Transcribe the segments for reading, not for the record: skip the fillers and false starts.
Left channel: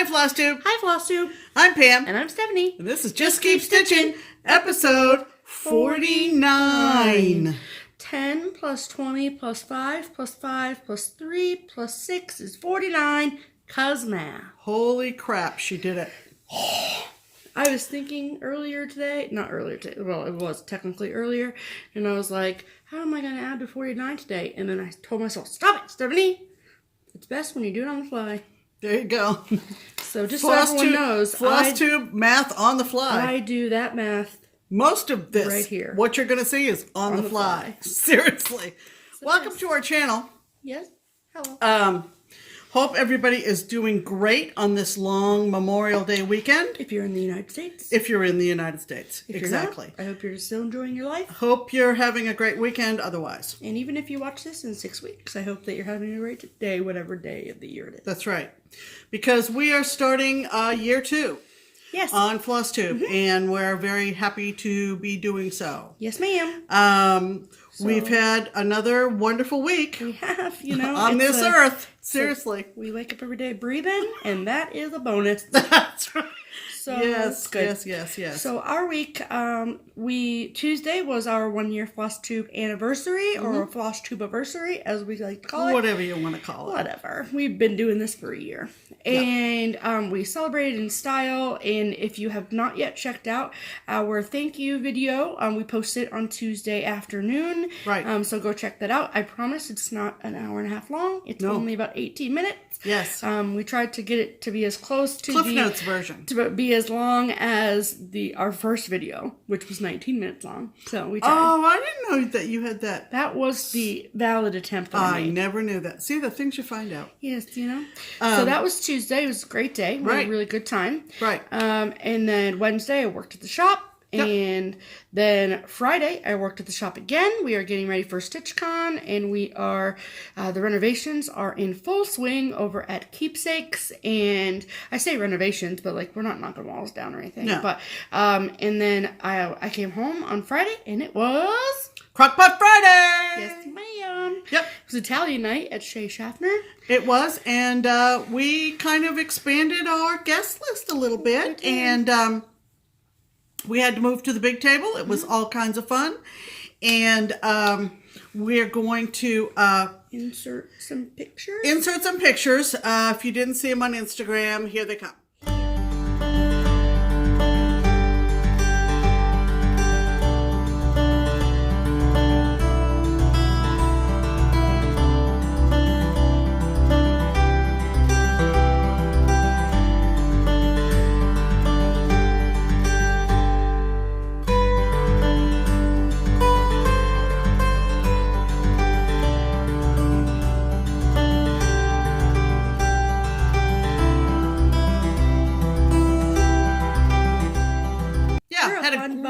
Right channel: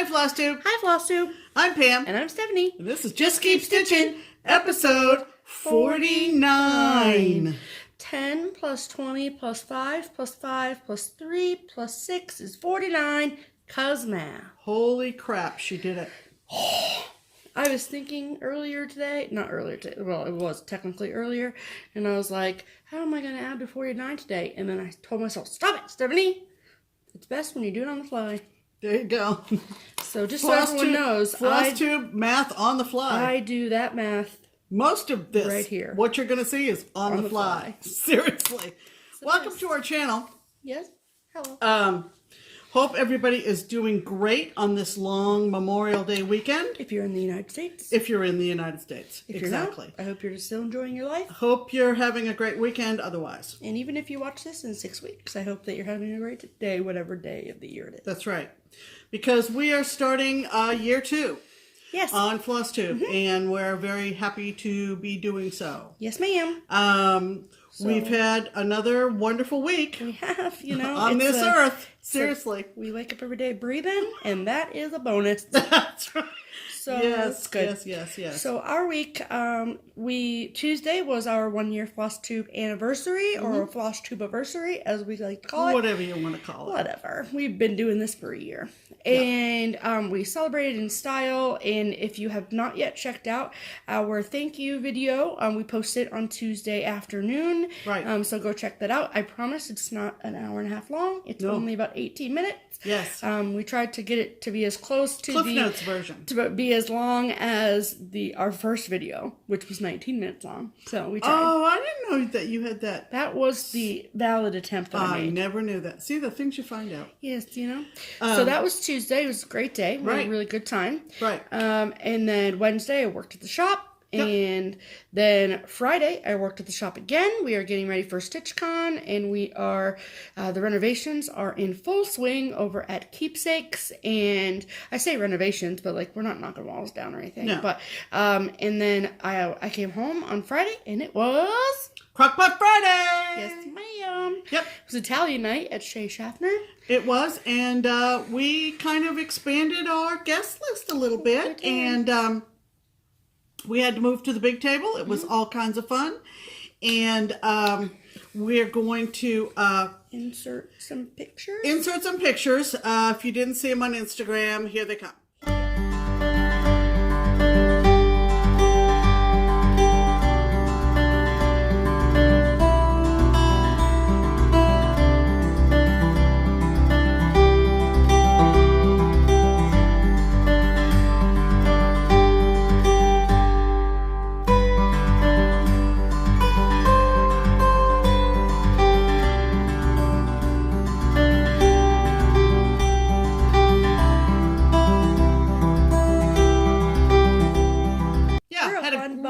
Hi, FlossTube. Hi, FlossTube. I'm Pam. And I'm Stephanie. And this is Just Keep Stitching, episode 49. 10 plus 20 plus 5 plus 5 plus 3 plus 6 is 49. Cuz math. Holy crap, she did it. I was thinking earlier today, not earlier today, well, it was technically earlier, and I was like, how am I going to add to 49 today? And then I told myself, stop it, Stephanie. It's best when you do it on the fly. There you go. So just so everyone knows, FlossTube math on the fly. I do that math. Most of this, right here, what you're going to see is on the fly. Seriously. So welcome to our channel. Yes. Hello. Hope everybody is doing great on this long Memorial Day weekend. If you're in the United States. If you're in the United States. If exactly. You're not, I hope you're still enjoying your life. Hope you're having a great weekend otherwise. And even if you watch this in 6 weeks, I hope that you're having a great day, whatever day of the year it is. That's right. Because we are starting year 2. Yes. On FlossTube. And we're very happy to be doing so. Yes, ma'am. We've had another wonderful week. We have, you know. On this earth. Seriously. We wake up every day breathing, and that is a bonus. That's right. So yes, good. Yes. So our week, Tuesday was our 1-year FlossTube anniversary, or a FlossTube anniversary, as we like to call it. Whatever you want to call it. Whatever. We've been doing this for a year. And we celebrated in style. And if you have not yet checked out our thank you video, we posted on Tuesday afternoon. Right. So go check that out. I promise it's not an hour and a half long. It's only about 18 minutes. Yes. We tried to get it to be as close to Cliff Notes version. To be as long as our first video, which was 19 minutes long. So we tried. Oh, I didn't know that you had that. That was the valid attempt that I made. I never knew that. See, the things you find out. Yes, you know. So that was Tuesday. It was a great day. We had a really good time. Right. And then Wednesday I worked at the shop. Yep. And then Friday, I worked at the shop again. We are getting ready for StitchCon, and we are, the renovations are in full swing over at Keepsakes. And I say renovations, but like, we're not knocking walls down or anything. No. But, and then I came home on Friday, and it was Crockpot Friday! Yes, ma'am. Yep. It was Italian night at Shea Schaffner. It was, and we kind of expanded our guest list a little bit, and we had to move to the big table. It was all kinds of fun. And we're going to insert some pictures. If you didn't see them on Instagram, here they come.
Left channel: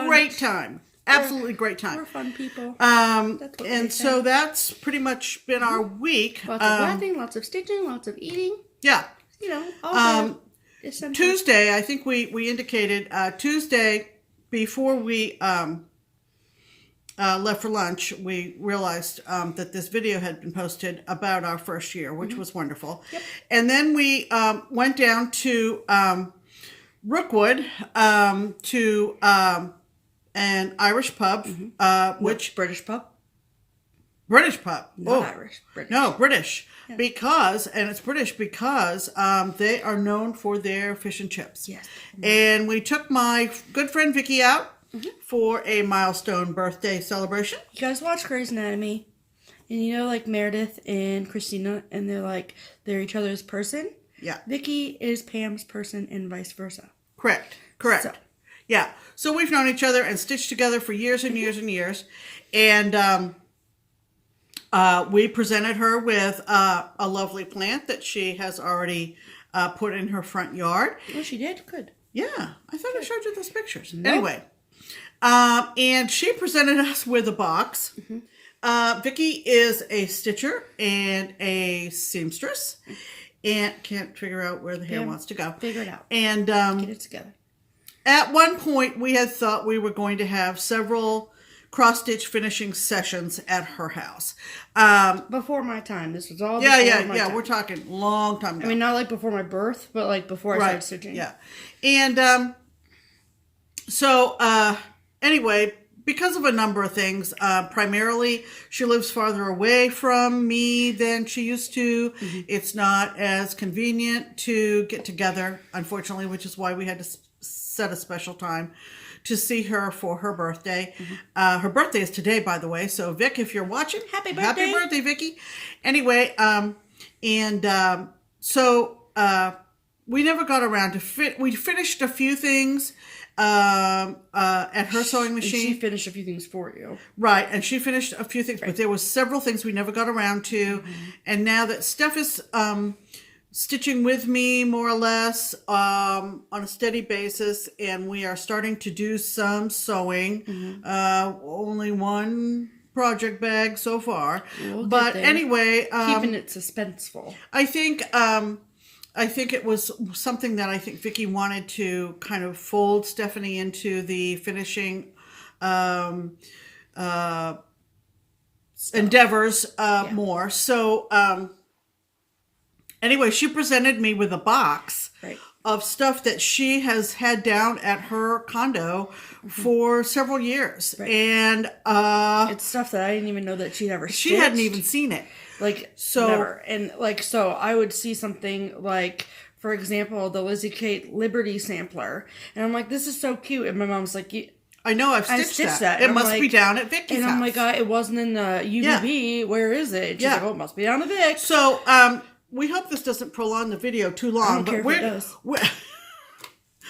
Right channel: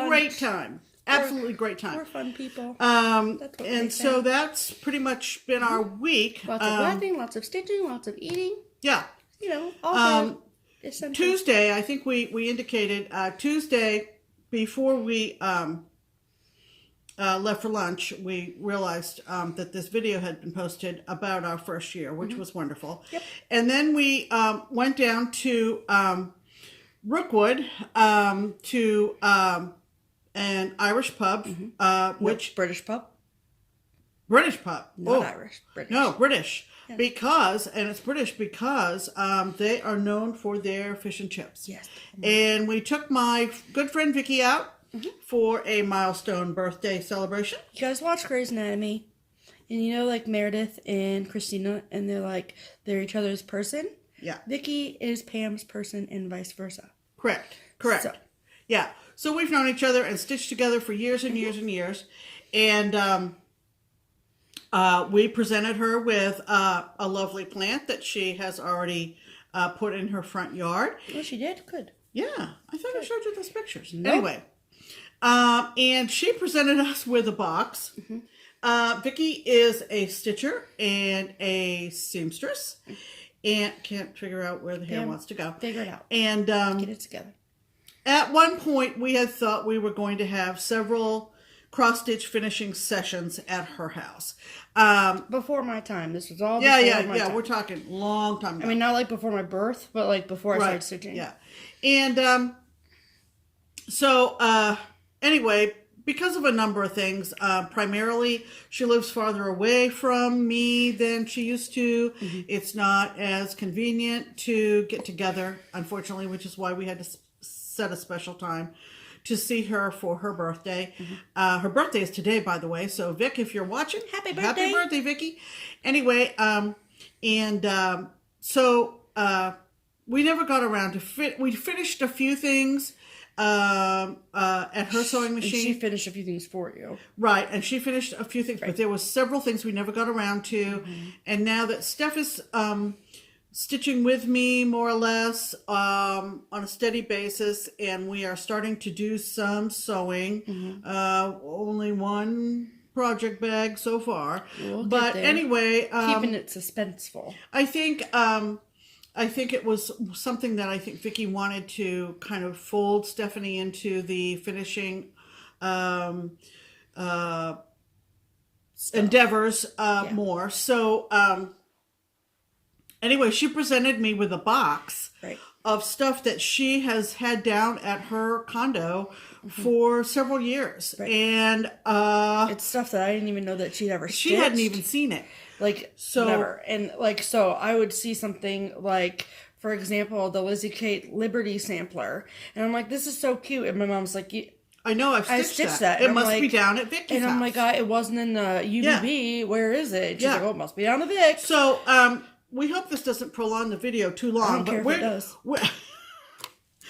Great time. Absolutely great time. We're fun people. So that's pretty much been our week. Lots of laughing, lots of stitching, lots of eating. Yeah. You know, all the Tuesday, I think we indicated, Tuesday, before we left for lunch, we realized that this video had been posted about our first year, which was wonderful. Yep. And then we went down to Rookwood to an Irish pub, which British pub. British pub. Not Irish. British. No, British. Yeah. Because it's British because they are known for their fish and chips. Yes. And we took my good friend Vicky out for a milestone birthday celebration. You guys watch Grey's Anatomy, and you know, like Meredith and Christina, and they're each other's person. Yeah. Vicky is Pam's person, and vice versa. Correct. So. Yeah. So we've known each other and stitched together for years and years and years. And we presented her with a lovely plant that she has already put in her front yard. Oh, she did? Good. Yeah. I thought I showed you those pictures. Nope. Anyway. And she presented us with a box. Vicky is a stitcher and a seamstress. And can't figure out where the hair wants to go. Figure it out. And get it together. At one point, we had thought we were going to have several cross-stitch finishing sessions at her house. Before my time. This was all before my time. We're talking long time ago. I mean, not like before my birth, but like before I started stitching. Yeah. And anyway, because of a number of things, primarily she lives farther away from me than she used to. Mm-hmm. It's not as convenient to get together, unfortunately, which is why we had to set a special time to see her for her birthday. Mm-hmm. Her birthday is today, by the way. So, Vic, if you're watching, happy birthday, Vicky. Anyway, we never got around to we finished a few things at her sewing machine. And she finished a few things for you. Right, and she finished a few things, but there was several things we never got around to. Mm-hmm. And now that Steph is stitching with me more or less on a steady basis, and we are starting to do some sewing. Mm-hmm. Only one project bag so far. But anyway, keeping it suspenseful. I think it was something that I think Vicky wanted to kind of fold Stephanie into the finishing endeavors more. So anyway, she presented me with a box of stuff that she has had down at her condo for several years. Right. And it's stuff that I didn't even know that she'd ever stitched. She hadn't even seen it. Like, so, never. And, like, so I would see something like, for example, the Lizzie Kate Liberty sampler. And I'm like, this is so cute. And my mom's like, I know, I've stitched that. It must be down at Vicky's house. And I'm like, it wasn't in the UBB. Yeah. Where is it? She's like, oh, it must be down at Vic. So, we hope this doesn't prolong the video too long. I don't care if it does.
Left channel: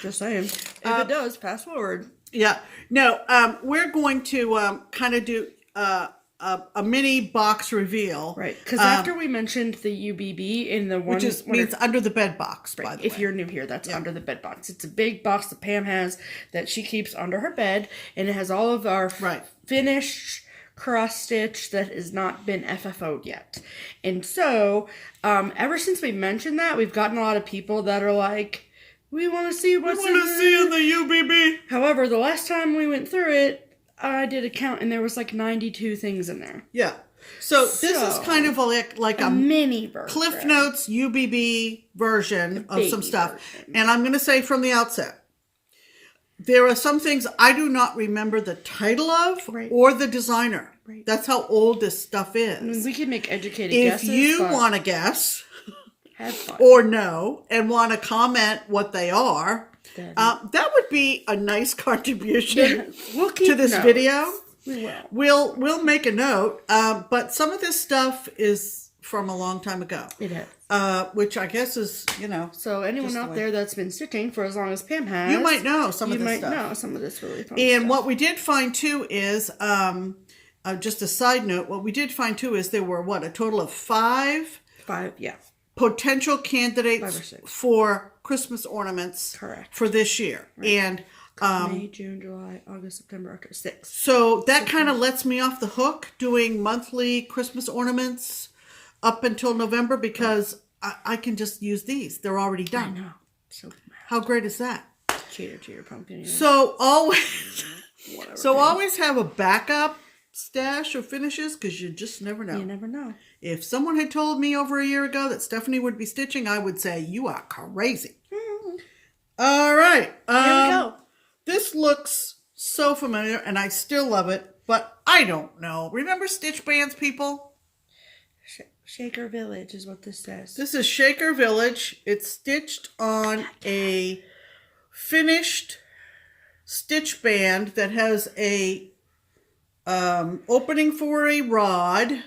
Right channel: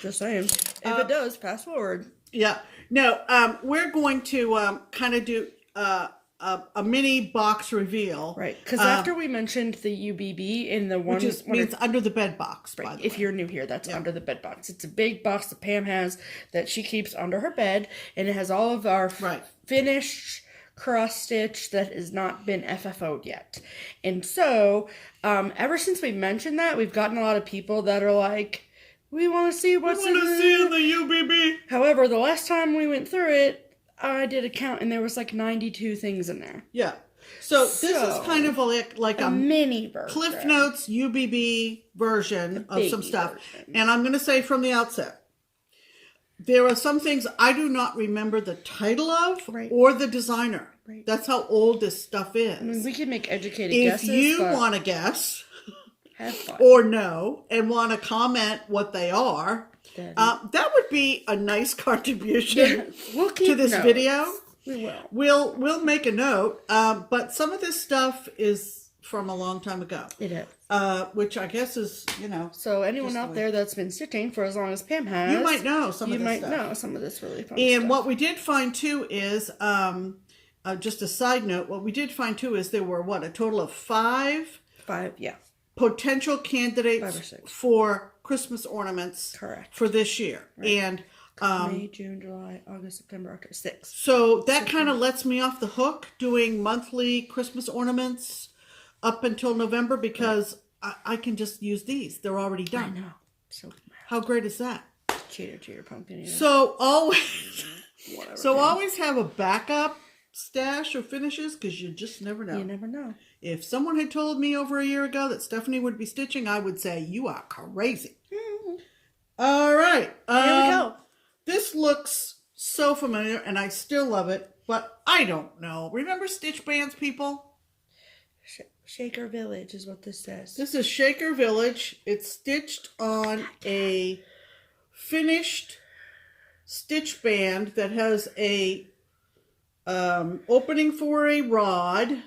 Just saying. If it does, fast forward. Yeah. No, we're going to kind of do a mini box reveal. Right. Because after we mentioned the UBB in the one... Which means under the bed box, by the way. If you're new here, that's under the bed box. It's a big box that Pam has that she keeps under her bed. And it has all of our finished cross-stitch that has not been FFO'd yet. And so, ever since we mentioned that, we've gotten a lot of people that are like, we want to see what's in the UBB. However, the last time we went through it, I did a count, and there was like 92 things in there. Yeah. So this is kind of like a mini version. Cliff Notes UBB version of some stuff. Version. And I'm going to say from the outset, there are some things I do not remember the title of or the designer. Right. That's how old this stuff is. I mean, we can make educated guesses. If you want to guess have fun. Or know and want to comment what they are, that would be a nice contribution to this video. We will. We'll make a note. But some of this stuff is from a long time ago. It is. Which I guess is, So anyone out there that's been stitching for as long as Pam has, you might know some of this stuff. You might know some of this really fun And stuff. what we did find too is, just a side note, what we did find too is there were, a total of five, potential candidates for Christmas ornaments for this year. Right. And May, June, July, August, September, October, 6. So that kind of lets me off the hook doing monthly Christmas ornaments up until November because I can just use these. They're already done. I know. So mad. How great is that? Cheer, pumpkin. So always have a backup stash of finishes because you just never know. You never know. If someone had told me over a year ago that Stephanie would be stitching, I would say, you are crazy. Mm-hmm. All right. Here we go. This looks so familiar, and I still love it, but I don't know. Remember Stitch Bands, people? Shaker Village is what this says. This is Shaker Village. It's stitched on a finished stitch band that has a opening for a rod.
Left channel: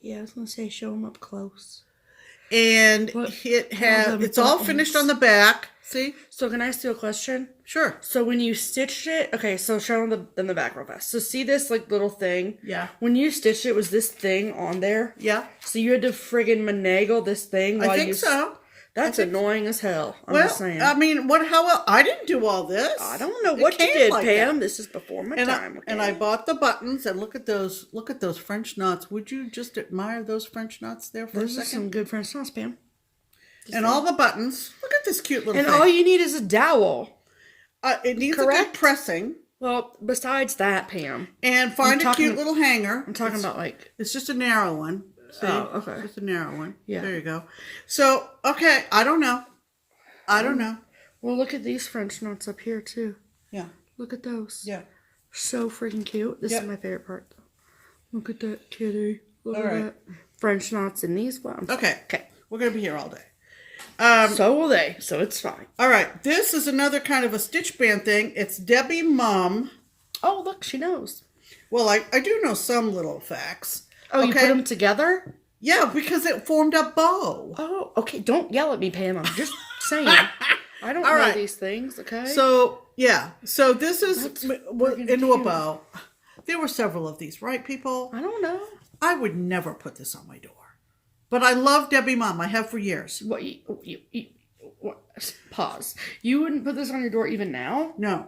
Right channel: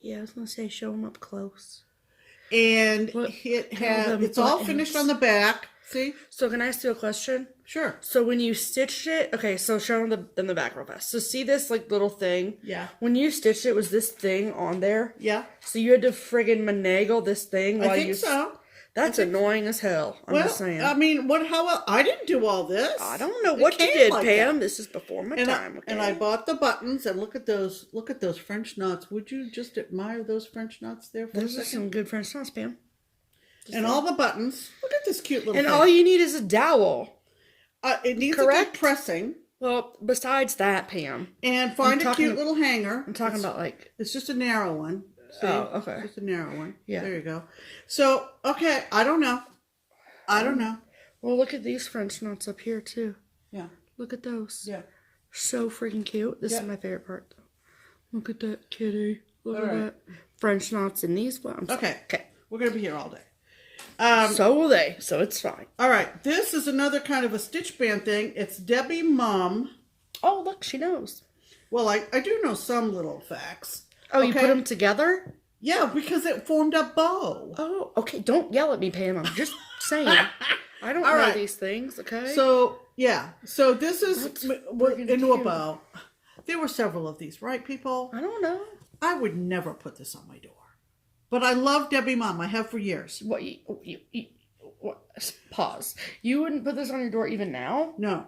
Yeah, I was going to say show them up close. And it's all finished on the back. See? So can I ask you a question? Sure. So when you stitched it, okay, so show them in the back real fast. So see this little thing? Yeah. When you stitched it, was this thing on there? Yeah. So you had to friggin' finagle this thing while I think so. That's annoying as hell. I'm just saying. I mean, I didn't do all this. I don't know what you did, Pam. That. This is before my time. Okay? And I bought the buttons, and look at those French knots. Would you just admire those French knots there for a second? Those are some good French knots, Pam. And all the buttons. Look at this cute little thing. And all you need is a dowel. It needs a good pressing. Well, besides that, Pam. And find a cute little hanger. I'm talking about like... It's just a narrow one. See? Oh, okay. Just a narrow one. Yeah. There you go. So, okay, I don't know. Well, look at these French knots up here, too. Yeah. Look at those. Yeah. So freaking cute. This is my favorite part, though. Look at that kitty. Look at that. French knots in these ones. Okay. We're going to be here all day. So will they, so it's fine. All right. This is another kind of a stitch band thing. It's Debbie Mum. Oh, look, she knows. Well, I do know some little facts. Oh, you put them together? Yeah, because it formed a bow. Oh, okay. Don't yell at me, Pam. I'm just saying. I don't know these things, okay? So, yeah. So this is into a bow. There were several of these, right, people? I don't know. I would never put this on my door. But I love Debbie Mum. I have for years. What? Pause. You wouldn't put this on your door even now? No.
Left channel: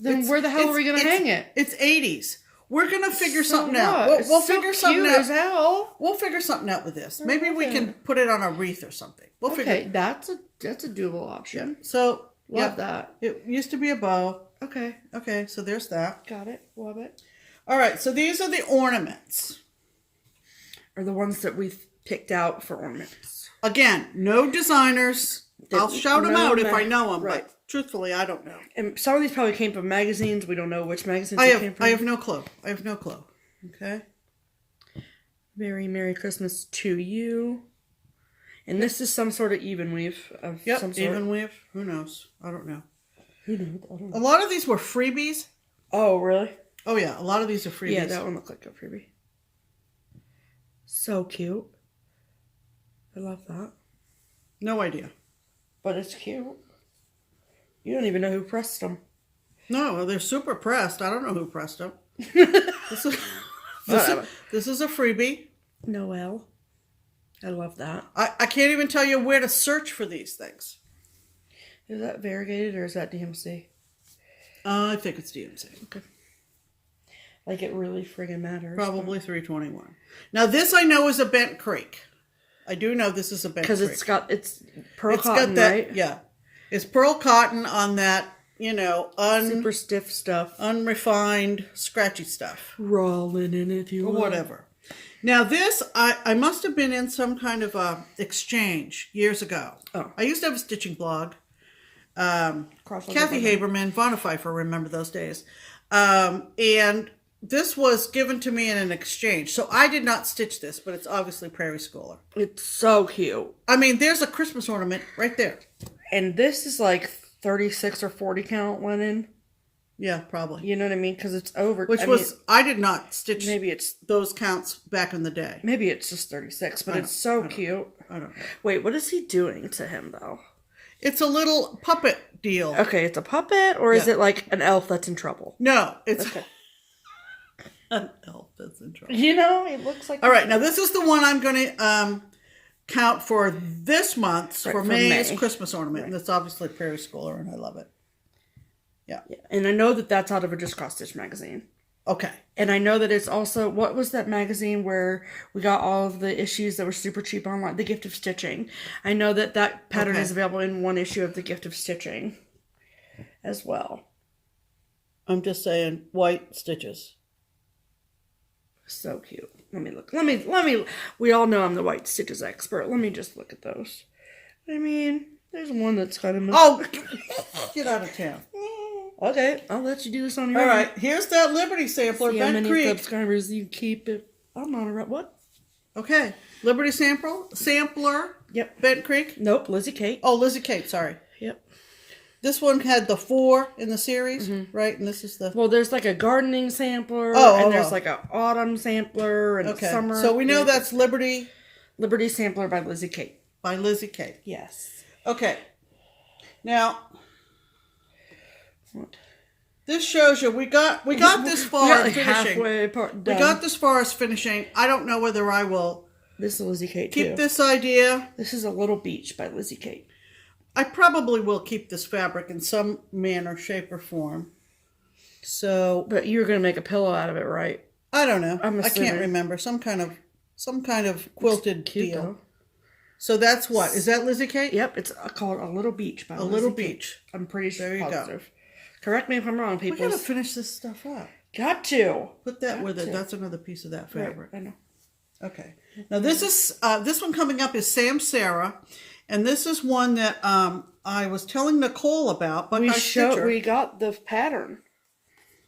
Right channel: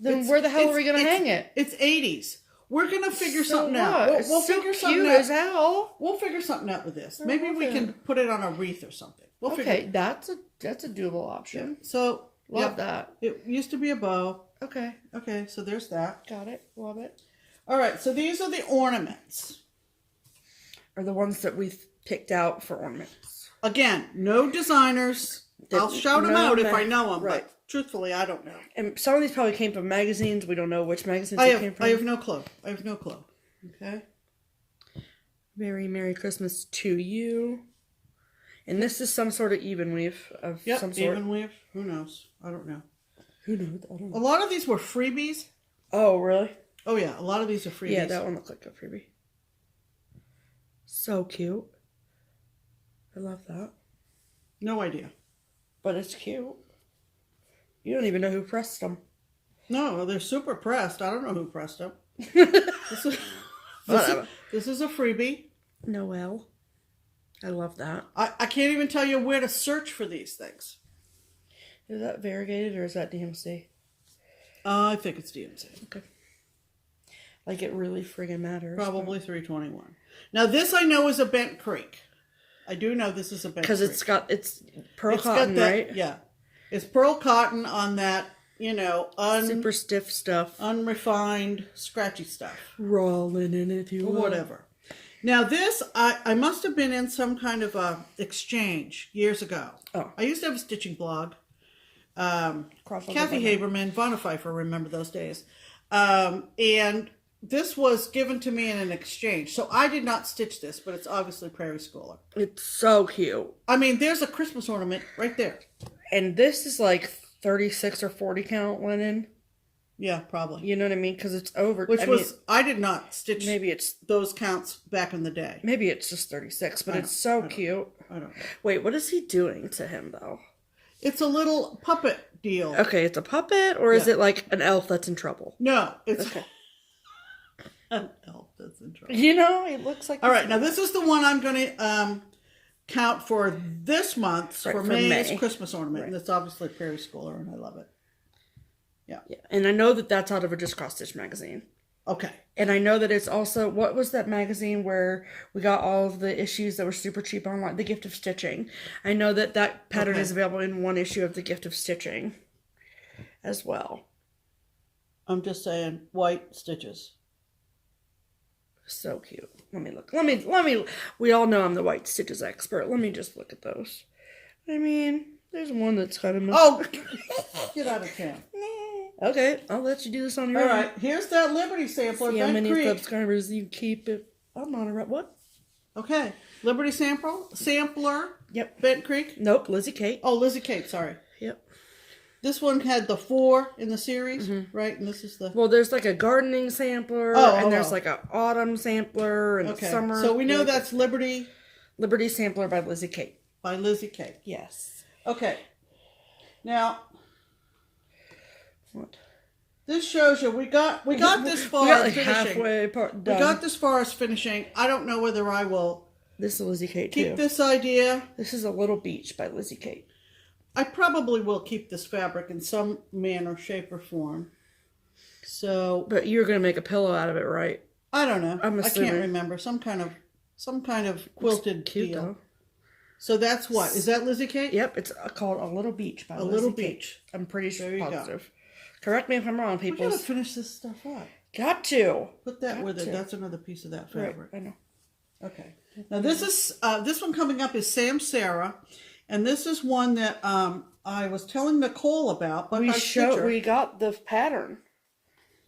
Then where the hell are we going to hang it? It's 80s. We're going to figure something out. We'll figure something out. As hell. We'll figure something out with this. Maybe we can put it on a wreath or something. We'll figure. That's a doable option. Yeah. So love that. It used to be a bow. Okay. Okay, so there's that. Got it. Love it. All right, so these are the ornaments. Are the ones that we picked out for ornaments. Again, no designers. I'll shout them out if I know them, but truthfully, I don't know. And some of these probably came from magazines. We don't know which magazines they came from. I have no clue. Okay. Very Merry Christmas to you. And this is some sort of even weave of some sort. Even weave. Who knows? I don't know. Who knows? I don't know. A lot of these were freebies. Oh, really? Oh, yeah. A lot of these are freebies. Yeah, that one looked like a freebie. So cute. I love that. No idea. But it's cute. You don't even know who pressed them. No, they're super pressed. I don't know who pressed them. This is a freebie. Noelle. I love that. I can't even tell you where to search for these things. Is that variegated or is that DMC? I think it's DMC. Okay. Like it really friggin' matters. Probably 321. Now this I know is a Bent Creek. I do know this is a Bent Creek. Because it's pearl cotton, right? Yeah. It's pearl cotton on that, super stiff stuff. Unrefined, scratchy stuff. Raw linen, if you will. Or whatever. Now this, I must have been in some kind of a exchange years ago. Oh. I used to have a stitching blog. Kathy Haberman, Vonna Pfeiffer, remember those days. And this was given to me in an exchange. So I did not stitch this, but it's obviously Prairie Schooler. It's so cute. I mean, there's a Christmas ornament right there. And this is like 36 or 40 count linen. Yeah, probably. You know what I mean? Because it's over. I did not stitch maybe it's those counts back in the day. Maybe it's just 36, but it's so cute. I don't know. Wait, what is he doing to him, though? It's a little puppet deal. Okay, it's a puppet, or is it like an elf that's in trouble? No, it's an elf that's in trouble. It looks like... All right, now this is the one I'm going to count for this month's, for May's Christmas ornament. Right. And that's obviously Prairie Schooler, and I love it. Yeah. And I know that that's out of a Just Cross Stitch magazine. Okay. And I know that it's also... What was that magazine where we got all of the issues that were super cheap online? The Gift of Stitching. I know that pattern is available in one issue of The Gift of Stitching as well. I'm just saying, white stitches. So cute. Let me look. Let me. We all know I'm the white stitches expert. Let me just look at those. I mean, there's one that's kind of... Oh! Get out of town. Okay, I'll let you do this on your own. All right, here's that Liberty sampler. See how many subscribers you keep it. I'm not around. What? Okay, Liberty sampler. Yep. Bent Creek. Nope, Lizzie Kate. Oh, Lizzie Kate. Sorry. Yep. This one had the 4 in the series, right? And this is the... Well, there's like a gardening sampler, and there's like an autumn sampler, and summer. So we know that's Liberty. Liberty sampler by Lizzie Kate. By Lizzie Kate. Yes. Okay. Now... What? This shows you we got this far. We got like finishing. halfway part done. We got this far as finishing. I don't know whether I will. This is Lizzie Kate keep this idea. This is A Little Beach by Lizzie Kate. I probably will keep this fabric in some manner, shape, or form. So, but you're gonna make a pillow out of it, right? I don't know. I can't remember. Some kind of quilted deal. Though. So that's what is that Lizzie Kate? Yep, it's called A Little Beach by Lizzie Kate. Little Beach. I'm pretty positive. Correct me if I'm wrong, We people. gotta finish this stuff up. Got to. Put that with it. That's another piece of that fabric. Right, I know. Okay. Now this one coming up is Sam Sarah, and this is one that I was telling Nicole about. But we got the pattern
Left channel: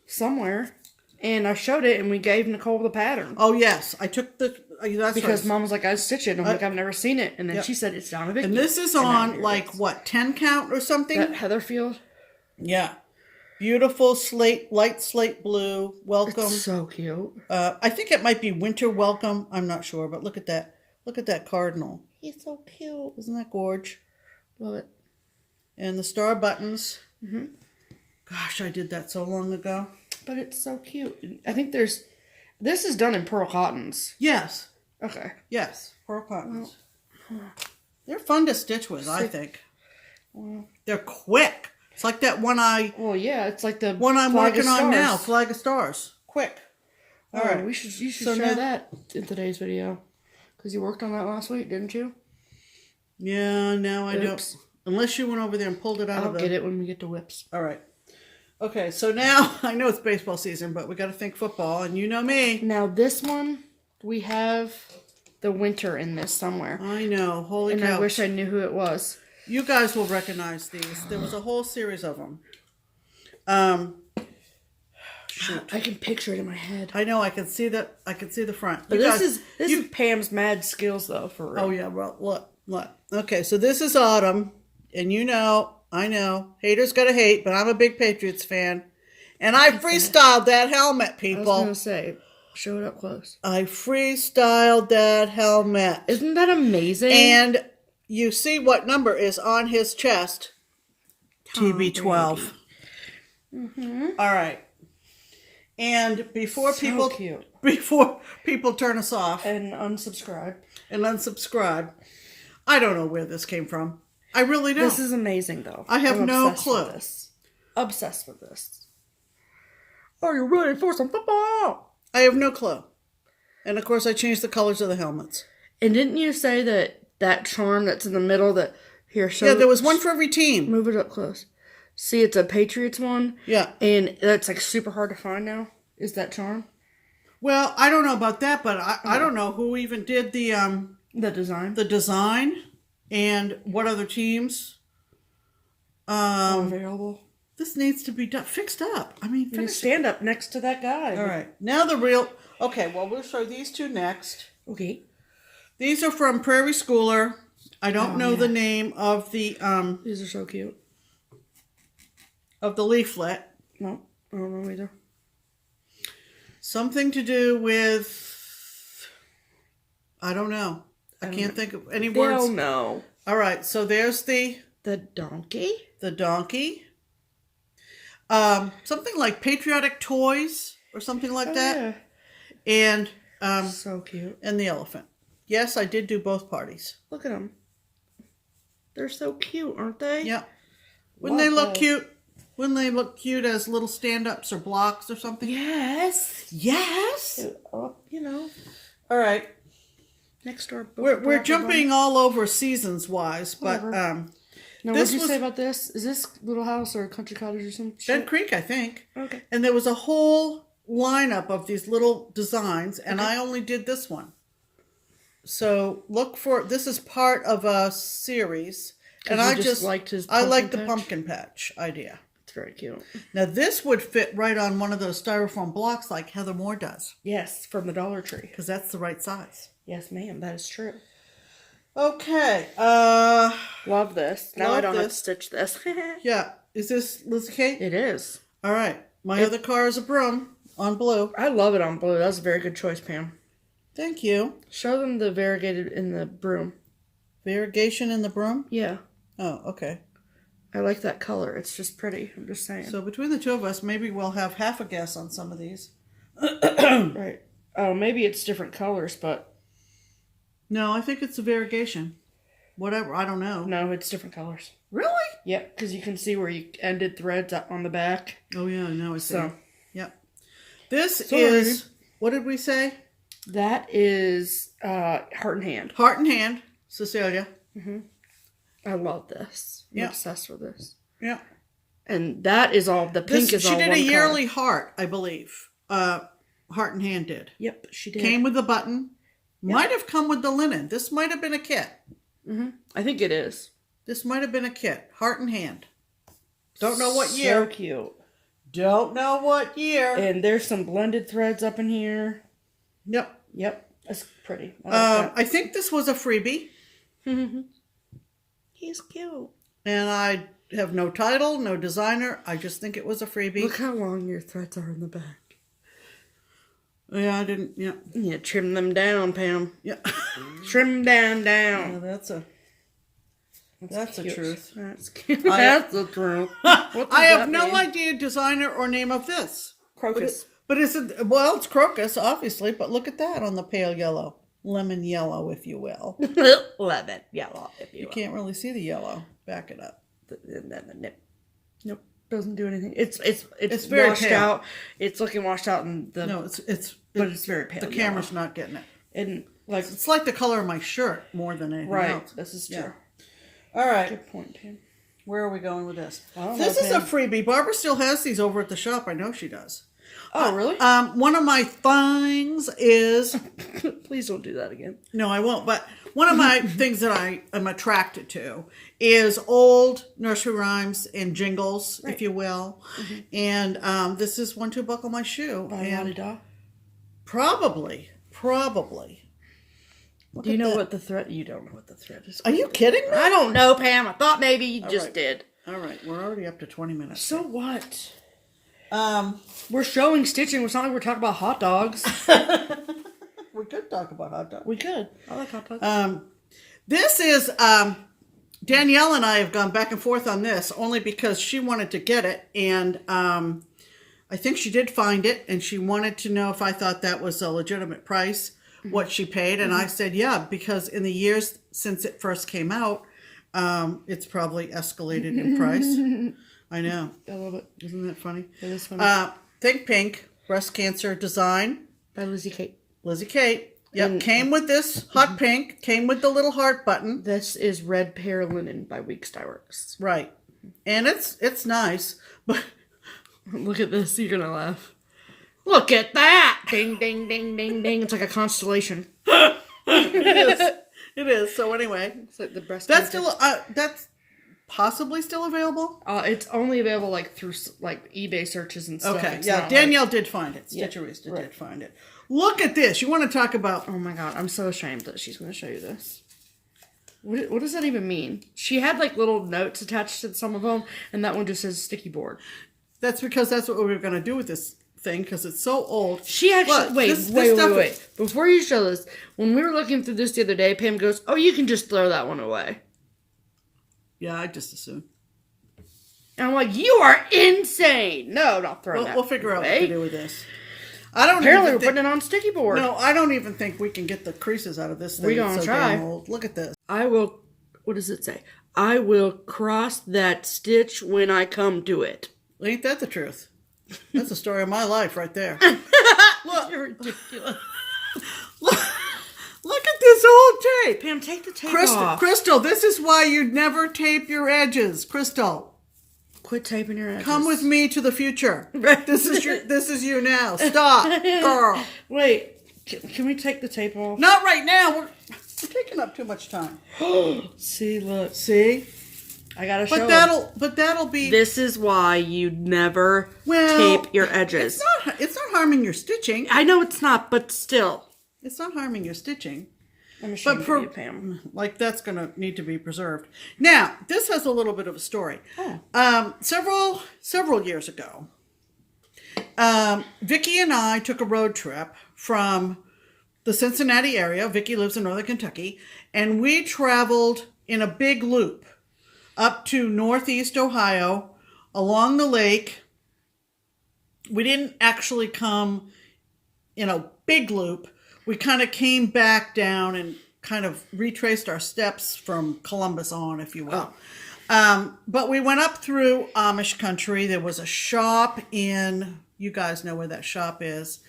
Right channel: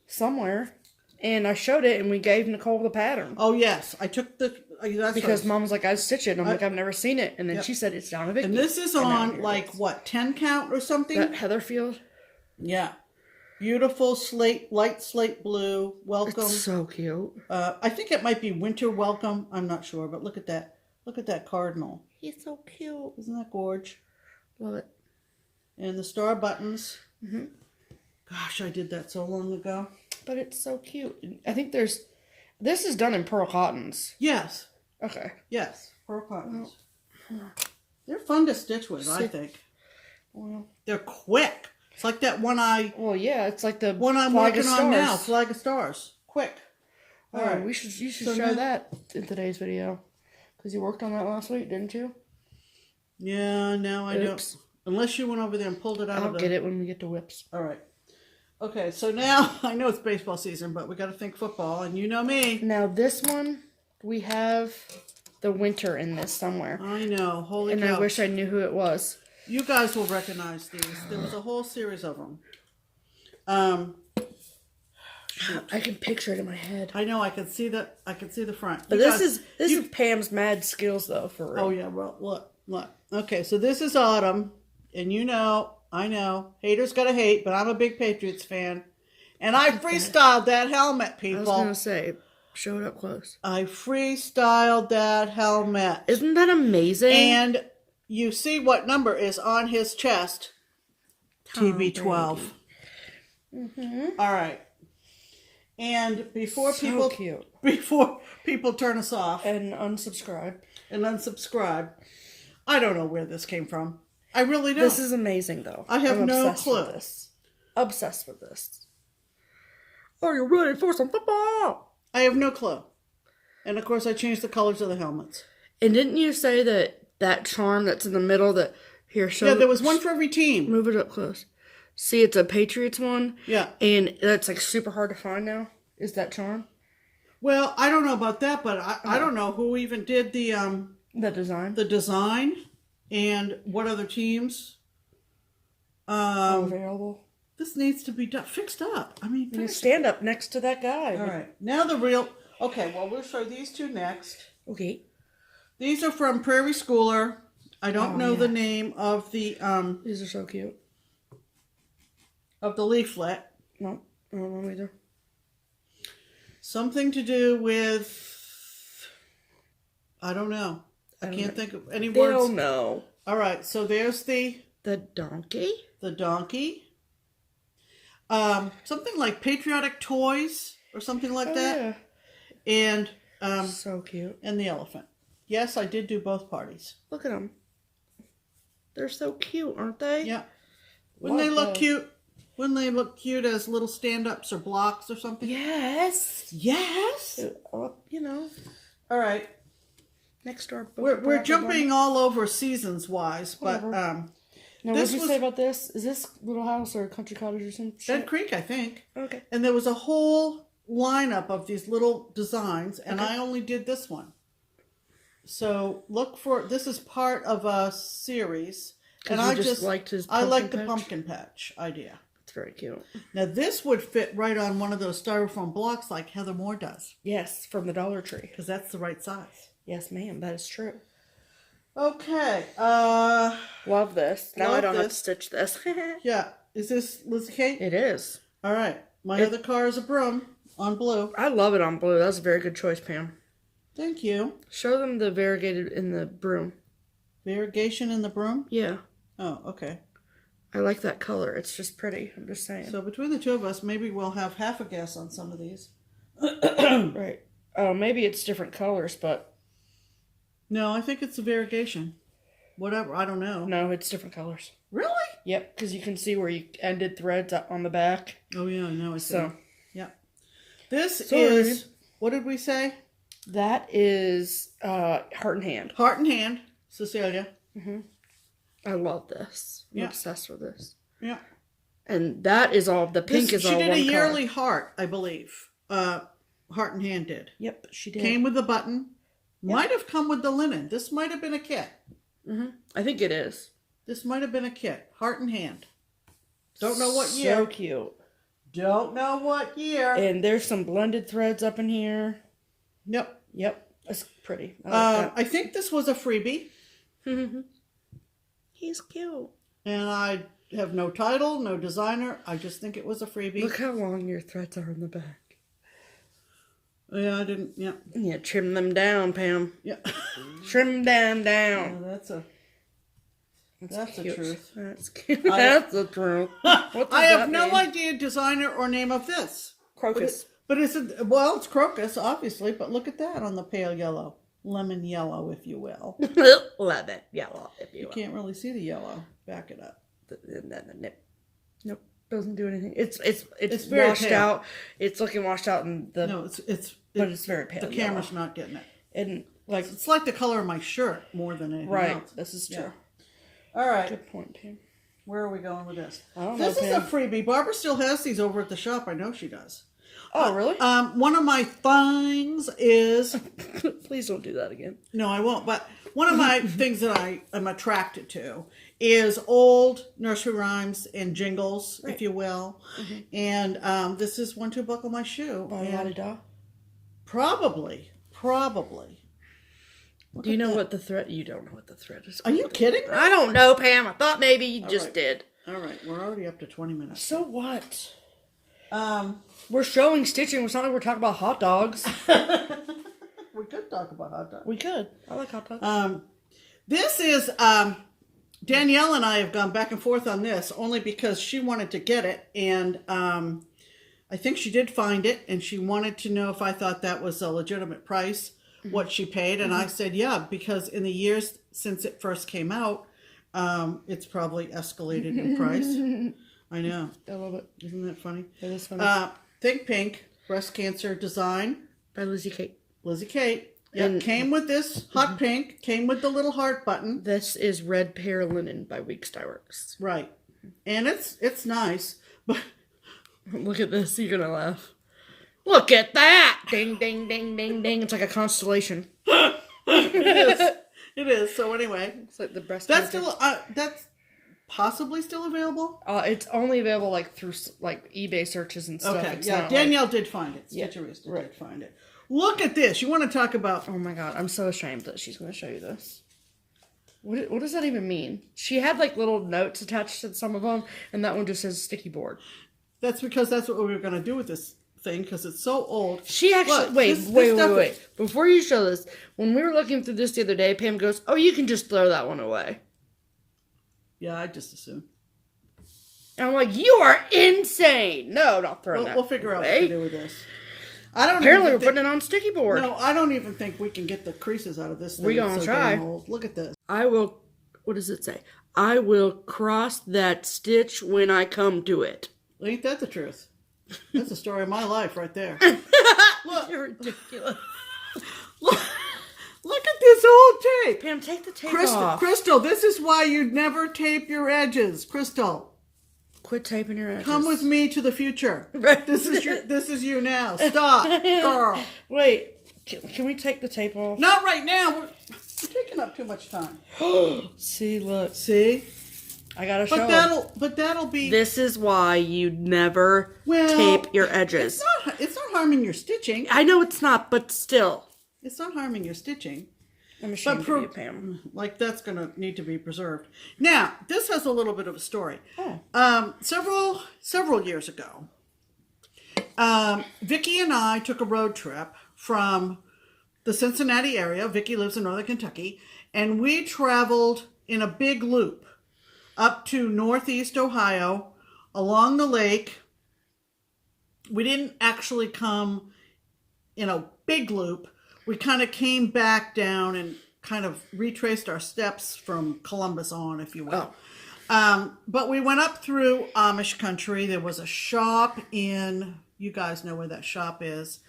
somewhere, and I showed it, and we gave Nicole the pattern. Oh yes, I took the because Mom was like, "I stitch it." And I'm like, "I've never seen it," and then she said it's down a bit. And this is on like what 10 count or something. That Heatherfield. Yeah. Beautiful light slate blue. Welcome. It's so cute. I think it might be winter welcome. I'm not sure, but look at that. Look at that cardinal. He's so cute. Isn't that gorge? Love it. And the star buttons. Mm-hmm. Gosh, I did that so long ago. But it's so cute. I think this is done in pearl cottons. Yes. Okay. Yes, pearl cottons. Well, they're fun to stitch with, I think. Well, they're quick. It's like that one Well, yeah, it's like the one I'm working on now, Flag of Stars. Quick. All right. You should show that in today's video. Because you worked on that last week, didn't you? Yeah, no, I don't. Unless you went over there and pulled it out I'll get it when we get to whips. All right. Okay, so now, I know it's baseball season, but we got to think football, and you know me. Now, this one, we have the winter in this somewhere. I know. Holy cow. And I wish I knew who it was. You guys will recognize these. There was a whole series of them. Shoot. I can picture it in my head. I know. I can see that. I can see the front. But this is Pam's mad skills, though, for real. Oh yeah. Well, look. Okay, so this is autumn, and I know, haters gotta hate, but I'm a big Patriots fan, and I freestyled that helmet, people. I was gonna say, show it up close. I freestyled that helmet. Isn't that amazing? And you see what number is on his chest? TB12. Mm-hmm. All right. And before so people turn us off and unsubscribe, I don't know where this came from. I really don't. This is amazing, though. I have no clue. Obsessed with this. Are you ready for some football? I have no clue. And of course, I changed the colors of the helmets. And didn't you say that charm that's in the middle that here? Yeah, there was one for every team. Move it up close. See, it's a Patriots one. Yeah. And that's like super hard to find now. Is that charm? Well, I don't know about that, but I don't know who even did the design. The design and what other teams available. This needs to be fixed up. I mean, stand up next to that guy. All right. Now the real. Okay, well, we'll show these two next. Okay. These are from Prairie Schooler. I don't know the name of the These are so cute. Of the leaflet. No, I don't know either. Something to do with, I don't know. I can't think of any words. They'll know. All right, so there's the donkey. The donkey. Something like patriotic toys or something like that. Yeah. And so cute. And the elephant. Yes, I did do both parties. Look at them. They're so cute, aren't they? Yeah. Wouldn't they look cute? Wouldn't they look cute as little stand-ups or blocks or something? Yes. Yes. You know. All right. Next door. We're jumping all over seasons-wise, but now, what did you say about this? Is this Little House or Country Cottage or some shit? Bed Creek, I think. Okay. And there was a whole lineup of these little designs, and I only did this one. So look for this is part of a series, and I just liked the pumpkin patch idea. It's very cute. Now this would fit right on one of those styrofoam blocks like Heather Moore does. Yes, from the Dollar Tree. Because that's the right size. Yes, ma'am. That is true. Okay. Love this. Now I don't have to stitch this. Yeah. Is this Lizzie Kate? It is. All right. My other car is a broom on blue. I love it on blue. That was a very good choice, Pam. Thank you. Show them the variegated in the broom. Variegation in the broom? Yeah. Oh, okay. I like that color. It's just pretty. I'm just saying. So between the two of us, maybe we'll have half a guess on some of these. Right. Oh, maybe it's different colors, but... No, I think it's the variegation. Whatever. I don't know. No, it's different colors. Really? Yep, because you can see where you ended threads on the back. Oh, yeah. No, I see. So. Yep. This is... What did we say? That is Heart and Hand. Heart and Hand. Cecilia. Mm-hmm. I love this. I'm obsessed with this. Yeah. And that is all, the pink is all one She color. did a yearly heart, I believe. Heart and Hand did. Yep, she did. Came with the button. Yep. Might have come with the linen. This might have been a kit. I think it is. This might have been a kit. Heart and Hand. Don't know what year. So cute. Don't know what year. And there's some blended threads up in here. Yep. Yep. That's pretty. I think this was a freebie. He's cute. And I have no title, no designer. I just think it was a freebie. Look how long your threads are in the back. Yeah, I didn't. Yeah. Yeah, trim them down, Pam. Yeah. Trim them down. Yeah, that's the truth. That's cute. That's the truth. I have no idea designer or name of this. Crocus. But it's it's crocus, obviously. But look at that on the pale yellow, lemon yellow, if you will. Lemon yellow, if you You will. can't really see the yellow. Back it up. Nope, doesn't do anything. It's very washed pale. out. It's looking washed out, and but it's very pale. The camera's not getting it. And It's like the color of my shirt more than anything else. This is true. Yeah. All right. Good point, Pam. Where are we going with this? I don't This know, is a Pam. freebie. Barbara still has these over at the shop. I know she does. Oh, really? One of my things is... Please don't do that again. No, I won't. But one of my things that I am attracted to is old nursery rhymes and jingles, if you will. And this is One, Two, Buckle My Shoe. By And La-di-da. probably. Do you know what the thread? You don't know what the thread is. Are you kidding me? I don't know, Pam. I thought maybe you just did. All right, we're already up to 20 minutes. So what? Um, We're showing stitching. It's not like we're talking about hot dogs. we could talk about hot dogs. We could. I like hot dogs. This is Danielle and I have gone back and forth on this only because she wanted to get it, and I think she did find it, and she wanted to know if I thought that was a legitimate price, what she paid, and I said yeah, because in the years since it first came out, it's probably escalated in price. I know. I love it. Isn't that funny? It is funny. Think Pink breast cancer design. By Lizzie Kate. Lizzie Kate. Yep, came with this hot pink. Came with the little heart button. This is Red Pear Linen by Weeks Dye Works. Right, and it's nice, but Look at this. You're gonna laugh. Look at that! Ding, ding, ding, ding, ding. It's like a constellation. it is. So anyway, It's like the breast. that's cancer. still that's possibly still available. It's only available like through like eBay searches and stuff. Okay, It's yeah, not Danielle did find it. Yeah, Stitcherista right. did find it. Look at this. You want to talk about? Oh my god, I'm so ashamed that she's going to show you this. What does that even mean? She had like little notes attached to some of them, and that one just says sticky board. That's because that's what we were going to do with this thing because it's so old. She actually Look, wait. this stuff is- Before you show this, when we were looking through this the other day, Pam goes, "Oh, you can just throw that one away." Yeah, I just assume. And I'm like, "You are insane!" No, not throwing that. We'll figure out what away. to do with this. I don't. Apparently, we're even putting it on sticky board. No, I don't even think we can get the creases out of this thing. We gonna It's so try. damn old. Look at this. I will. What does it say? I will cross that stitch when I come to it. Ain't that the truth? That's the story of my life right there. Look, You're ridiculous. look at this old tape. Pam, take the tape Crystal, off. Crystal, this is why you'd never tape your edges. Crystal, Quit taping your edges. come with me to the future. Right. This is you now. Stop, girl. Wait, can we take the tape off? Not right now. We're taking up too much time. See, look. See, I gotta show but that'll be. This is why you never Well, tape your edges. It's not harming your stitching. I know it's not, but still. It's not harming your stitching. Let me show But you, Pam. like that's going to need to be preserved. Now, this has a little bit of a story. Oh. Several years ago, Vicki and I took a road trip from the Cincinnati area. Vicki lives in Northern Kentucky, and we traveled in a big loop up to Northeast Ohio, along the lake. We didn't actually come in a big loop. We kind of came back down and kind of retraced our steps from Columbus on, if you will. But we went up through Amish country. There was a shop in, you guys know where that shop is,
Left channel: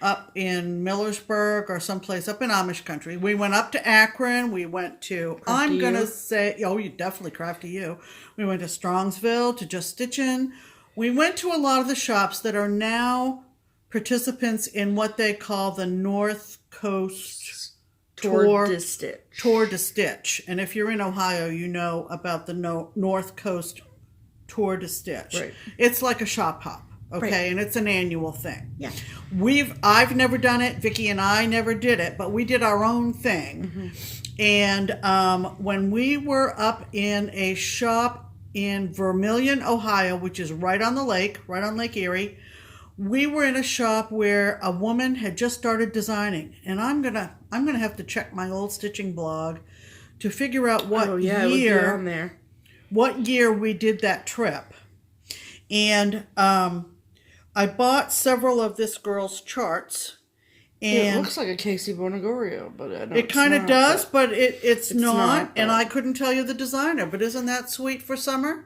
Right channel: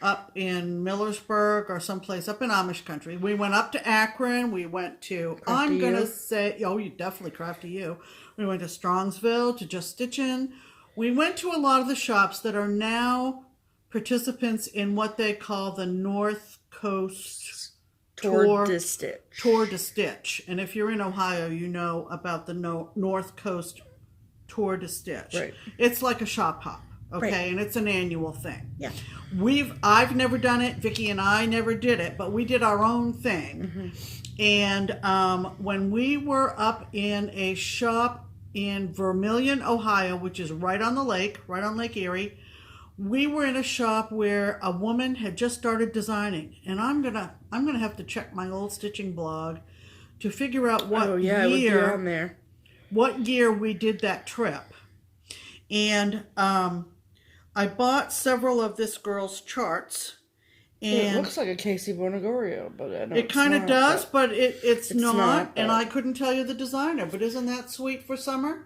up in Millersburg or someplace up in Amish country. We went up to Akron. We went to, I'm going to say, oh, you definitely Crafty U. We went to Strongsville, to JustKeepStitchin. We went to a lot of the shops that are now participants in what they call the North Coast Tour de Stitch. Tour de Stitch. And if you're in Ohio, you know about the North Coast Tour de Stitch. Right. It's like a shop hop, okay? Right. And it's an annual thing. Yeah. I've never done it. Vicky and I never did it, but we did our own thing. And when we were up in a shop in Vermilion, Ohio, which is right on the lake, right on Lake Erie, we were in a shop where a woman had just started designing, and I'm gonna have to check my old stitching blog to figure out what It would be on there. What year we did that trip. And I bought several of this girl's charts. And it looks like a Casey Bonagorio, but I know it kind of does, but it's not. And but I couldn't tell you the designer, but isn't that sweet for summer?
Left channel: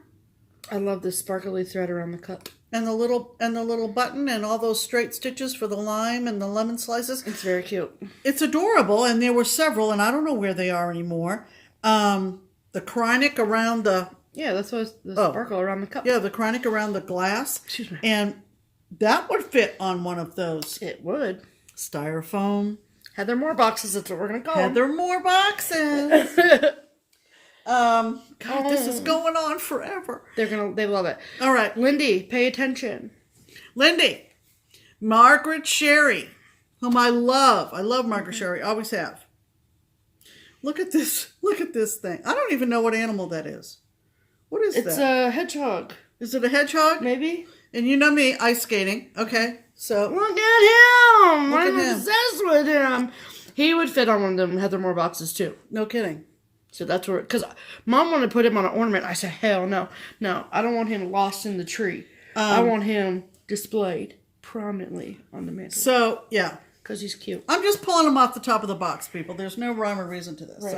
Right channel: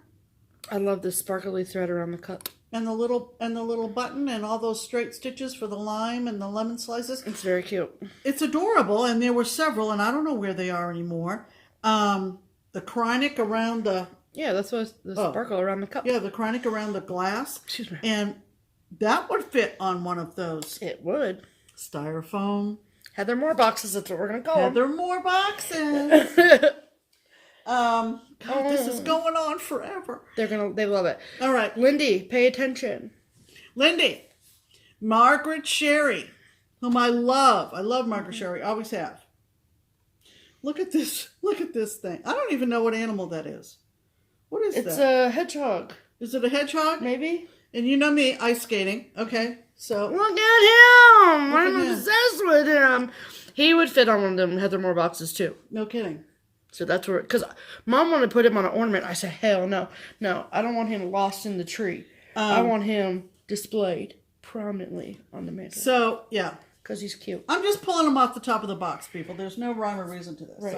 I love this sparkly thread around the cup. And the little button and all those straight stitches for the lime and the lemon slices. It's very cute. It's adorable, and there were several, and I don't know where they are anymore. The chronic around the... Yeah, that's what the sparkle around the cup. Yeah, the chronic around the glass. Excuse me. And that would fit on one of those. It would. Styrofoam. Heather Moore boxes, that's what we're going to call them. Heather Moore boxes. God, this is going on forever. They love it. All right. Lindy, pay attention. Lindy. Margaret Sherry, whom I love. I love Margaret Sherry. Always have. Look at this. Look at this thing. I don't even know what animal that is. What is that? It's a hedgehog. Is it a hedgehog? Maybe. And you know me, ice skating. Okay, so. Look at him. Look at I'm him. obsessed with him. He would fit on one of them Heather Moore boxes, too. No kidding. So that's where, because Mom wanted to put him on an ornament. I said, hell no. No, I don't want him lost in the tree. I want him displayed prominently on the mantle. So, yeah. Because he's cute. I'm just pulling him off the top of the box, people. There's no rhyme or reason to this. Right.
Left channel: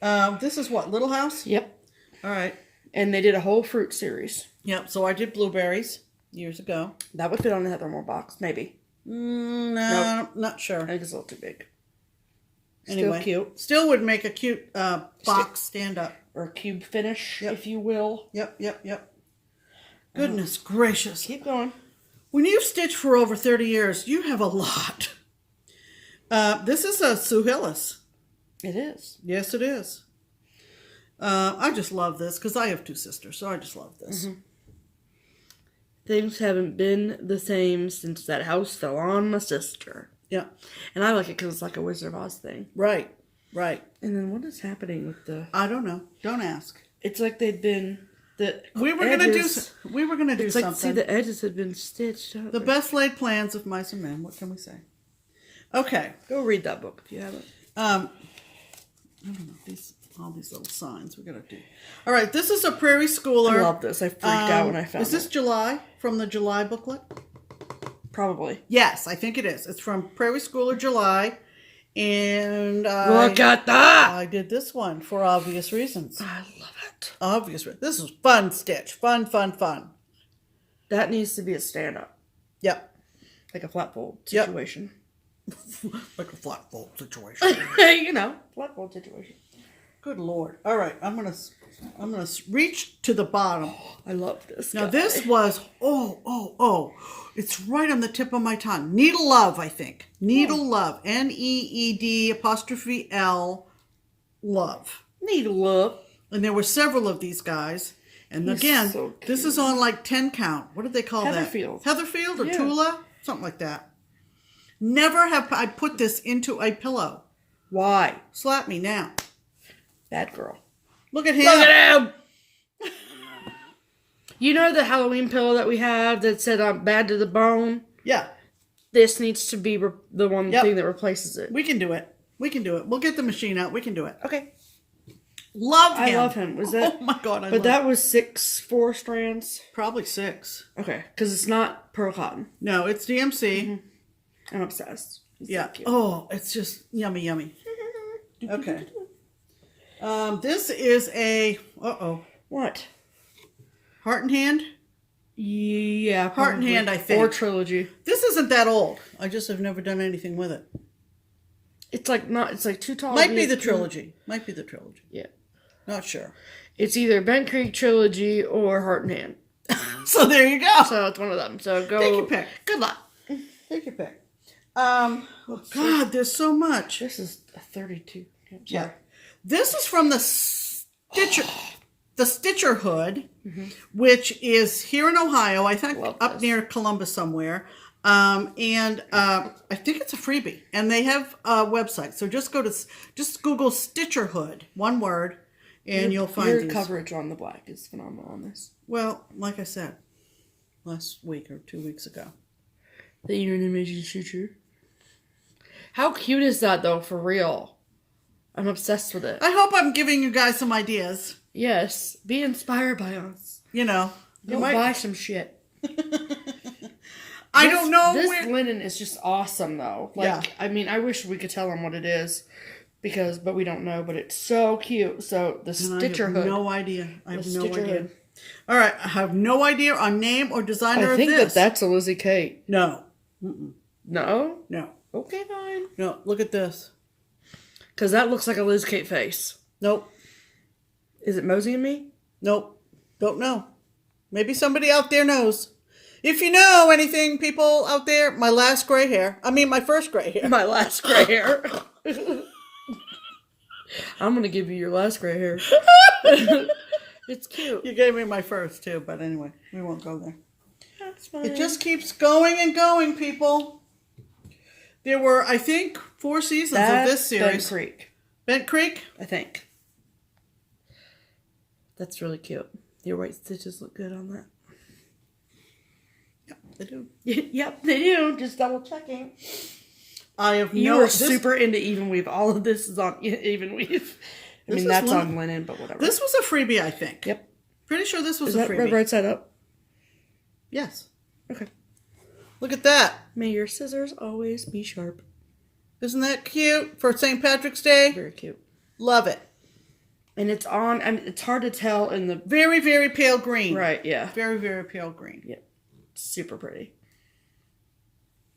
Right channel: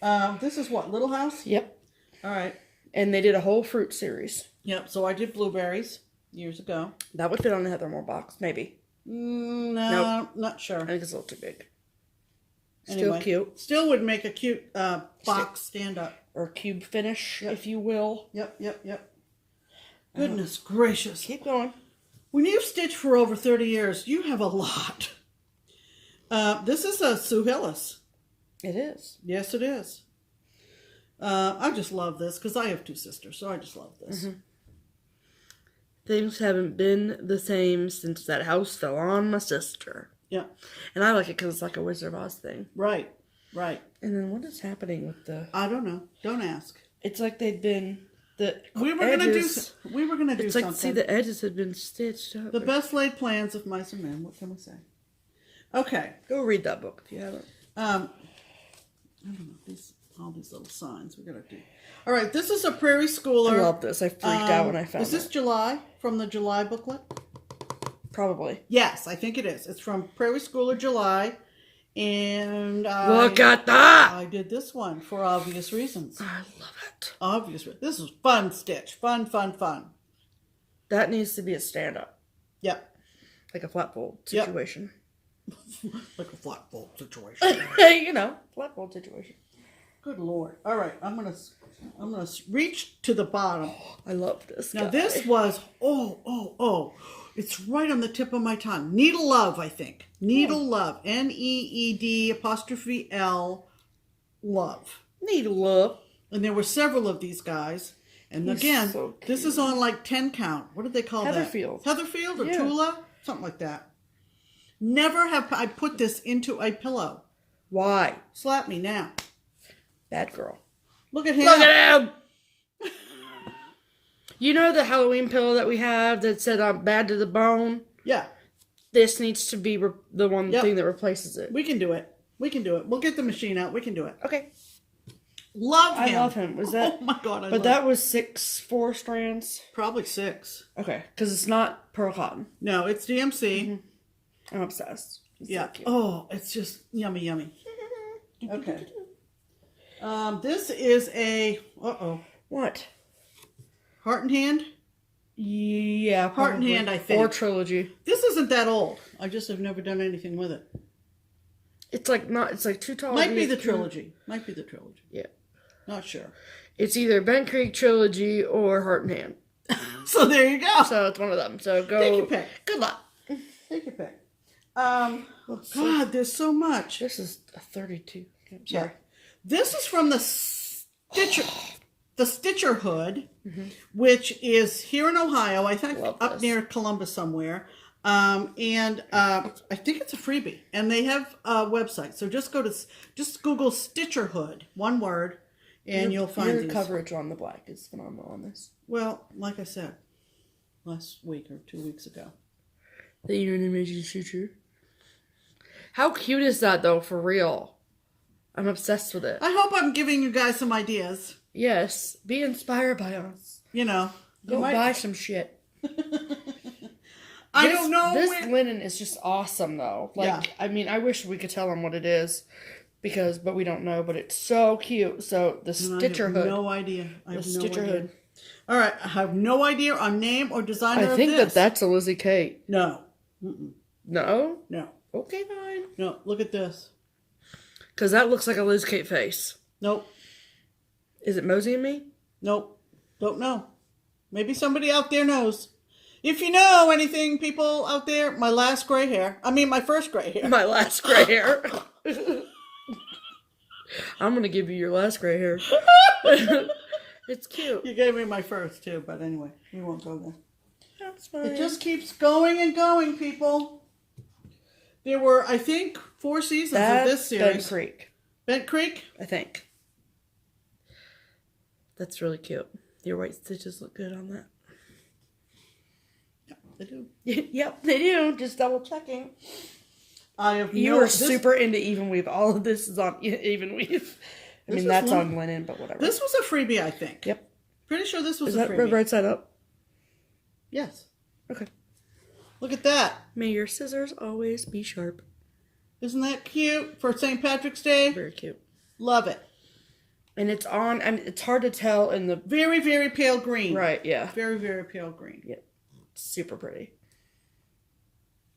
Sorry. This is what? Little House? Yep. All right. And they did a whole fruit series. Yep. So I did blueberries years ago. That would fit on the Heather Moore box, maybe. No, not sure. I think it's a little too big. Anyway, Still cute. Still would make a cute box stand up. Or cube finish, if you will. Yep. Goodness gracious. Keep going. When you've stitched for over 30 years, you have a lot. This is a Sue Hillis. It is. Yes, it is. I just love this because I have two sisters, so I just love this. Things haven't been the same since that house fell on my sister. Yeah. And I like it because it's like a Wizard of Oz thing. Right. And then what is happening with the... I don't know. Don't ask. It's like they've been... We were gonna do something. It's like, see, the edges have been stitched up. The best laid plans of mice and men. What can we say? Okay. Go read that book if you haven't. I don't know. All these little signs we gotta do. All right. This is a Prairie Schooler. I love this. I freaked out when I found it. Is this July? From the July booklet? Probably. Yes, I think it is. It's from Prairie Schooler July. And look at that! I did this one for obvious reasons. I love it. Obvious reasons. This is fun stitch. Fun. That needs to be a stand-up. Yep. Like a flat fold situation. Like a flat fold situation. You know, flat fold situation. Good Lord. All right, I'm gonna reach to the bottom. I love this. Now guy. this was it's right on the tip of my tongue. Needle Love, I think. Needle Love. NEED''L Love. Needle Love. And there were several of these guys. And again, so this is on like 10 count. What did they call Heatherfield. that? Heatherfield or Tula? Something like that. Never have I put this into a pillow. Why? Slap me now. Bad girl. Look at him. Look at him! You know the Halloween pillow that we have that said I'm bad to the bone? Yeah. This needs to be the one thing that replaces it. We can do it. We'll get the machine out. We can do it. Okay. Love him. I love him. Was that? Oh my God. But that was 4 strands? Probably 6. Okay. Because it's not pearl cotton. No, it's DMC. I'm obsessed. It's yeah. So cute. Oh, it's just yummy. Okay. This is a... What? Heart and Hand? Yeah, probably. Heart and Hand, I think. Or Trilogy. This isn't that old. I just have never done anything with it. It's like too tall. Might be the Trilogy. Yeah. Not sure. It's either Bent Creek Trilogy or Heart and Hand. So there you go. So it's one of them. So go. Take your pick. Good luck. Take your pick. God, there's so much. This is a 32. Sorry. Yeah. This is from the Stitcher Hood, which is here in Ohio. I think up near Columbus somewhere. I think it's a freebie, and they have a website. So just Google Stitcher Hood, one word, and you'll find your these. Coverage on the black is phenomenal on this. Well, like I said, last week or 2 weeks ago. The animation stitcher. How cute is that though? For real, I'm obsessed with it. I hope I'm giving you guys some ideas. Yes, be inspired by us. You know, Go buy some shit. I don't know. This linen is just awesome, though. Like, I mean, I wish we could tell them what it is, but we don't know. But it's so cute. So the Stitcher Hood. No idea. I have no idea. Hood. All right, I have no idea on name or designer. I think that's a Lizzie Kate. No. No. No. Okay, fine. No. Look at this. Because that looks like a Liz Kate face. Nope. Is it Mosey and Me? Nope. Don't know. Maybe somebody out there knows. If you know anything, people out there, my first gray hair. My last gray hair. I'm going to give you your last gray hair. It's cute. You gave me my first, too. But anyway, we won't go there. That's fine. It just keeps going and going, people. There were, I think, 4 seasons of this series. Bent Creek. Bent Creek? I think. That's really cute. Your white stitches look good on that. Yeah, they do. Yep, they do. Just double checking. You were super into even weave. All of this is on even weave. I mean, that's on linen, but whatever. This was a freebie, I think. Yep. Pretty sure this was a freebie. Is that right side up? Yes. Okay. Look at that. May your scissors always be sharp. Isn't that cute for St. Patrick's Day? Very cute. Love it. And it's on, and it's hard to tell in the... Very, very pale green. Right, yeah. Very, very pale green. Yep. Super pretty.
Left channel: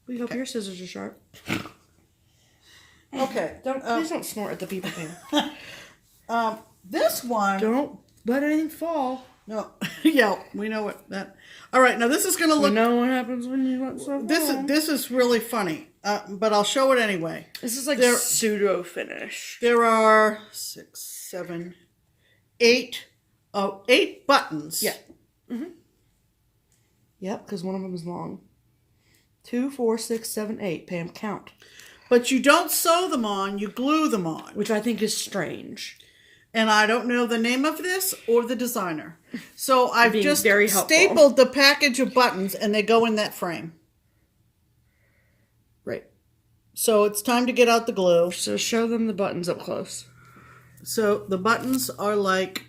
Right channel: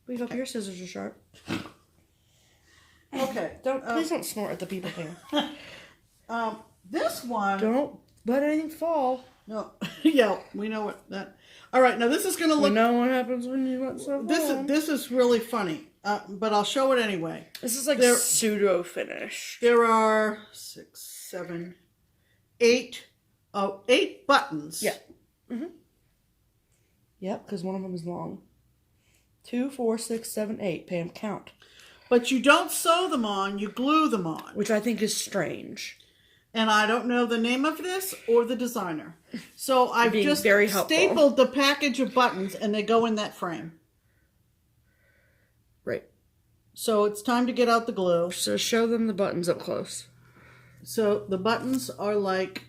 We hope your scissors are sharp. Okay. Please don't snort at the people here. This one... Don't let anything fall. No. Yeah, we know what that... All right, now this is going to look... We know what happens when you let stuff fall. This is really funny, but I'll show it anyway. This is like pseudo finish. There are 6, 7, 8 buttons. Yeah. Mm-hmm. Yep, because one of them is long. 2, 4, 6, 7, 8. Pam, count. But you don't sew them on, you glue them on. Which I think is strange. And I don't know the name of this or the designer. So I've just very stapled the package of buttons and they go in that frame. Right. So it's time to get out the glue. So show them the buttons up close. So the buttons are like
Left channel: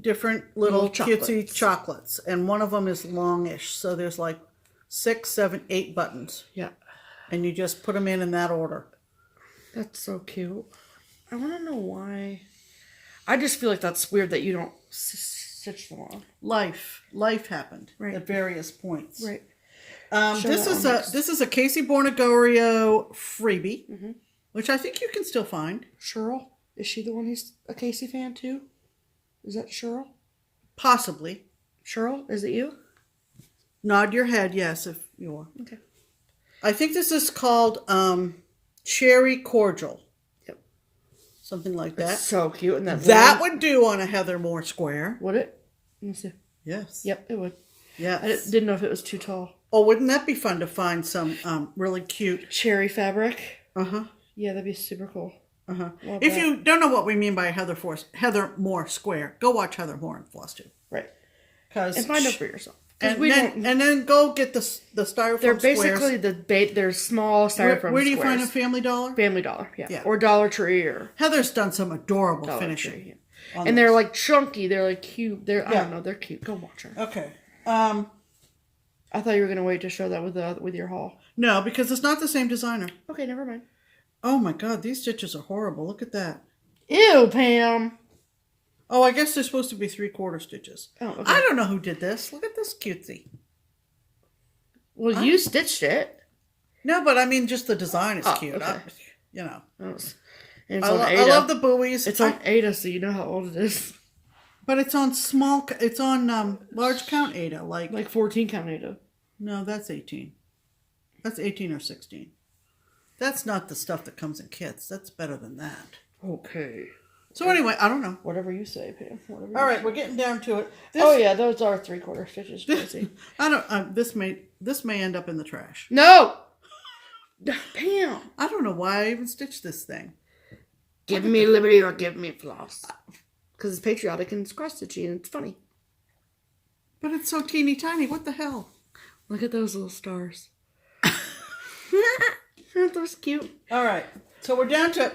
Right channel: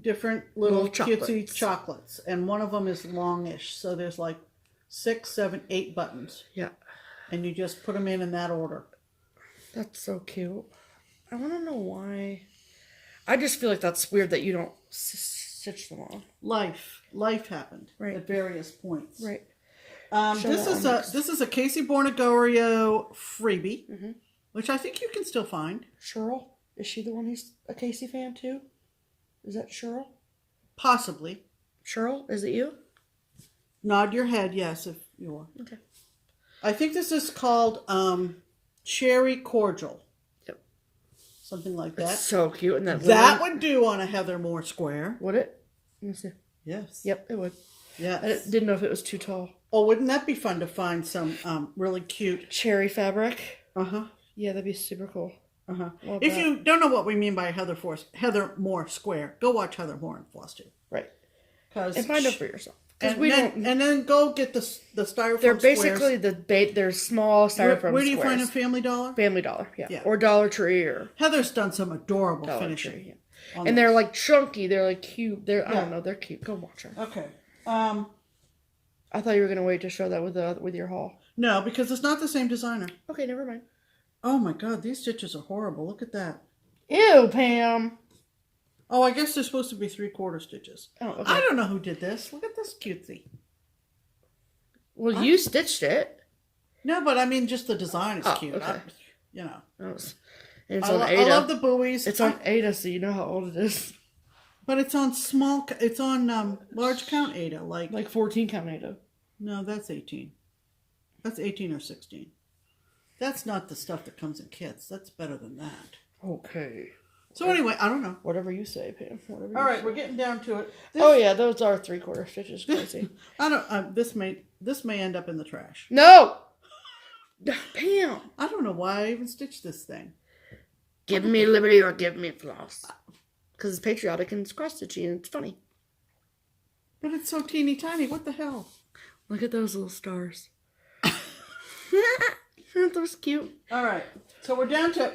different little cutesy chocolates. And one of them is longish. So there's like 6, 7, 8 buttons. Yeah. And you just put them in that order. That's so cute. I want to know why. I just feel like that's weird that you don't stitch them on. Life happened at various points. Right. This is a Casey Bornegorio freebie, which I think you can still find. Cheryl, is she the one who's a Casey fan too? Is that Cheryl? Possibly. Cheryl, is it you? Nod your head, yes, if you are. Okay. I think this is called Cherry Cordial. Something like that. It's so cute. And that would do on a Heather Moore square. Would it? Let me see. Yes. Yep, it would. Yes. I didn't know if it was too tall. Oh, wouldn't that be fun to find some really cute... cherry fabric? Uh-huh. Yeah, that'd be super cool. Uh-huh. If you don't know what we mean by Heather Moore square, go watch Heather Moore and FlossTube. Right. And find out for yourself. And then go get the styrofoam They're basically squares. They're small styrofoam Where do you squares. find a Family Dollar? Family Dollar, yeah. Or Dollar Tree or... Heather's done some adorable Dollar finishing. Tree, yeah. And they're like chunky. They're like cute. I don't know. They're cute. Go watch her. Okay. I thought you were going to wait to show that with your haul. No, because it's not the same designer. Okay, never mind. Oh my God, these stitches are horrible. Look at that. Ew, Pam. Oh, I guess they're supposed to be 3/4 stitches. Oh, okay. I don't know who did this. Look at this cutesy. Well, you stitched it. No, but I mean, just the design is cute. Okay. You know. It's on Ada. I love the buoys. It's on Ada, so you know how old it is. But it's on it's on large count Ada. Like 14 count Ada. No, that's 18. That's 18 or 16. That's not the stuff that comes in kits. That's better than that. Okay. So anyway, I don't know. Whatever you say, Pam. All right, we're getting down to it. Oh yeah, those are 3/4 stitches. Crazy. I don't. This may end up in the trash. No. Pam. I don't know why I even stitched this thing. Give me liberty or give me floss. Because it's patriotic and it's cross-stitchy and it's funny. But it's so teeny tiny. What the hell? Look at those little stars. Aren't those cute? All right. So we're down to...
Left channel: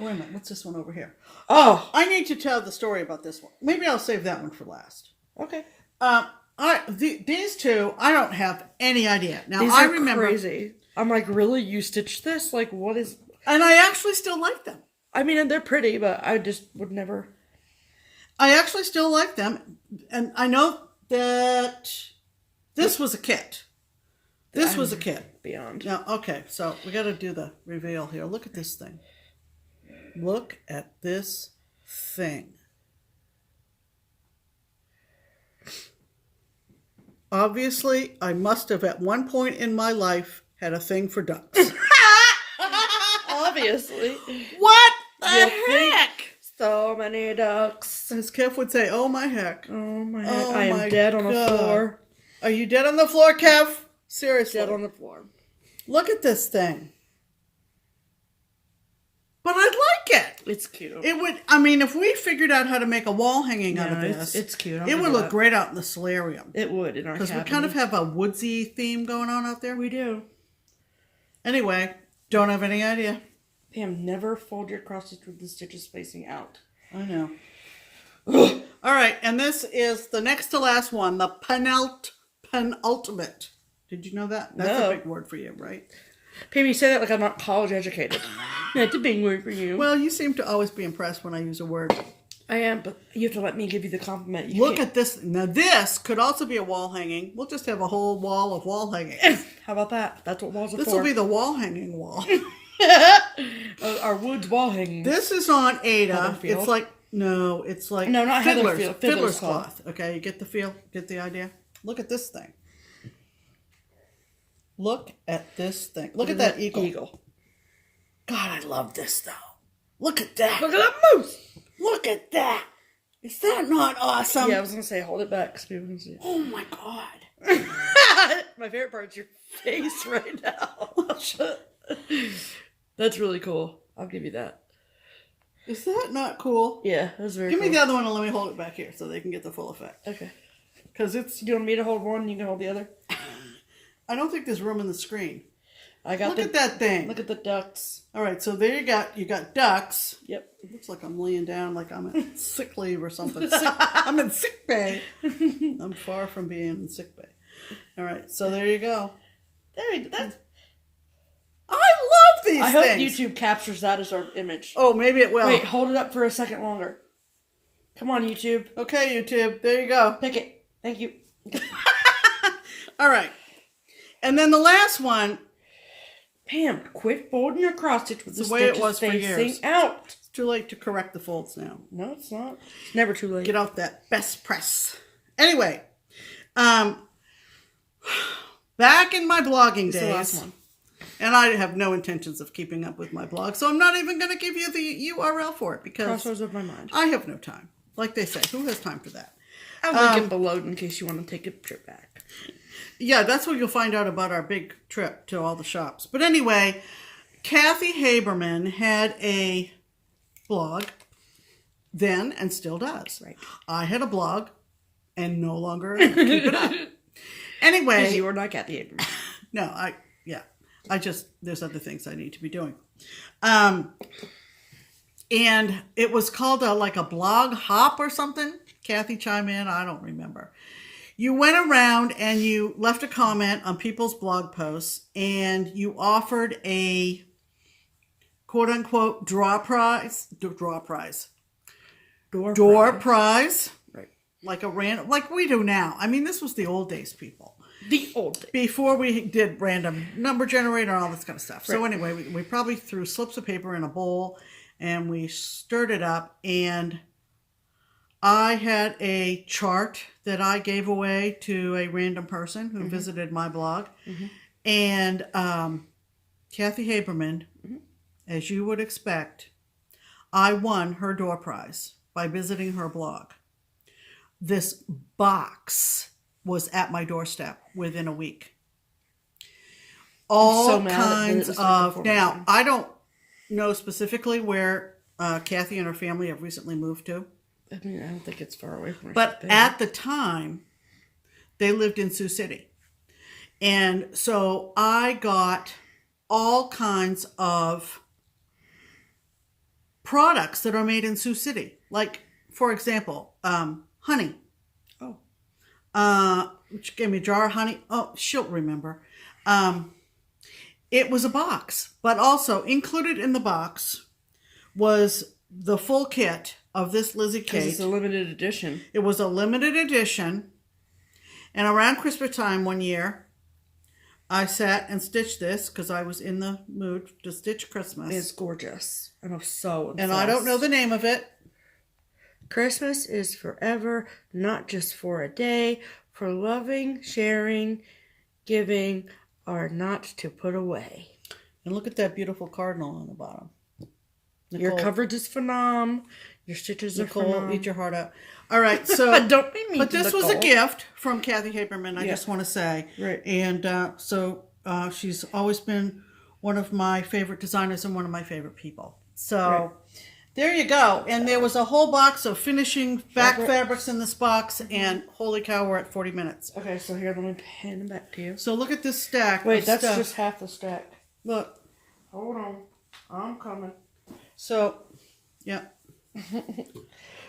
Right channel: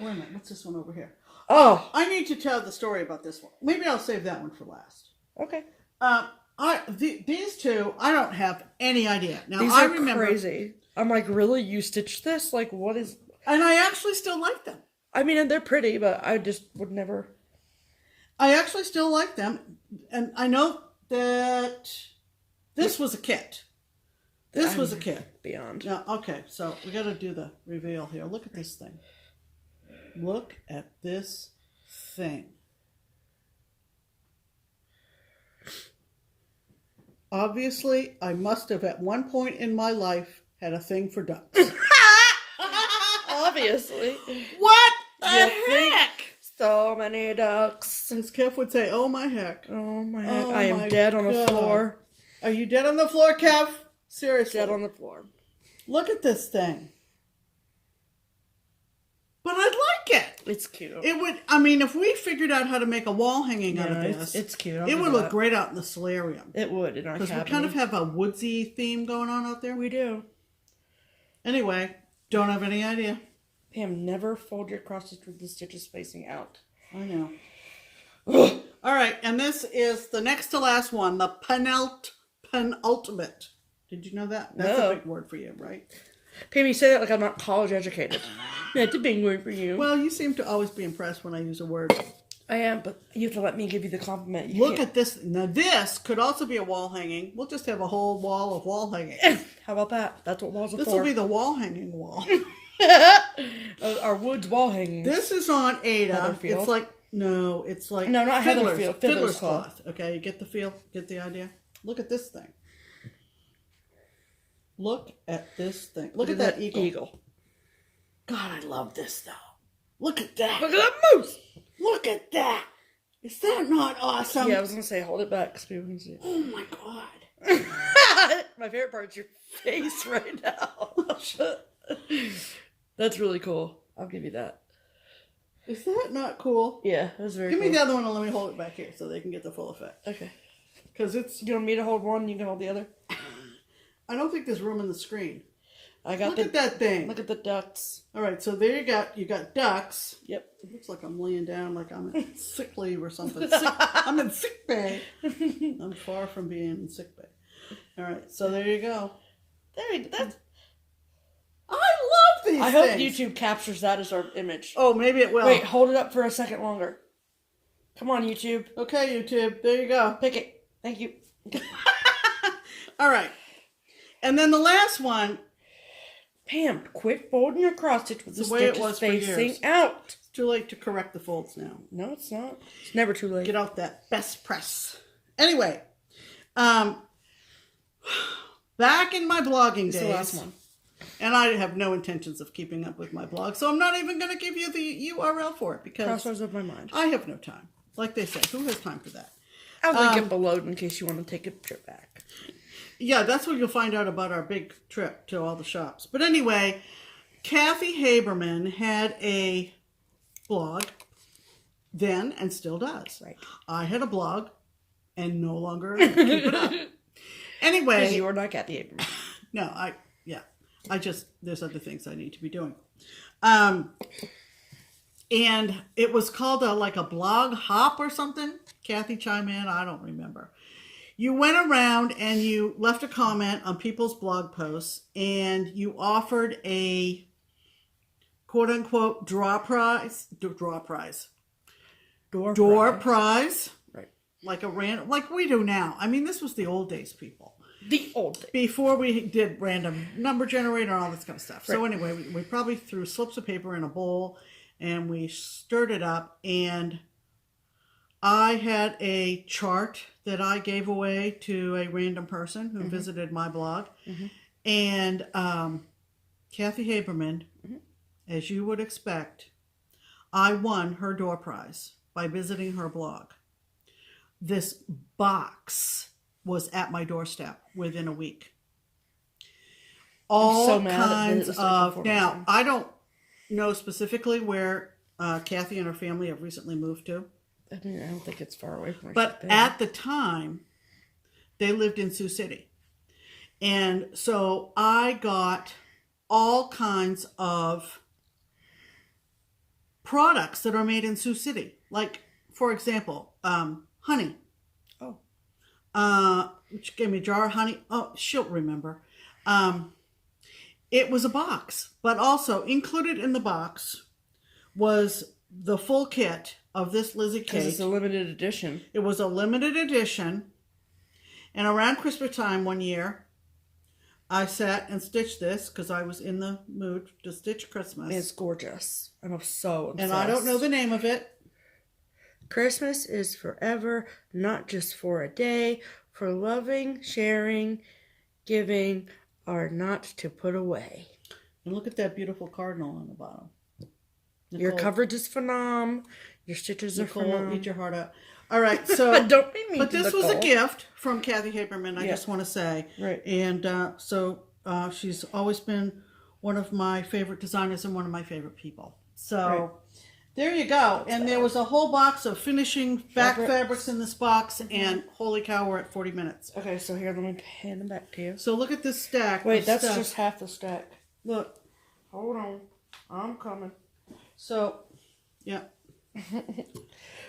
Wait a minute. What's this one over here? Oh. I need to tell the story about this one. Maybe I'll save that one for last. Okay. These two, I don't have any idea. Now, These I are remember, crazy. I'm like, really? You stitched this? Like, what is... And I actually still like them. I mean, and they're pretty, but I just would never... I actually still like them. And I know that this was a kit. This was a kit. Beyond. Now, okay, so we got to do the reveal here. Look at this thing. Look at this thing. Obviously, I must have at one point in my life had a thing for ducks. Obviously. What the You heck? So many ducks. As Kev would say, oh my heck. Oh my heck. Oh I my am dead on the God. floor. Are you dead on the floor, Kev? Seriously. Dead on the floor. Look at this thing. But I'd like it. It's cute. It would, I mean, if we figured out how to make a wall hanging out of this, it's cute. it would look great out in the solarium. It would in our Because we cabinet. kind of have a woodsy theme going on out there. We do. Anyway, don't have any idea. Pam, never fold your cross stitch with the stitches facing out. I know. All right, and this is the next to last one, the penultimate. Did you know that? That's No. a big word for you, right? Pam, you say that like I'm not college educated. That's a big word for you. Well, you seem to always be impressed when I use a word. I am, but you have to let me give you the compliment. Look at this. Now, this could also be a wall hanging. We'll just have a whole wall of wall hanging. How about that? That's what walls are This for. will be the wall hanging wall. Our wood wall hanging. This is on Ada. Heatherfield. It's like, no, it's like No, not fiddler's, Heatherfield, fiddler's fiddler's cloth. Okay, you get the feel? Get the idea? Look at this thing. Look at this thing. Look at that eagle. God, I love this though. Look at that. Look at that moose. Look at that. Is that not awesome? Yeah, I was going to say, hold it back so people can see it. Oh my God. My favorite part is your face right now. That's really cool. I'll give you that. Is that not cool? Yeah, that's very Give cool. me the other one and let me hold it back here so they can get the full effect. Okay. Because it's, Do you want me to hold one and you can hold the other? I don't think there's room in the screen. I got Look at that thing. Look at the ducks. All right, so there you got ducks. Yep. It looks like I'm laying down like I'm on sick leave or something. I'm in sick bay. I'm far from being in sick bay. All right, so there you go. There you go. I love these I hope things. YouTube captures that as our image. Oh, maybe it will. Wait, hold it up for a second longer. Come on, YouTube. Okay, YouTube. There you go. Pick it. Thank you. All right. And then the last one. Pam, quit folding your cross stitch with the the way it stitches was for facing years. out. It's too late to correct the folds now. No, it's not. It's never too late. Get out that best press. Anyway, back in my blogging It's days. the last one. And I have no intentions of keeping up with my blog, so I'm not even going to give you the URL for it because Crossroads of my mind. I have no time. Like they say, who has time for that? I'll link it below in case you want to take a trip back. Yeah, that's where you'll find out about our big trip to all the shops. But anyway, Kathy Haberman had a blog then and still does. Right. I had a blog and no longer keep it up. Anyway. Because you are not Kathy Haberman. No, there's other things I need to be doing. And it was called like a blog hop or something. Kathy chime in, I don't remember. You went around and you left a comment on people's blog posts and you offered a quote unquote door prize. Right. Like a random, like we do now. I mean, this was the old days, people. The old days. Before we did random number generator and all this kind of stuff. So Right. anyway, we probably threw slips of paper in a bowl and we stirred it up and I had a chart that I gave away to a random person who visited my blog. And Kathy Haberman, as you would expect, I won her door prize by visiting her blog. This box was at my doorstep within a week. All kinds of... Now, I don't know specifically where Kathy and her family have recently moved to. I mean, I don't think it's far away from where But at the time, they lived in Sioux City. And so I got all kinds of products that are made in Sioux City. Like, for example, honey. She gave me a jar of honey. Oh, she'll remember. It was a box, but also included in the box was the full kit of this Lizzie cake. Because it's a limited edition. It was a limited edition. And around Christmas time one year, I sat and stitched this because I was in the mood to stitch Christmas. It's gorgeous. I'm so obsessed. And I don't know the name of it. Christmas is forever, not just for a day. For loving, sharing, giving are not to put away. And look at that beautiful cardinal on the bottom. Nicole, your coverage is phenomenal. Your stitches are phenomenal. Eat your heart out. All right, so don't be mean. But to this Nicole. was a gift from Kathy Haberman. I just want to say, right? And so she's always been one of my favorite designers and one of my favorite people. So there you go. And there was a whole box of finishing back fabrics in this box. And holy cow, we're at 40 minutes. Okay, so here, let me hand them back to you. So look at this stack. Wait, that's just half the stack. Look. Hold on. I'm coming. So, yeah.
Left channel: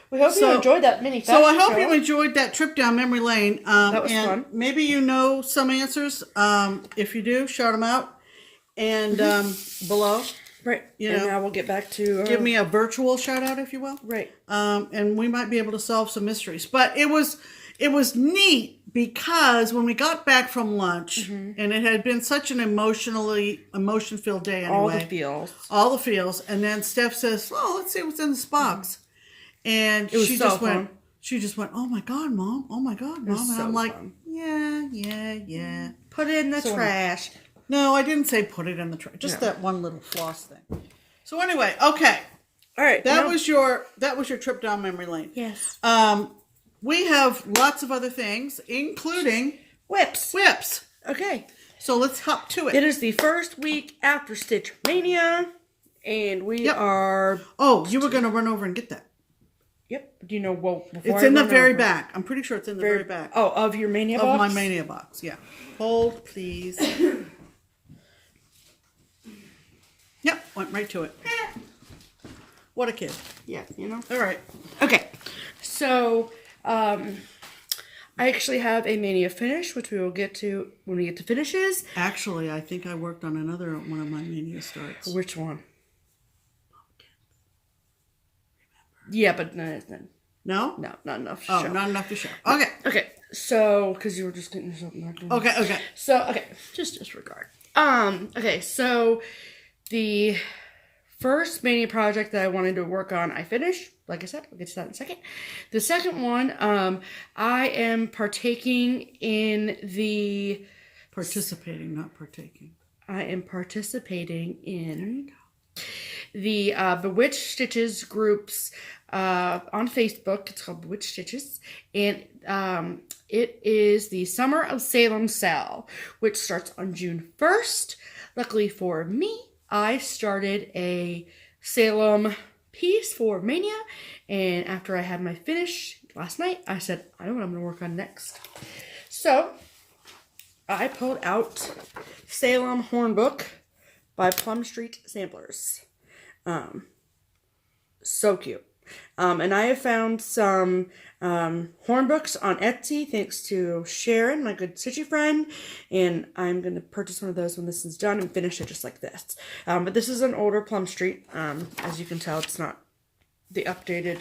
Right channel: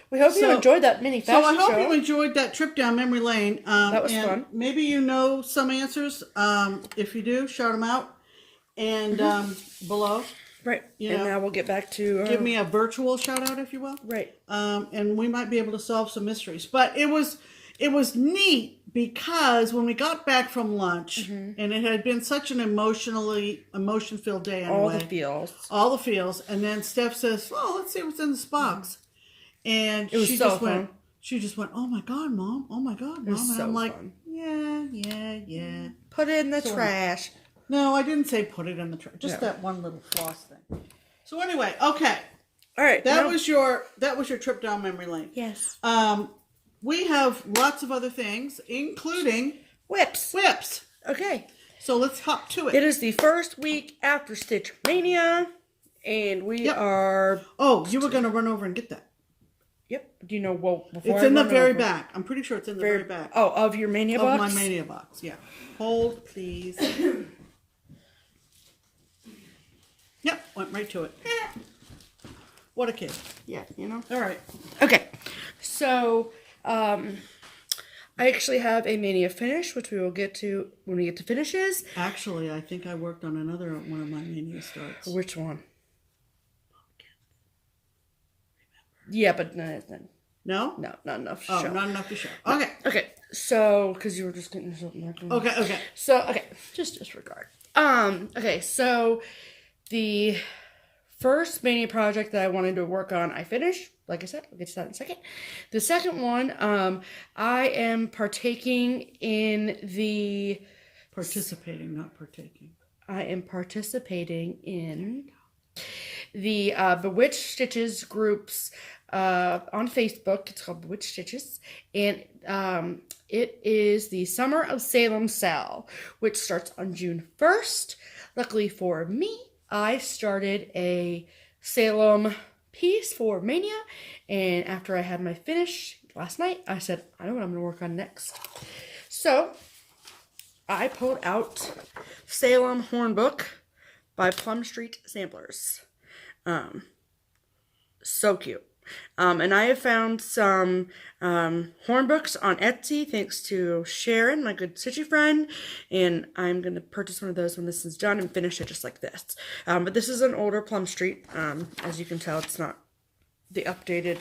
We hope you enjoyed that mini fashion show. So I hope show. you enjoyed that trip down memory lane. That was fun. Maybe you know some answers. If you do, shout them out. And below. Right. And now we'll get back to... give me a virtual shout out, if you will. Right. And we might be able to solve some mysteries. But it was neat because when we got back from lunch, and it had been such an emotion-filled day anyway. All the feels. And then Steph says, oh, let's see what's in this box. And it was she just went, oh my God, Mom. Oh my God, Mom. And I'm like, yeah. Put it in the trash. No, I didn't say put it in the trash. Just that one little floss thing. So anyway, okay. All right. That was your trip down memory lane. Yes. We have lots of other things, including whips. Okay. So let's hop to it. It is the first week after Stitch Mania, and we are... Oh, you were going to run over and get that. Yep. Do you know what? It's in the very back. I'm pretty sure it's in the very back. Oh, of your Mania box? Of my Mania box, yeah. Hold, please. Yep, went right to it. What a kid. Yeah, you know. All right. Okay. So, I actually have a Mania finish, which we will get to when we get to finishes. Actually, I think I worked on another one of my Mania starts. Which one? Yeah, but no. No? No, not enough to show. Oh, not enough to show. Okay. Okay. So, because you were just getting yourself marked. Okay. So, okay. Just disregard. Okay, so the first Mania project that I wanted to work on, I finished. Like I said, I'll get to that in a second. The second one, I am partaking in the... Participating, not partaking. I am participating in the Bewitched Stitches groups on Facebook. It's called Bewitched Stitches. And it is the Summer of Salem sale, which starts on June 1st. Luckily for me, I started a Salem piece for Mania, and after I had my finish last night, I said, I know what I'm going to work on next. So, I pulled out Salem Hornbook by Plum Street Samplers. So cute. And I have found some hornbooks on Etsy, thanks to Sharon, my good stitchy friend, and I'm going to purchase one of those when this is done and finish it just like this. But this is an older Plum Street. As you can tell, it's not the updated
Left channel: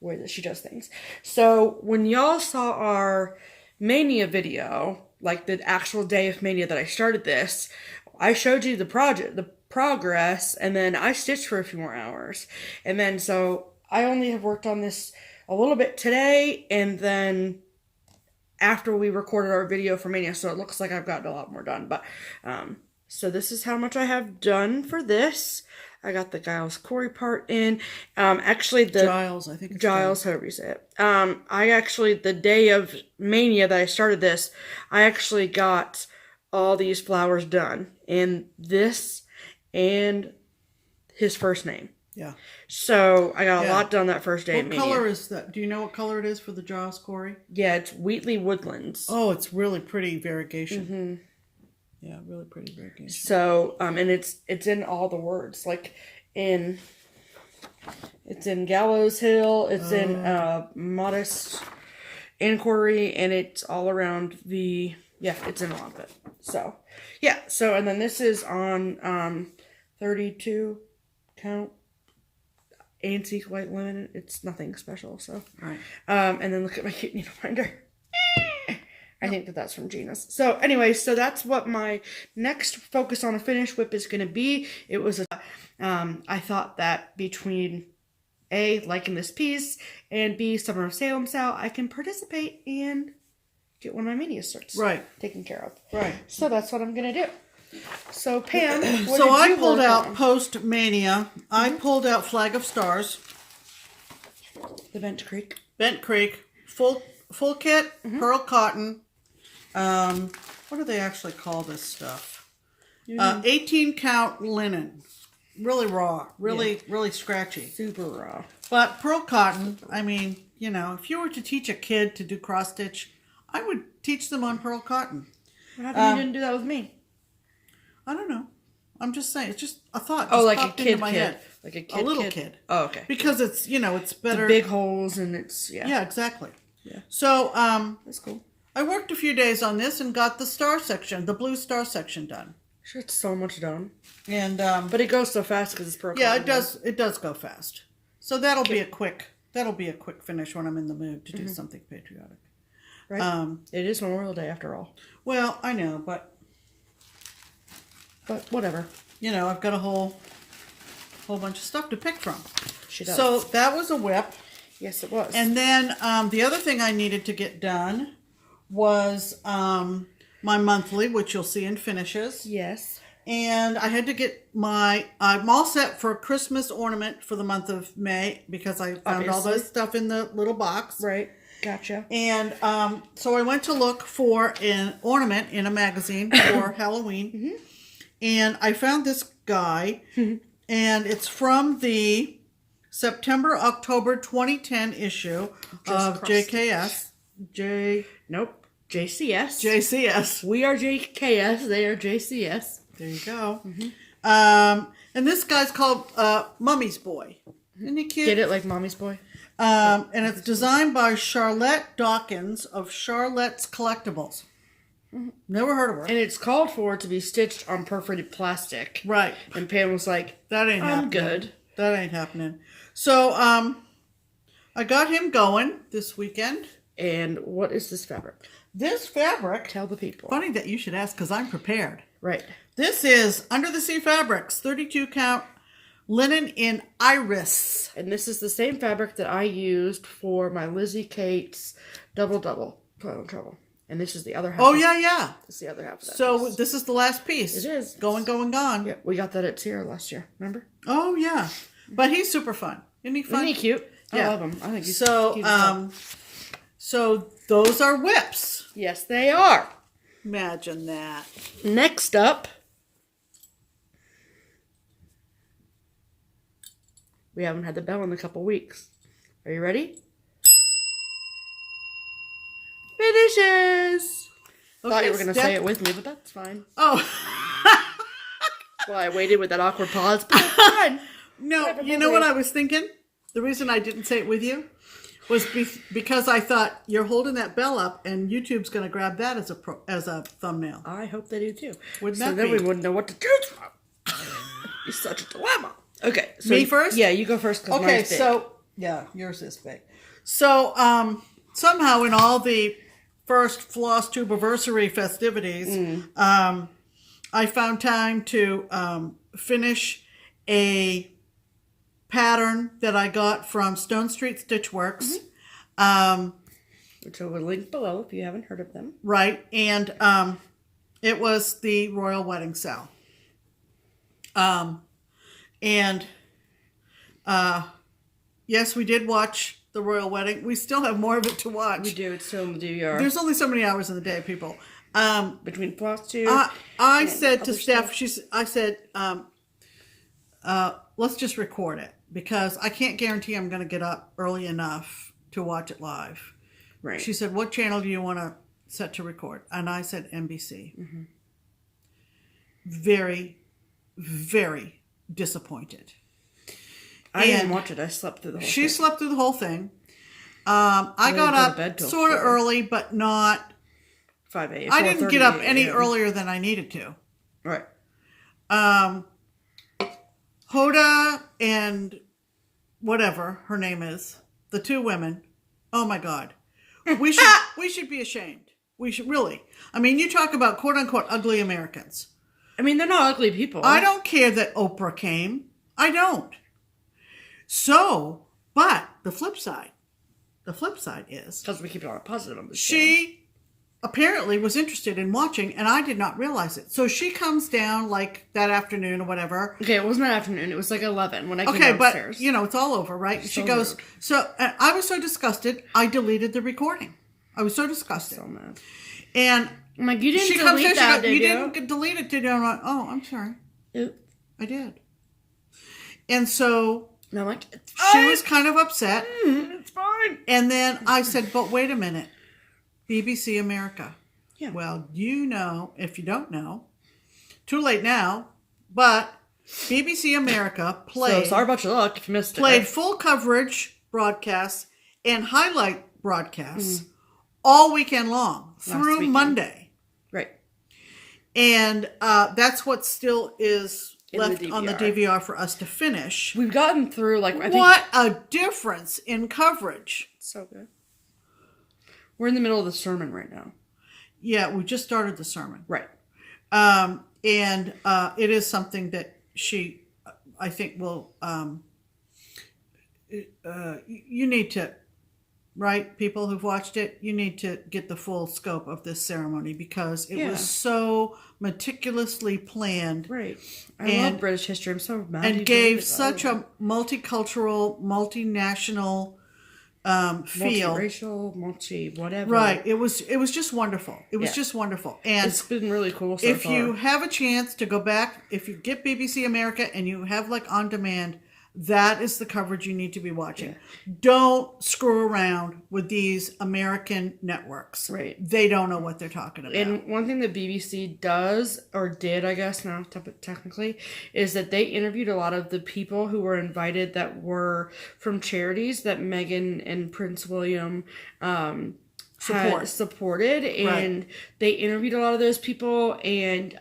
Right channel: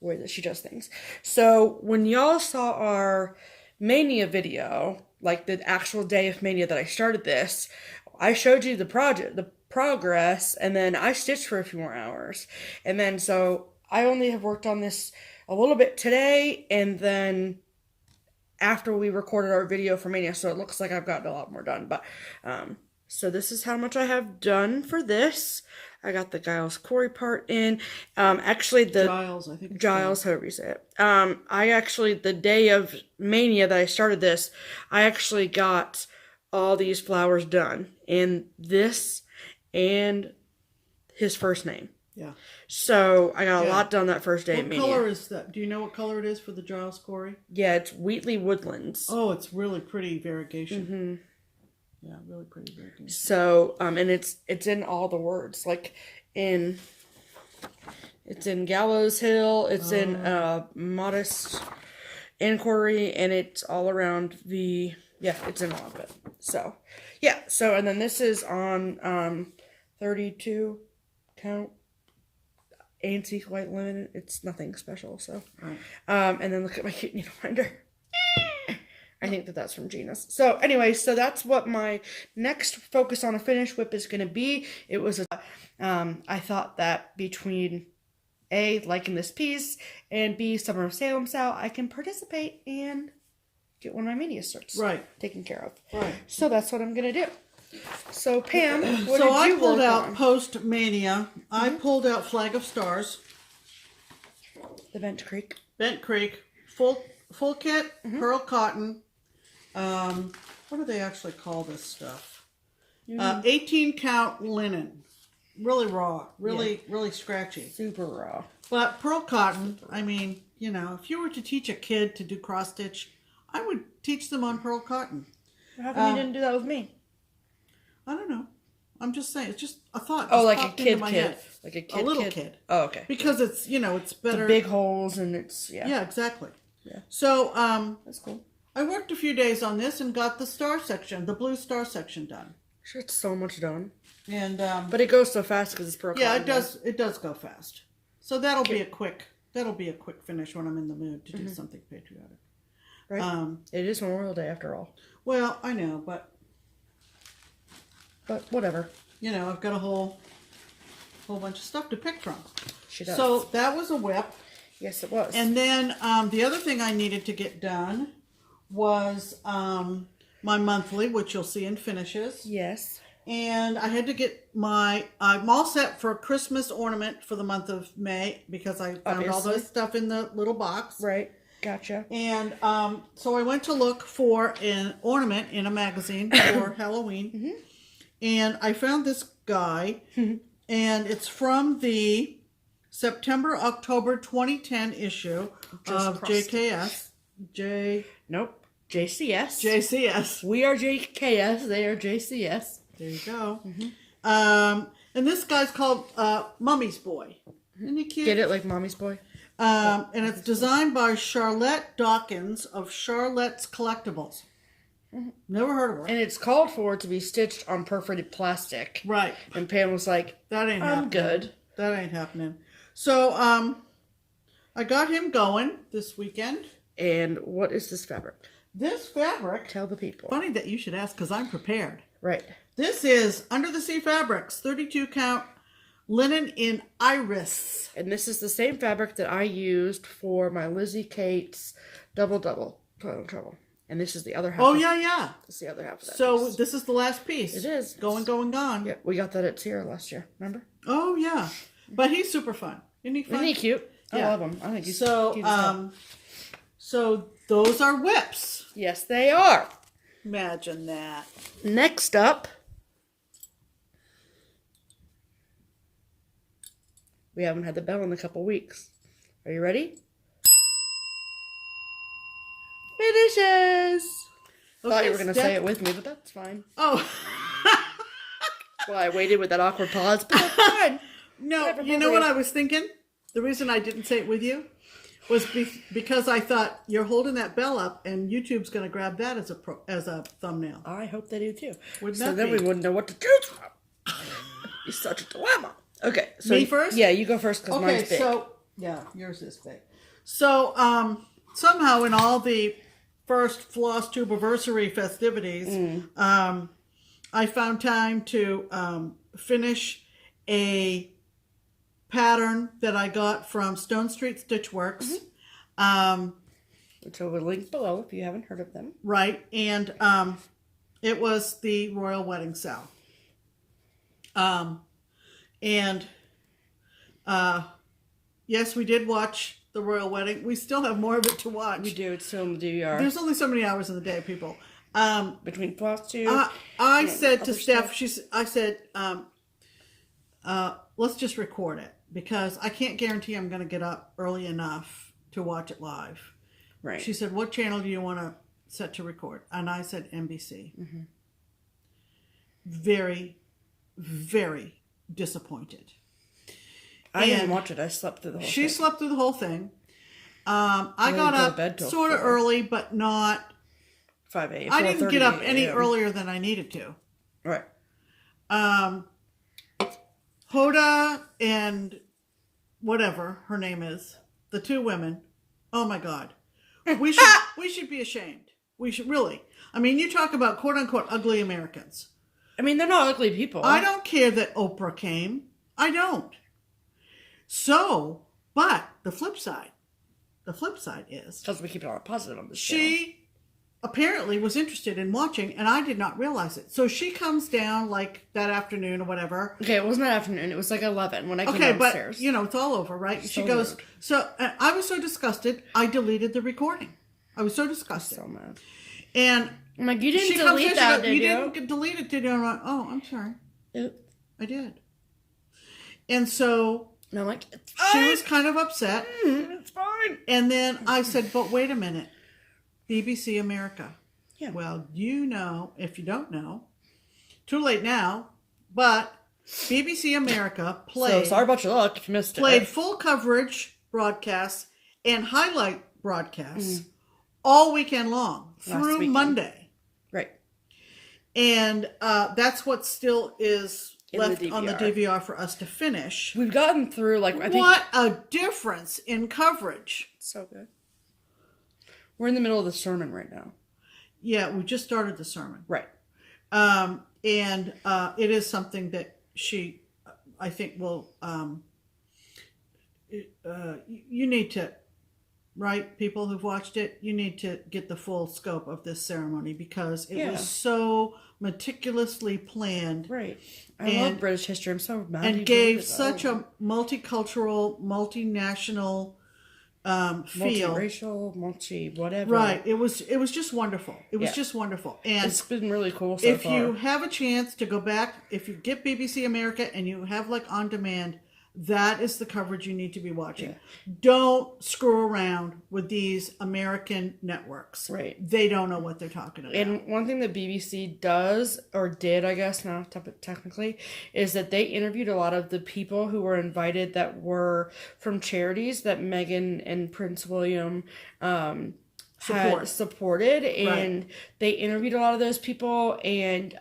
way that she does things. So when y'all saw our Mania video, like the actual day of Mania that I started this, I showed you the progress, and then I stitched for a few more hours. And then so I only have worked on this a little bit today, and then after we recorded our video for Mania, so it looks like I've gotten a lot more done. But so this is how much I have done for this. I got the Giles Corey part in. Actually, the Giles, I think it's Giles, however you say it. I actually, the day of Mania that I started this, I actually got all these flowers done, and this and his first name. Yeah. So I got a lot done that first day at What Mania. color is that? Do you know what color it is for the Giles Corey? Yeah, it's Wheatley Woodlands. Oh, it's really pretty variegation. Mm-hmm. Yeah, really pretty variegation. So, and it's in all the words, like it's in Gallows Hill, it's in Modest Inquiry, and it's all around it's in all of it. So, yeah, so, and then this is on 32 count antique white linen. It's nothing special, so. Right. And then look at my cute needle finder. I think that's from Gina's. So anyway, so that's what my next focus on a finish whip is going to be. It was I thought that between A, liking this piece, and B, Summer of Salem style, I can participate and get one of my Mania sorts taken care of. Right. So that's what I'm going to do. So Pam, what so did I you pulled work out on? post Mania. I pulled out Flag of Stars, The Bent Creek. Bent Creek, full kit, pearl cotton. What do they actually call this stuff? 18 count linen, really raw, really scratchy, Super raw. But pearl cotton. I mean, you know, if you were to teach a kid to do cross stitch, I would teach them on pearl cotton. How come you didn't do that with me? I don't know. I'm just saying. It's just a thought. Oh, just like a popped into kid my kid. head. Like a kid little kid. Oh, okay. Because it's, you know, it's better. The big holes and it's, Yeah, exactly. Yeah. So, that's cool. I worked a few days on this and got the star section, the blue star section done. Sure, it's so much done. And, but it goes so fast because it's pearl yeah, cotton. it does go fast. So that'll be a quick finish when I'm in the mood to do something patriotic. Right. It is Memorial Day after all. Well, I know, but whatever. You know, I've got a whole bunch of stuff to pick from. She does. So that was a whip. Yes, it was. And then the other thing I needed to get done was my monthly, which you'll see in finishes. Yes. And I had to get I'm all set for a Christmas ornament for the month of May because I found all those stuff in the little box. Right. Gotcha. And so I went to look for an ornament in a magazine for Halloween. And I found this guy, and it's from the September-October 2010 issue of JKS. Nope. JCS. JCS. We are JKS. They are JCS. There you go. And this guy's called Mummy's Boy. Isn't he cute? Get it like Mommy's Boy? And it's designed by Charlotte Dawkins of Charlotte's Collectibles. Never heard of her. And it's called for to be stitched on perforated plastic. Right. And Pam was like, that ain't happening. I'm good. That ain't happening. So, I got him going this weekend. And what is this fabric? This fabric... Tell the people. Funny that you should ask because I'm prepared. Right. This is Under the Sea Fabrics, 32 count linen in iris. And this is the same fabric that I used for my Lizzie Kate's double toilet trouble. And this is the other half. Oh, yeah. This is the other half of that So piece. this is the last piece. It is. Gone. Yeah, we got that at Sierra last year. Remember? Oh, yeah. But he's super fun. Isn't he fun? Isn't he cute? Yeah. I love him. I think he's so, cute as hell. so those are whips. Yes, they are. Imagine that. Next up, we haven't had the bell in a couple weeks. Are you ready? Finishes! Thought you were going to say it with me, but that's fine. Oh. Well, I waited with that awkward pause, but that's fine. No, you know what I was thinking? The reason I didn't say it with you was because I thought you're holding that bell up and YouTube's going to grab that as a thumbnail. I hope they do too. Wouldn't so that then be? we wouldn't know what to choose from. It's such a dilemma. Okay. So Me first? Yeah, you go first. Okay, mine's big. so, yeah, yours is big. So, somehow in all the first FlossTube anniversary festivities, I found time to finish a pattern that I got from Stone Street Stitchworks. Which I will link below if you haven't heard of them. Right. And it was the royal wedding sale. Yes, we did watch the royal wedding. We still have more of it to watch. We do. It's still in the DVR. There's only so many hours in the day, people. Between FlossTube. I said to Steph, let's just record it because I can't guarantee I'm going to get up early enough to watch it live. Right. She said, what channel do you want to set to record? And I said NBC. Mm-hmm. Very, very disappointed. I didn't watch it. I slept through the whole thing. She slept through the whole thing. I got up sort of early, but not 5 a.m. I didn't get up any earlier than I needed to. Right. Hoda and whatever her name is, the two women. Oh my God, we should be ashamed. We should really. I mean, you talk about quote unquote ugly Americans. I mean, they're not ugly people. I don't care that Oprah came. I don't. So, but the flip side is because we keep it all positive on this. She apparently was interested in watching, and I did not realize it. So she comes down like that afternoon or whatever. Okay, it wasn't that afternoon. It was like 11 when I came downstairs. But it's all over, right? She goes. Rude. So I was so disgusted. I deleted the recording. I was so disgusted. So mad. And I'm like, you didn't delete that, did you? You didn't delete it, did you? I'm like, oh, I'm sorry. Oops. I did. And so. No, like, she was kind of upset. It's fine. And then I said, but wait a minute. BBC America. Yeah. Well, if you don't know, too late now, but BBC America played... So sorry about your luck if you missed it. Played full coverage broadcasts and highlight broadcasts all weekend long through Monday. Right. And that's what still is... left on the DVR for us to finish. We've gotten through what a difference in coverage. So good. We're in the middle of the sermon right now. Yeah, we just started the sermon. Right. And it is something that she, I think, will. You need to, right? People who've watched it, you need to get the full scope of this ceremony because it was so meticulously planned. Right. I love British history. I'm so mad. And gave such a multicultural, multinational feel. Multiracial, whatever. Right. It was just wonderful. It was just wonderful. And it's been really cool so far. If you have a chance to go back, if you get BBC America and you have on demand, that is the coverage you need to be watching. Yeah. Don't screw around with these American networks. Right. They don't know what they're talking about. And one thing that BBC does, or did, I guess now technically, is that they interviewed a lot of the people who were invited that were from charities that Meghan and Prince William supported. And they interviewed a lot of those people. And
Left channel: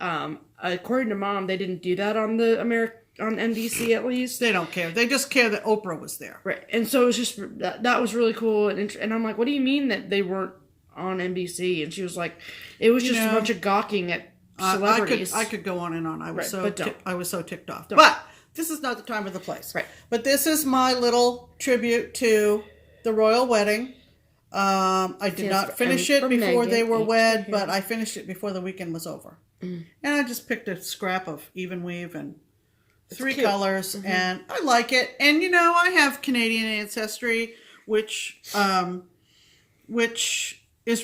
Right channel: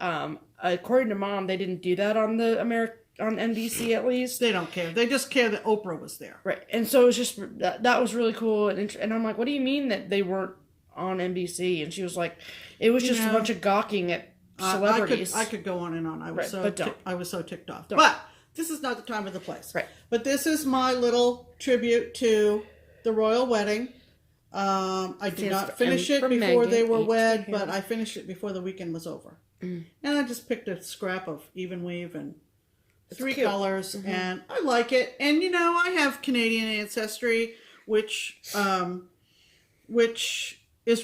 according to Mom, they didn't do that on the on NBC at least. They don't care. They just care that Oprah was there. Right. And so it was just, that was really cool. And I'm like, what do you mean that they weren't on NBC? And she was like, it was just a bunch of gawking at celebrities. I could go on and on. I was I was so ticked off. Don't. But this is not the time or the place. Right. But this is my little tribute to the royal wedding. I did not finish it before they were wed, but I finished it before the weekend was over. And I just picked a scrap of even weave and 3 colors, and I like it. And I have Canadian ancestry, which is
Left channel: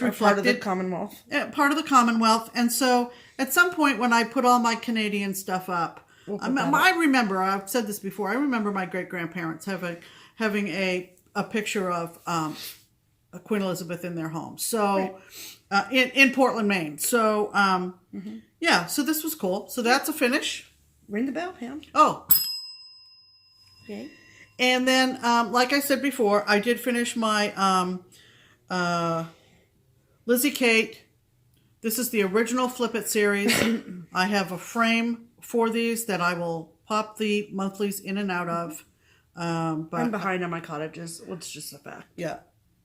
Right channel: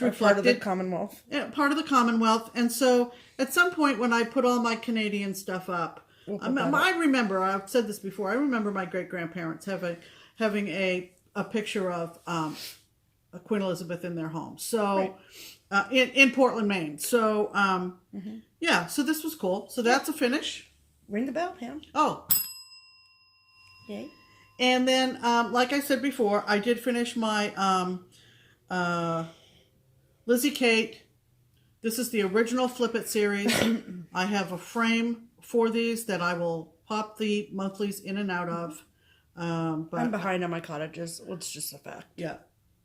reflected part of the Commonwealth. Part of the Commonwealth, and so at some point when I put all my Canadian stuff up, I remember I've said this before. I remember my great grandparents having a picture of Queen Elizabeth in their home. So in Portland, Maine. So so this was cool. So that's a finish. Ring the bell, Pam. Oh. Okay. And then, like I said before, I did finish my Lizzie Kate. This is the original Flip It series. I have a frame for these that I will pop the monthlies in and out of. But I'm behind on my cottages. It's just a fact. Yeah.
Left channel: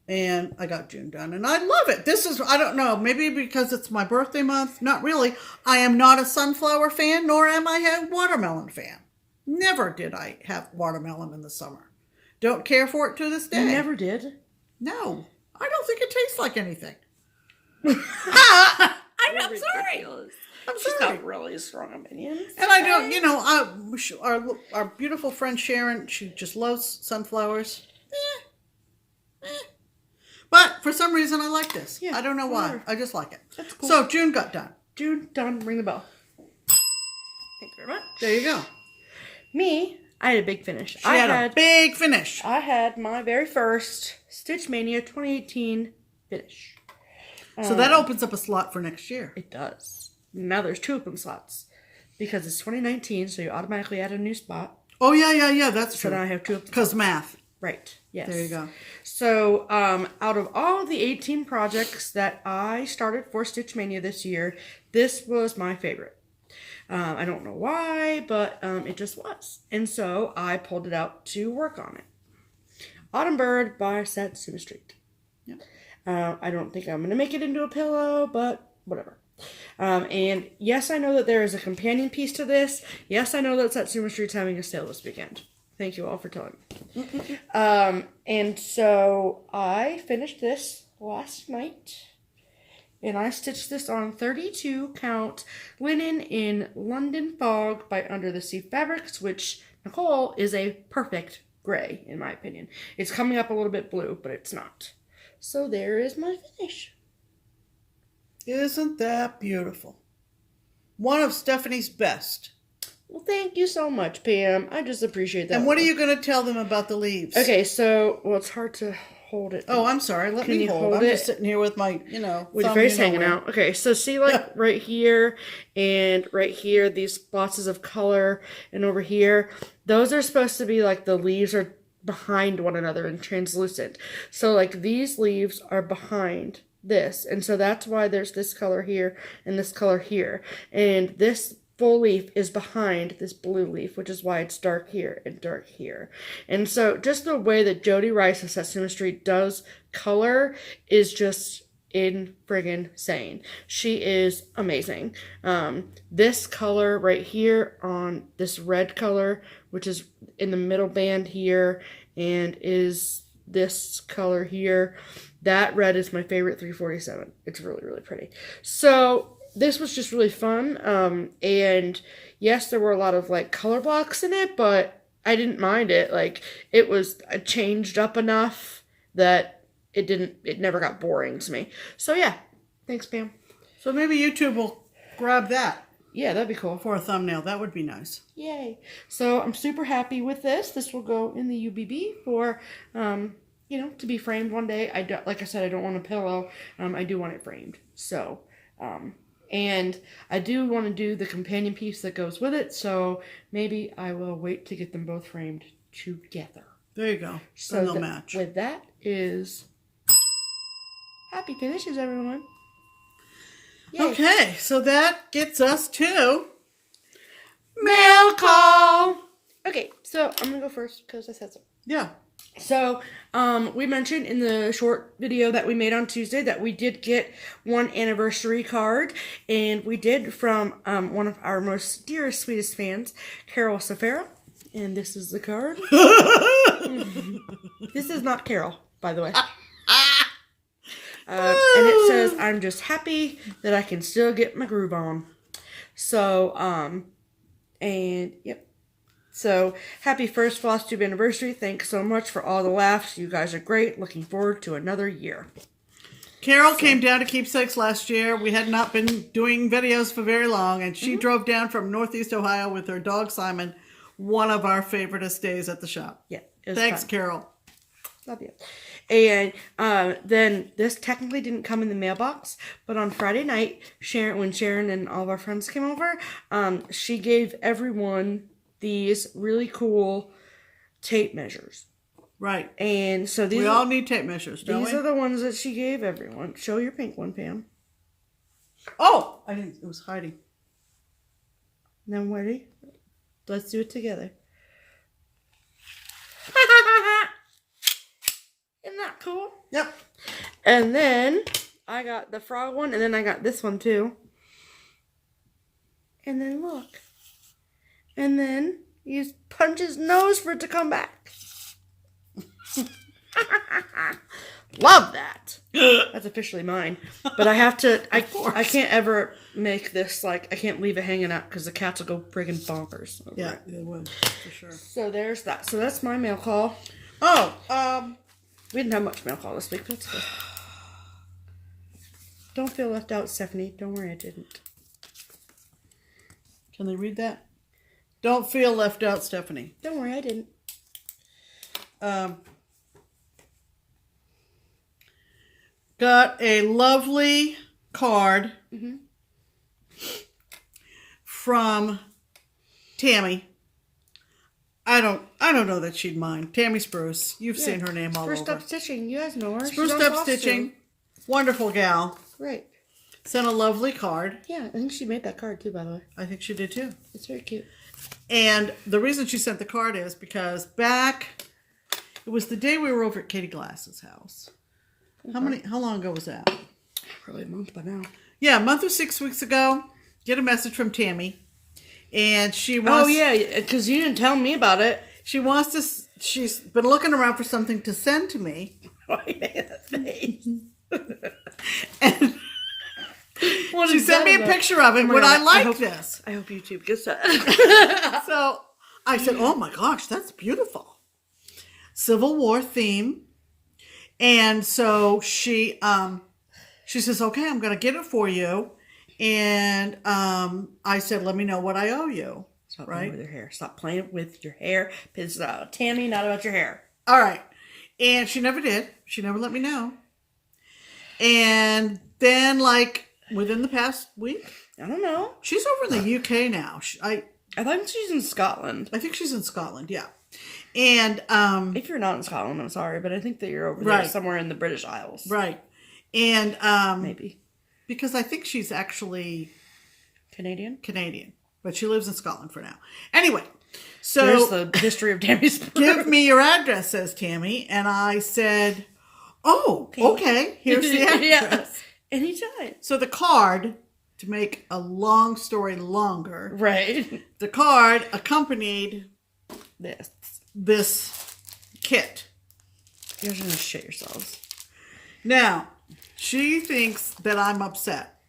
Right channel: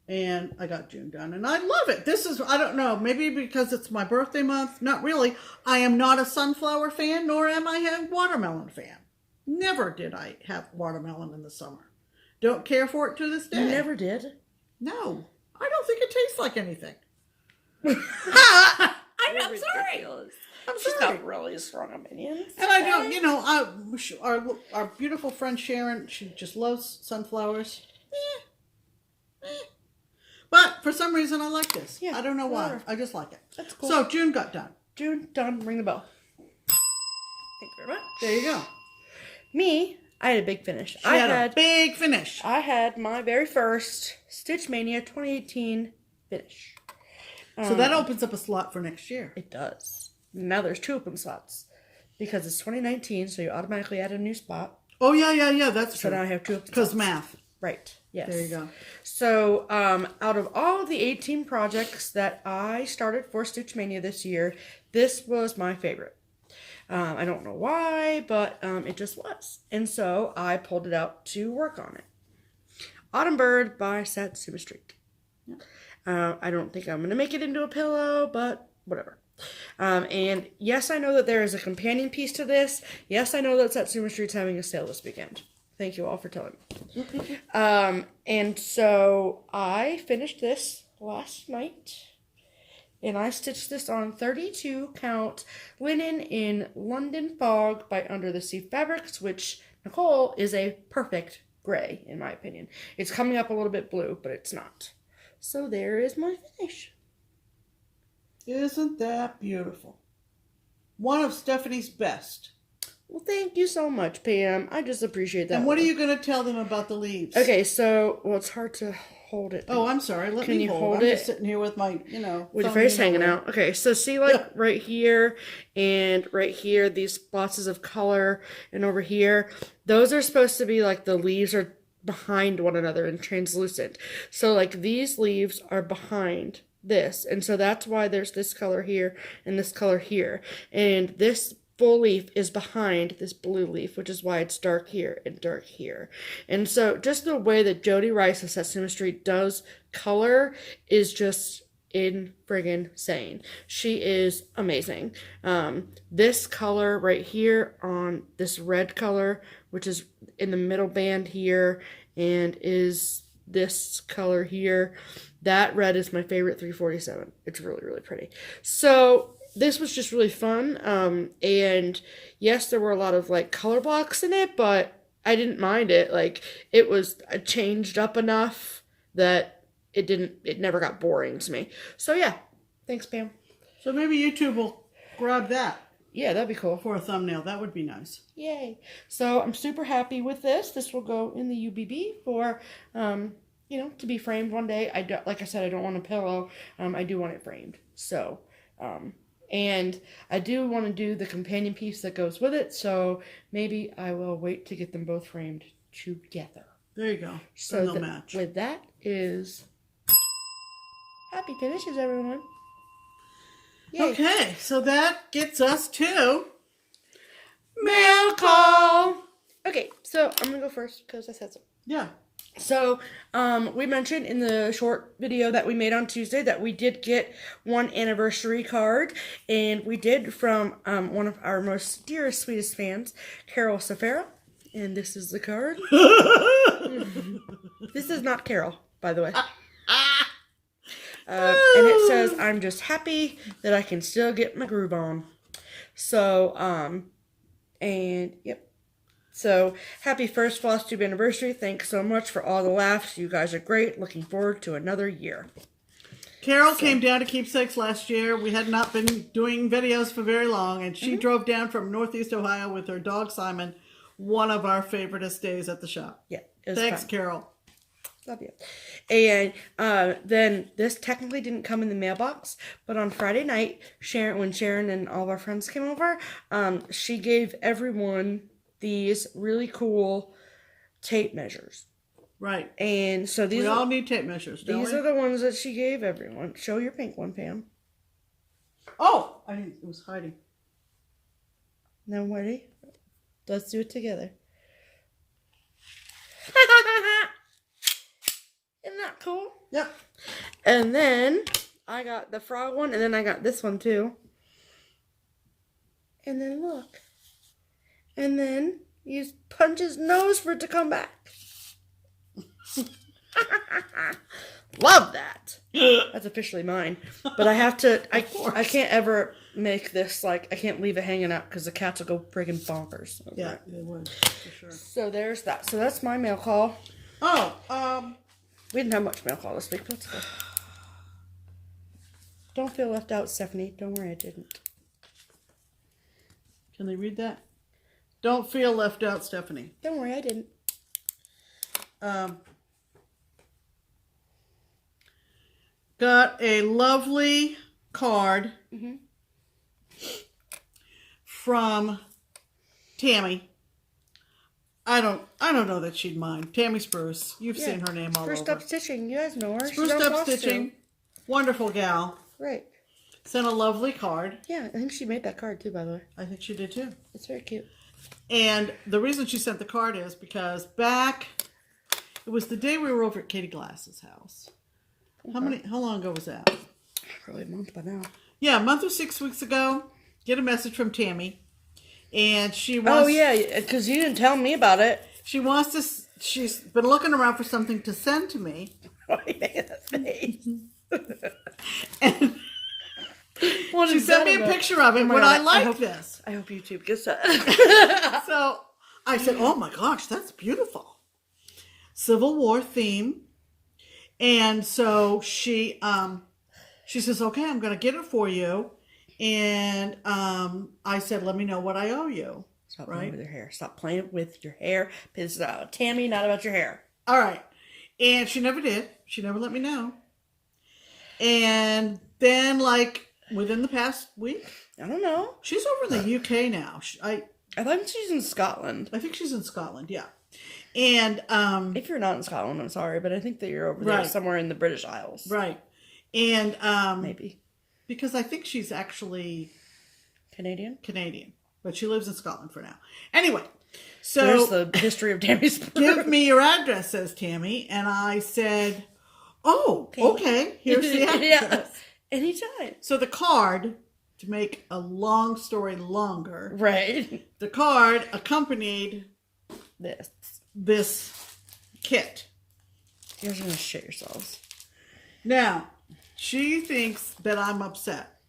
And I got June done. And I love it. This is, I don't know, maybe because it's my birthday month. Not really. I am not a sunflower fan, nor am I a watermelon fan. Never did I have watermelon in the summer. Don't care for it to this day. You never did? No, I don't think it tastes like anything. I'm sorry. I'm She's sorry. got really strong opinions. And I don't, you know, our beautiful friend Sharon, she just loves sunflowers. But for some reason, I like this. Yeah, I don't know why. whatever. I just like it. That's cool. So June got done. June, done. Ring the bell. Thank you very much. There you go. Me, I had a big finish. She had a big finish. I had my very first Stitch Mania 2018 finish. So that opens up a slot for next year. It does. Now there's 2 open slots. Because it's 2019, so you automatically add a new spot. Oh, yeah. That's So true. now I have 2 open slots. Because math. Right. Yes. There you go. So, out of all of the 18 projects that I started for Stitch Mania this year, this was my favorite. I don't know why, but it just was. And so I pulled it out to work on it. Autumn Bird by Satsuma Street. Yeah. I don't think I'm going to make it into a pillow, but whatever. And yes, I know that there is a companion piece to this. Yes, I know that Satsuma Street's having a sale this weekend. Thank you all for telling me. And so I finished this last night. And I stitched this on 32 count linen in London Fog by Under the Sea Fabrics, which, Nicole, is a perfect gray, in my opinion. It's coming up a little bit blue, but it's not. So there is my finish. Isn't that beautiful? One of Stephanie's best. Well, thank you so much, Pam. I just appreciate that. And what are you going to tell them about the leaves? Okay, so, well, it's hard to hold it. Oh, I'm sorry. Let Can me you hold. hold I'm it? just sitting here with my, With your thumb, face hanging out. Okay, so see, like, right here and right here, these splotches of color, and over here, those are supposed to be, like, the leaves are behind one another and translucent. So, like, these leaves are behind this, and so that's why there's this color here and this color here. And this full leaf is behind this blue leaf, which is why it's dark here and dark here. And so just the way that Jody Rice of Satsuma Street does color is just in friggin' sane. She is amazing. This color right here on this red color, which is in the middle band here, and is this color here, that red is my favorite 347. It's really, really pretty. So this was just really fun, and yes, there were a lot of, like, color blocks in it, but I didn't mind it. Like, it was changed up enough that it never got boring to me. So, yeah. Thanks, Pam. So maybe YouTube will grab that. Yeah, that'd be cool. For a thumbnail. That would be nice. Yay. So, I'm super happy with this. This will go in the UBB for, to be framed one day. Like I said, I don't want a pillow. I do want it framed. So, and I do want to do the companion piece that goes with it, so maybe I will wait to get them both framed together. There you go. So they'll match. With that is happy finishes, everyone. Yay. Okay, so that gets us to mail call. Okay, so I'm going to go first because I said so. Yeah. So, we mentioned in the short video that we made on Tuesday that we did get one anniversary card, and we did from one of our most dearest, sweetest fans, Carol Safara, and this is the card. This is not Carol, by the way. And it says, "I'm just happy that I can still get my groove on." So, and yep. So, happy first FlossTube anniversary. Thanks so much for all the laughs. You guys are great. Looking forward to another year. Carol came down to Keepsakes last year. We had not been doing videos for very long, and she drove down from Northeast Ohio with her dog Simon. One of our favoriteest days at the shop. Yeah. It was Thanks, fun. Carol. Love you. And then this technically didn't come in the mailbox, but on Friday night, when Sharon and all of our friends came over, she gave everyone these really cool tape measures. Right. And so we all need tape measures, don't we? These are the ones that she gave everyone. Show your pink one, Pam. Oh, I didn't. It was Hearty. Now, ready? Let's do it together. Isn't that cool? Yep. And then I got the frog one, and then I got this one too. And then look. And then you punch his nose for it to come back. Love that. That's officially mine. But I have to, I can't ever make this, like, I can't leave it hanging out because the cats will go friggin' bonkers. Yeah, they would, for sure. So there's that. So that's my mail call. Oh, we didn't have much mail call this week, but that's good. Don't feel left out, Stephanie. Don't worry, I didn't. Can they read that? Don't feel left out, Stephanie. Don't worry, I didn't. Got a lovely card from Tammy. I don't know that she'd mind. Tammy Spruce. You've seen her name all over. Spruced Up Stitching. You guys know her. Spruced Up Stitching. Wonderful gal. Right. Sent a lovely card. Yeah, I think she made that card too, by the way. I think she did too. It's very cute. And the reason she sent the card is because it was the day we were over at Katie Glass's house. Okay. How long ago was that? Probably a month by now. Yeah, a month or 6 weeks ago. Get a message from Tammy. And she wants... Oh, yeah, because you didn't tell me about it. She wants to... She's been looking around for something to send to me. Oh, yeah, that face. And she sent me a picture of it when I liked this. I hope YouTube gets that. So I said, oh my gosh, that's beautiful. Civil War theme. And so she says, okay, I'm going to get it for you. And I said, let me know what I owe you. Stop playing with your hair. Stop playing with your hair. It's Tammy, not about your hair. All right. And she never did. She never let me know. And then, like, within the past week, I don't know. she's over in the UK now. I think she's in Scotland. think she's in Scotland, yeah. And if you're not in Scotland, I'm sorry, but I think that you're over there somewhere in the British Isles. Right. And maybe. Because I think she's actually Canadian, but she lives in Scotland for now. Anyway, so there's the history of Tammy's. Give me your address, says Tammy, and I said, "Oh, okay. Here's the address." Yeah. Anytime. So the card, to make a long story longer, right? The card accompanied this kit. You're gonna shit yourselves. Now, she thinks that I'm upset.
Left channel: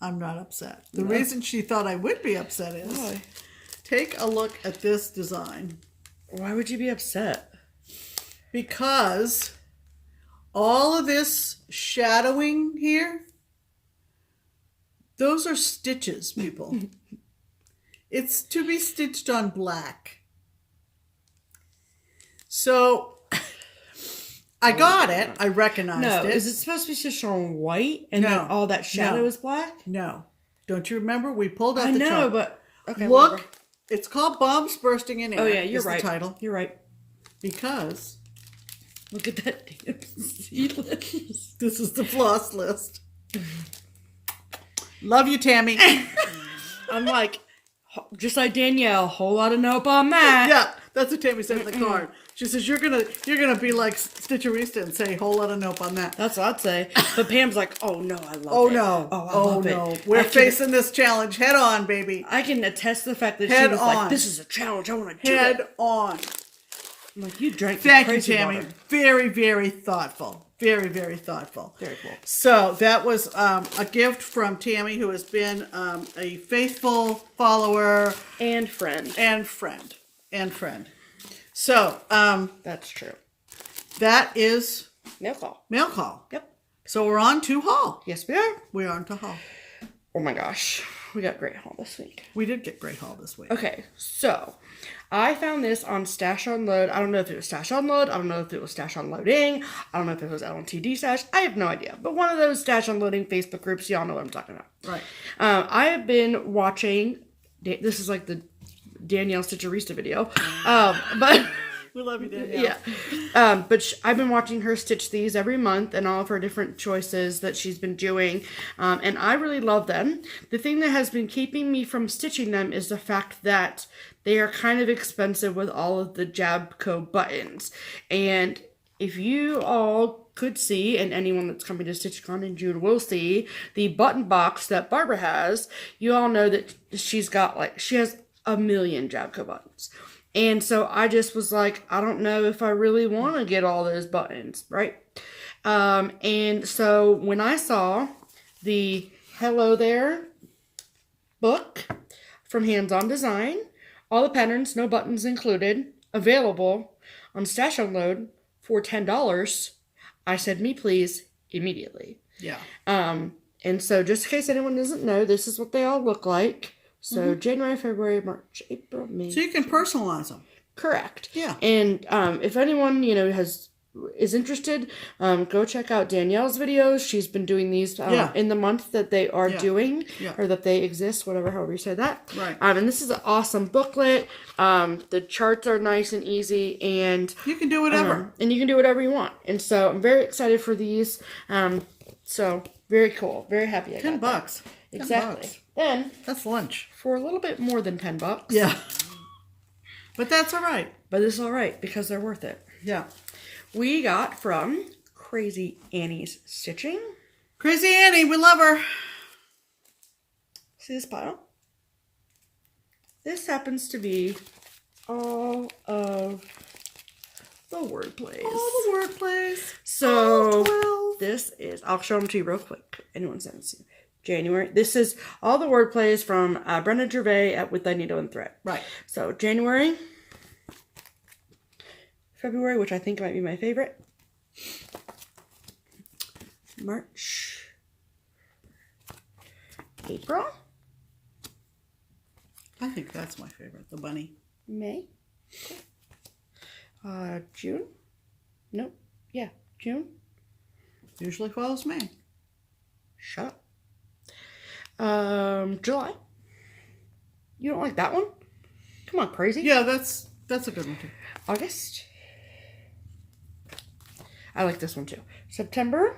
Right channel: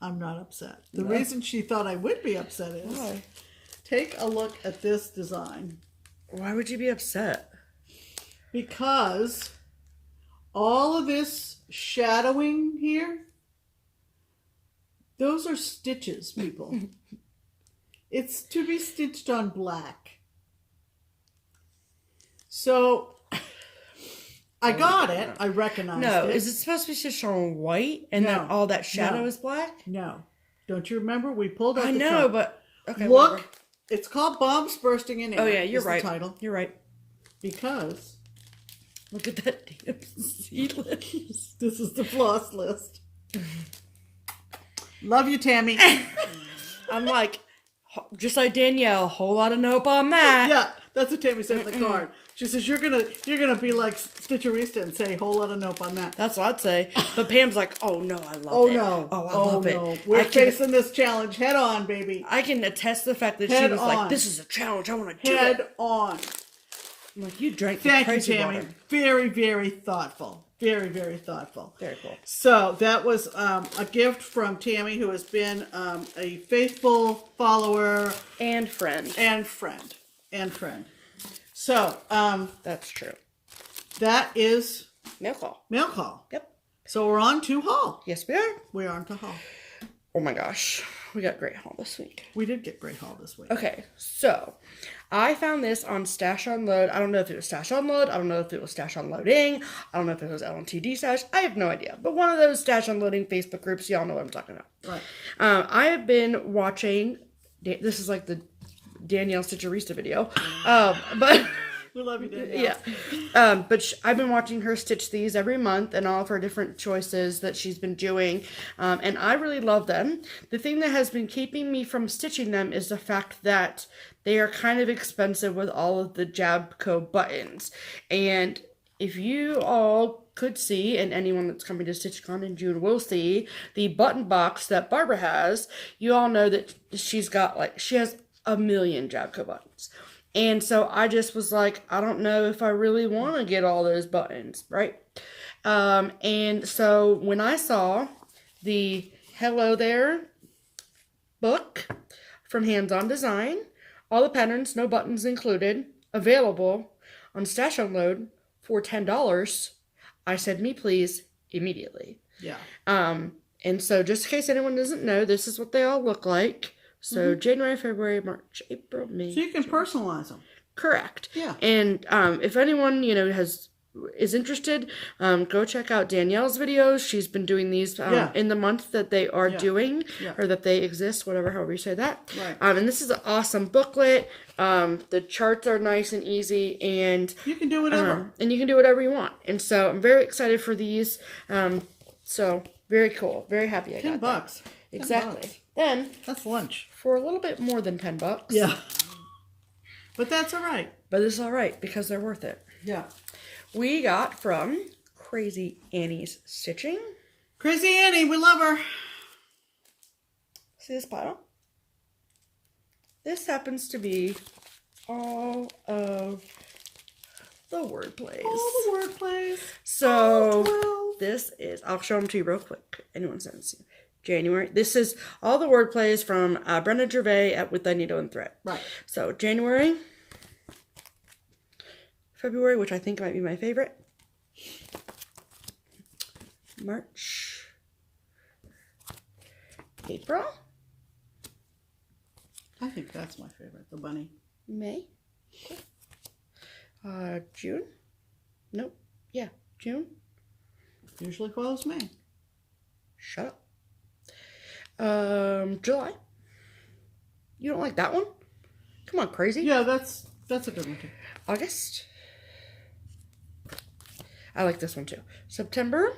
I'm not upset. The reason she thought I would be upset is, why? Take a look at this design. Why would you be upset? Because all of this shadowing here, those are stitches, people. It's to be stitched on black. So I got it. I recognized it. No, is it supposed to be stitched on white and then all that shadow is black? No. Don't you remember? We pulled out I the know, chart. but okay. Look, whatever. It's called Bombs Bursting in Air. Oh yeah, you're is right. The title. You're right. Because look at that damn seed list. This is the floss list. Love you, Tammy. I'm like, just like Danielle, whole lot of nope on that. Yeah, that's what Tammy said in the card. She says you're gonna be like Stitcherista and say whole lot of nope on that. That's what I'd say. But Pam's like, oh no, I love it. Oh no. Oh, I love it. We're facing this challenge head on, baby. I can attest to the fact that she was like, this is a challenge. I want to do it. Head on. I'm like, you drank the Thank you, crazy Tammy. water. Very, very thoughtful. Very, very thoughtful. Very cool. So that was a gift from Tammy, who has been a faithful follower and friend. So that's true. That is mail call. Mail call. Yep. So we're on to haul. Yes, we are. We're on to haul. Oh my gosh, we got great haul this week. We did get great haul this week. Okay, so I found this on Stash Unload. I don't know if it was Stash Unload. I don't know if it was Stash Unloading. I don't know if it was LNTD Stash. I have no idea. But one of those Stash Unloading Facebook groups, y'all know what I'm talking about. Right. I have been watching. This is like the Danielle Stitcherista video. But we love you, Danielle. Yeah. But I've been watching her stitch these every month and all of her different choices that she's been doing. And I really love them. The thing that has been keeping me from stitching them is the fact that they are kind of expensive with all of the Jabco buttons. And if you all could see, and anyone that's coming to StitchCon in June will see, the button box that Barbara has, you all know that she has a million Jabco buttons. And so I just was like, I don't know if I really want to get all those buttons, right? And so when I saw the Hello There book from Hands On Design, all the patterns, no buttons included, available on Stash Unload for $10, I said, me please, immediately. Yeah. And so just in case anyone doesn't know, this is what they all look like. So January, February, March, April, May. So you can personalize them. Correct. Yeah. And if anyone, is interested, go check out Danielle's videos. She's been doing these in the month that they are doing, or that they exist, however you say that. Right. And this is an awesome booklet. The charts are nice and easy, and you can do whatever. And you can do whatever you want. And so I'm very excited for these. So very cool. Very happy I got that. $10. Exactly. Then that's lunch for a little bit more than $10. Yeah. But that's all right. But it's all right because they're worth it. Yeah. We got from Crazy Annie's Stitching. Crazy Annie, we love her. See this pile? This happens to be all of the word plays. All the word plays. So this is, I'll show them to you real quick. Anyone sends it. January. This is all the word plays from Brenda Gervais at With Thy Needle and Thread. Right. So January, February, which I think might be my favorite, March, April. I think that's my favorite, the bunny. May. June. Nope. Yeah, June. Usually follows May. Shut up. July. You don't like that one? Come on, crazy. Yeah, that's a good one too. August. I like this one too. September.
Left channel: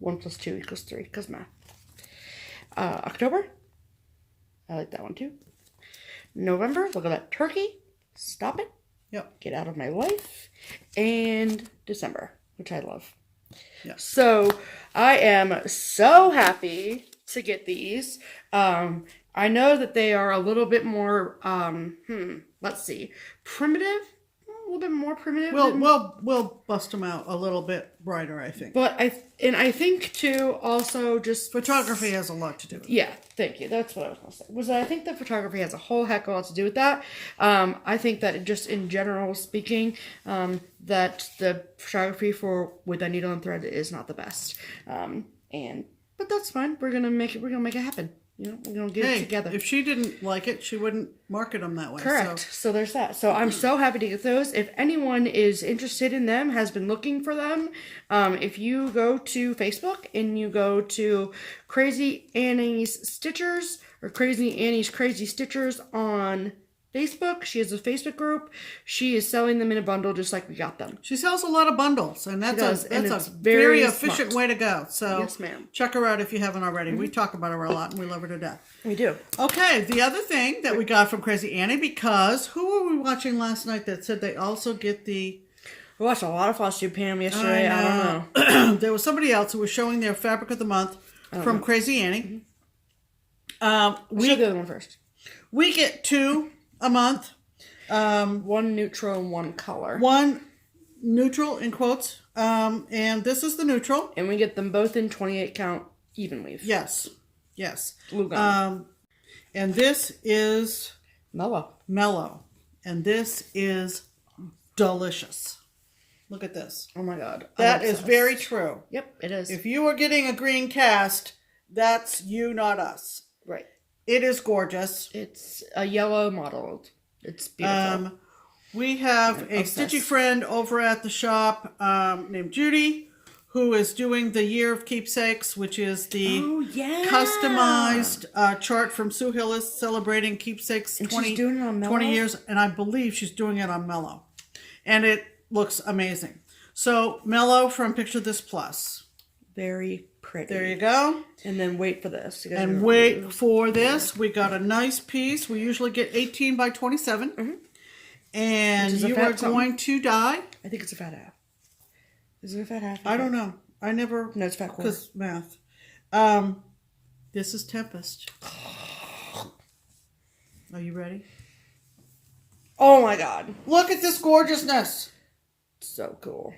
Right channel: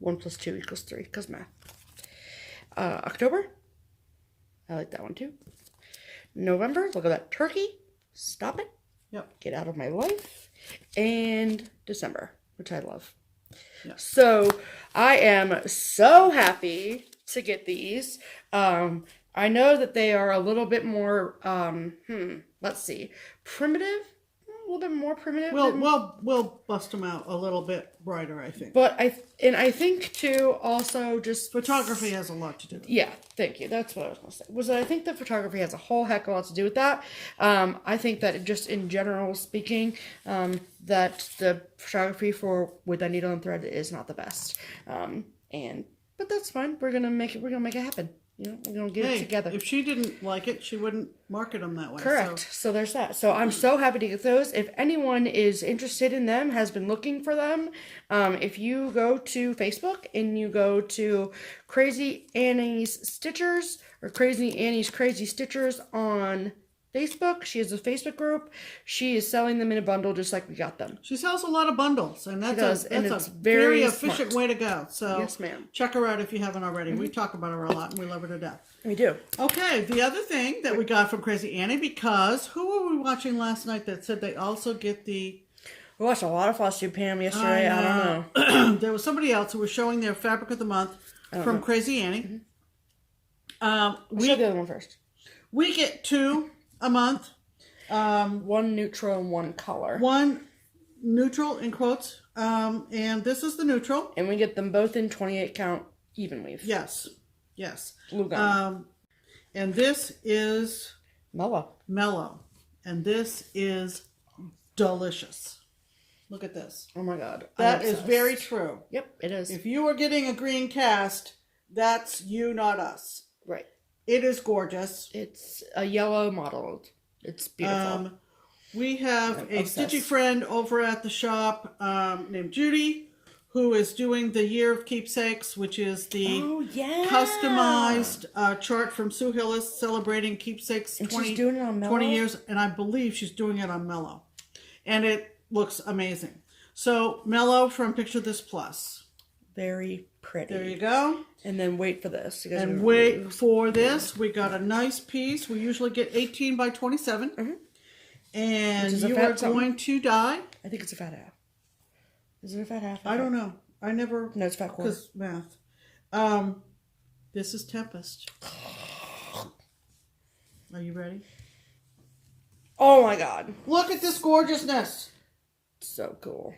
1 + 2 = 3 because math. October. I like that one too. November. Look at that turkey. Stop it. Yep. Get out of my life. And December, which I love. Yeah. So I am so happy to get these. I know that they are a little bit more, let's see, primitive. A little bit more primitive. We'll bust them out a little bit brighter, I think. But I think too, also just photography has a lot to do with it. Yeah, thank you. That's what I was going to say. Was that I think the photography has a whole heck of a lot to do with that. I think that just in general speaking, that the photography for With a Needle and Thread is not the best. But that's fine. We're gonna make it happen. We're gonna get it together. If she didn't like it, she wouldn't market them that way. Correct. So there's that. So I'm so happy to get those. If anyone is interested in them, has been looking for them, if you go to Facebook and you go to Crazy Annie's Stitchers or Crazy Annie's Crazy Stitchers on Facebook, she has a Facebook group. She is selling them in a bundle just like we got them. She sells a lot of bundles, and that's a very efficient way to go. So yes, ma'am. Check her out if you haven't already. We talk about her a lot, and we love her to death. We do. Okay, the other thing that we got from Crazy Annie, because who were we watching last night that said they also get the... We watched a lot of FlossTube Pam yesterday. I don't know. There was somebody else who was showing their Fabric of the Month from Crazy Annie. We show the other one first. We get 2 a month. One neutral and one color. One neutral in quotes. And this is the neutral. And we get them both in 28 count even weave. Yes. Glue gun. And this is mellow. And this is delicious. Look at this. Oh my God. That is very true. Yep, it is. If you were getting a green cast, that's you, not us. Right. It is gorgeous. It's a yellow model. It's beautiful. We have a stitchy friend over at the shop named Judy, who is doing the Year of Keepsakes, which is the customized chart from Sue Hillis celebrating Keepsakes 20 years. And I believe she's doing it on Mellow. And it looks amazing. So Mellow from Picture This Plus. Very pretty. There you go. And then wait for this. And wait for this. We got a nice piece. We usually get 18 by 27. Mm-hmm. And you are going to die. I think it's a fat half. Is it a fat half? I don't know. I never... No, it's fat quarter. Because math. This is Tempest. Are you ready? Oh my God. Look at this gorgeousness. So cool.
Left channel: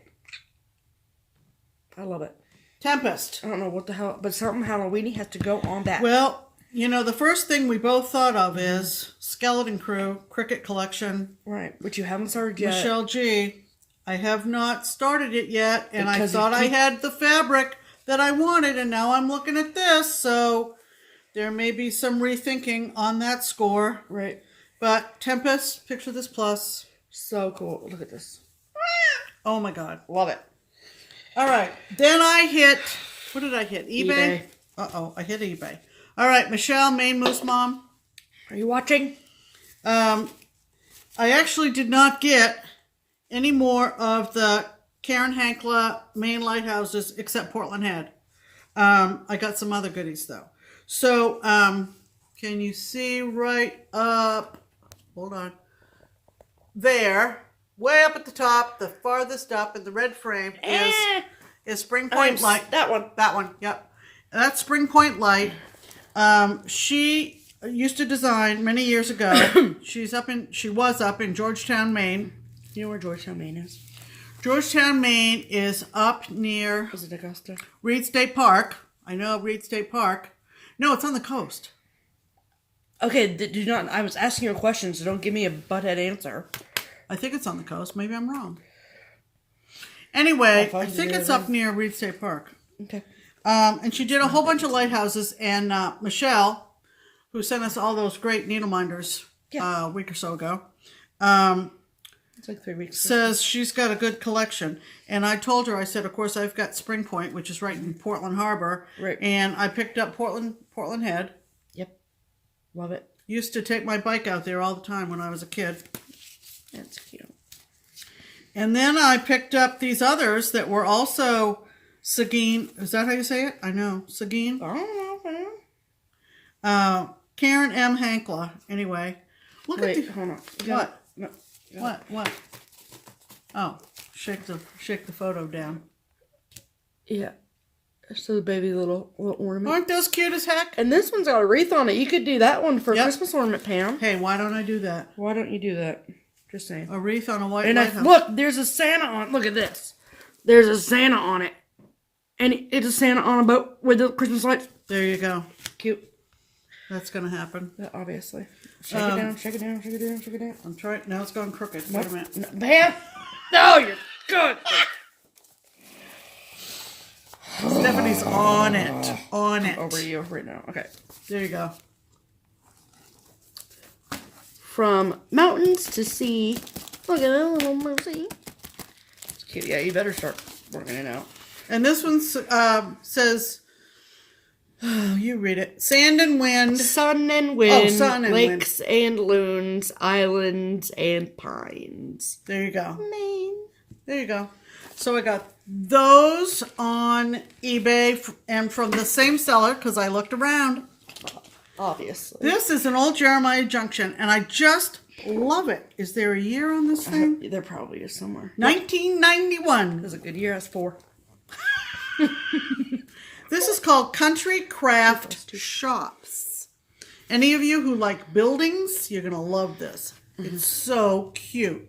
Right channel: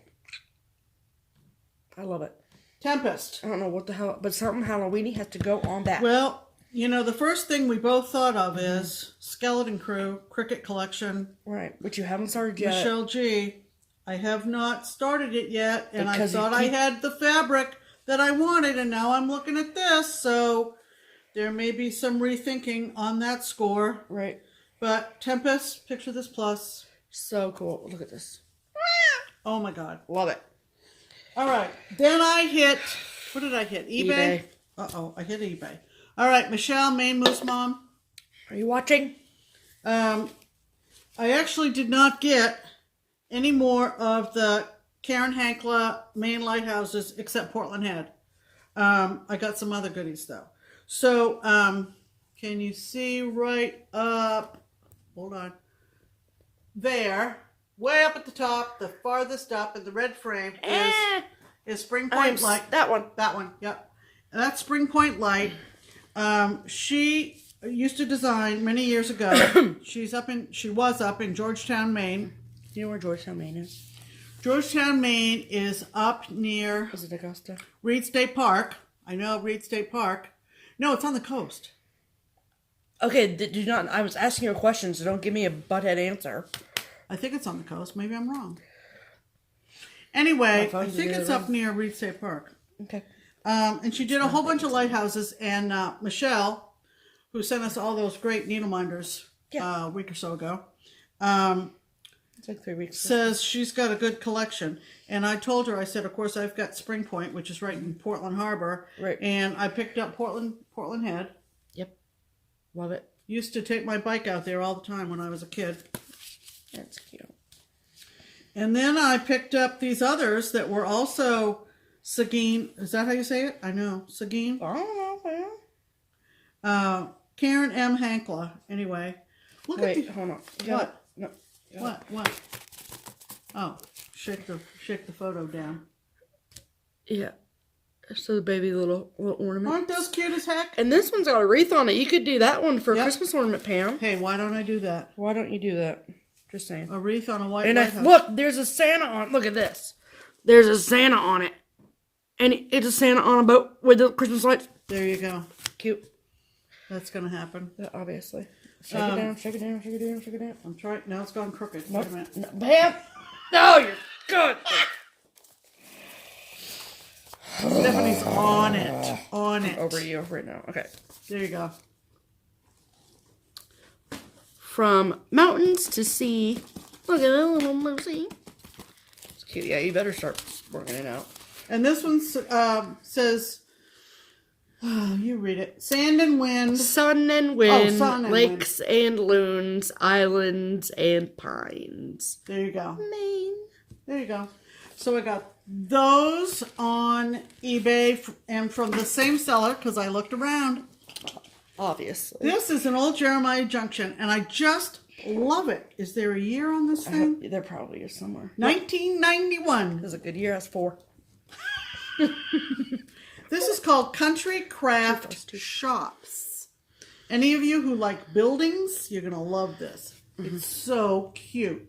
I love it. Tempest. I don't know what the hell, but something Halloweeny has to go on that. Well, you know, the first thing we both thought of is Skeleton Crew, Cricket Collection. Right, which you haven't started yet. Michelle G. I have not started it yet, and Because I thought I had the fabric that I wanted, and now I'm looking at this, so there may be some rethinking on that score. Right. But Tempest, picture this plus. So cool. Look at this. Oh my God. Love it. All right. Then I hit, what did I hit? eBay? Uh-oh, I hit eBay. All right, Michelle, Maine Moose Mom. Are you watching? I actually did not get any more of the Karen Hankla main lighthouses except Portland Head. I got some other goodies though. So, can you see right up, hold on, there, way up at the top, the farthest up in the red frame is Spring Point Light. That one. That one, yep. And that's Spring Point Light. She used to design many years ago. She was up in Georgetown, Maine. Do you know where Georgetown, Maine is? Georgetown, Maine is up near... Is it Augusta? Reed State Park. I know Reed State Park. No, it's on the coast. Okay, do not... I was asking you a question, so don't give me a butthead answer. I think it's on the coast. Maybe I'm wrong. Anyway, I think it's up near Reed State Park. Okay. And she did a whole bunch of lighthouses. And Michelle, who sent us all those great needle minders a week or so ago, it's like 3 weeks. Says she's got a good collection. And I told her, I said, of course, I've got Spring Point, which is right in Portland Harbor. Right. And I picked up Portland Head. Yep. Love it. Used to take my bike out there all the time when I was a kid. That's cute. And then I picked up these others that were also Seguin. Is that how you say it? I know. Seguin. I don't know. Karen M. Hankla. Anyway. Wait, hold on. What? No. What? Oh, shake the photo down. Yeah. So the baby little ornament. Aren't those cute as heck? And this one's got a wreath on it. You could do that one for a Christmas ornament, Pam. Hey, why don't I do that? Why don't you do that? Just saying. A wreath on a white And lighthouse. look, there's a Santa on. Look at this. There's a Santa on it. And it's a Santa on a boat with the Christmas lights. There you go. Cute. That's going to happen. Yeah, obviously. Shake it down, shake it down, shake it down, shake it down. I'm trying. Now it's gone crooked. Nope. Wait a minute. No, Pam! No, you're good. Stephanie's on it. On it. Over you right now. Okay. There you go. From mountains to sea. Look at that little mercy. It's cute. Yeah, you better start working it out. And this one says, oh, you read it. Sand and wind. Sun and wind. Sun and lakes and loons. Islands and pines. There you go. Maine. There you go. So I got those on eBay and from the same seller because I looked around. Obviously. This is an old Jeremiah Junction and I just love it. Is there a year on this thing? There probably is somewhere. 1991. It was a good year. That's 4. This is called Country Craft Shops. Any of you who like buildings, you're going to love this. It's so cute.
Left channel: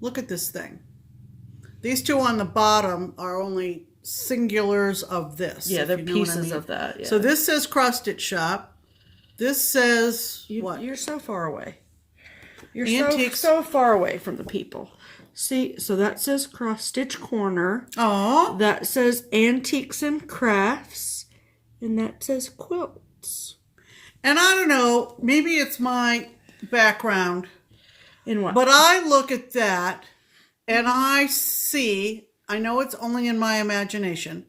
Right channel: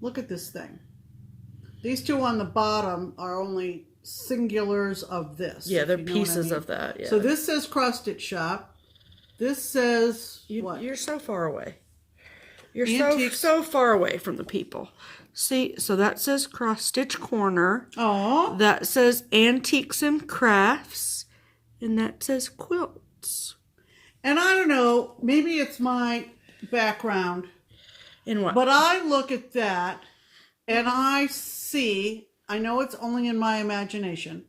Look at this thing. These two on the bottom are only singulars of this. Yeah, they're pieces of that. Yeah. So this says Cross Stitch Shop. This says what? You're so far away. You're Antiques. so far away from the people. See, so that says Cross Stitch Corner. Oh. That says Antiques and Crafts. And that says Quilts. And I don't know, maybe it's my background. In what? But I look at that and I see, I know it's only in my imagination,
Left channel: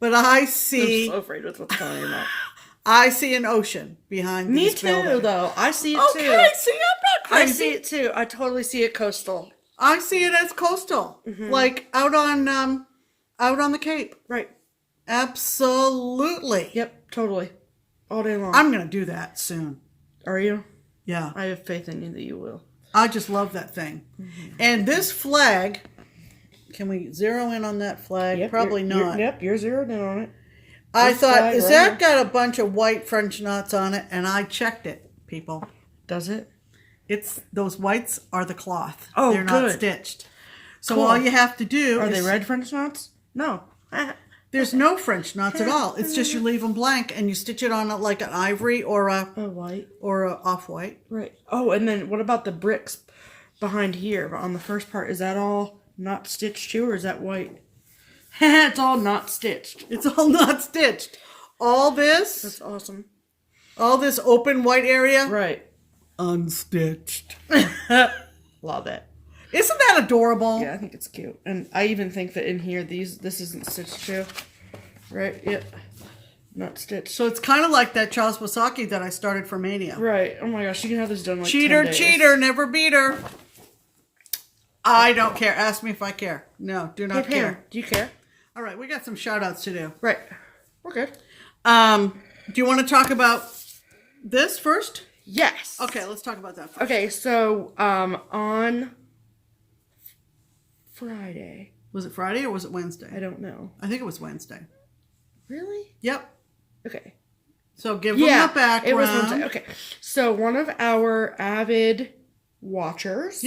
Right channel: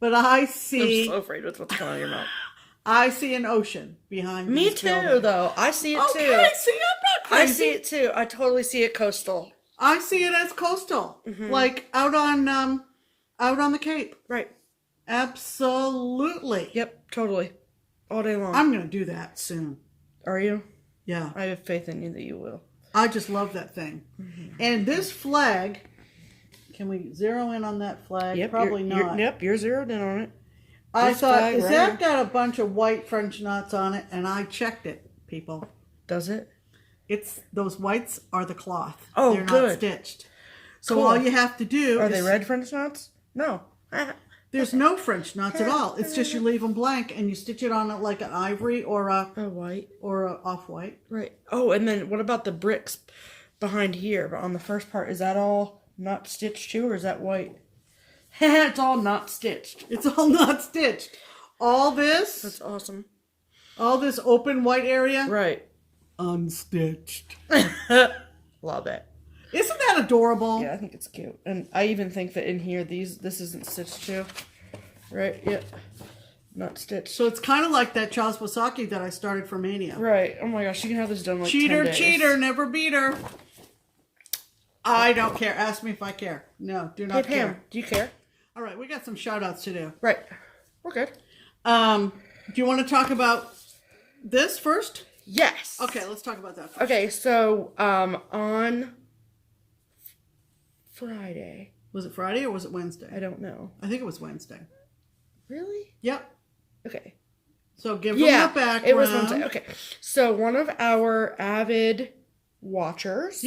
but I see... I'm so afraid with what's going on in your mouth. I see an ocean behind Me these too, buildings. though. I see it too. Okay, see, I'm not crazy. I see it too. I totally see it coastal. I see it as coastal, like out on the Cape. Right. Absolutely. Yep, totally. All day long. I'm gonna do that soon. Are you? Yeah. I have faith in you that you will. I just love that thing. And this flag, can we zero in on that flag? Yep, Probably not. You're zeroed in on it. I This thought, flag is right that here. got a bunch of white French knots on it? And I checked it, people. Does it? It's those whites are the cloth. Oh, They're not good. stitched. So Cool. all you have to do Are is... they red French knots? No. There's no French knots at all. It's just you leave them blank and you stitch it on like an ivory or a white or a off-white. Right. Oh, and then what about the bricks behind here? But on the first part, is that all not stitched too, or is that white? It's all not stitched. It's all not stitched. All this. That's awesome. All this open white area. Right. Unstitched. Love it. Isn't that adorable? Yeah, I think it's cute. And I even think that in here, this isn't stitched too. Right? Yeah. Not stitched. So it's kind of like that Charles Wasaki that I started for Mania. Right. Oh my gosh, you can have this done like cheater, 10 days. cheater, never beat her. I don't care. Ask me if I care. No, do not care. Pam, do you care? All right, we got some shout outs to do. Right. We're good. Do you want to talk about this first? Yes. Okay, let's talk about that first. Okay, so on Friday. Was it Friday or was it Wednesday? I don't know. I think it was Wednesday. Really? Yep. Okay. So give them the background. It was Wednesday. Okay. So one of our avid watchers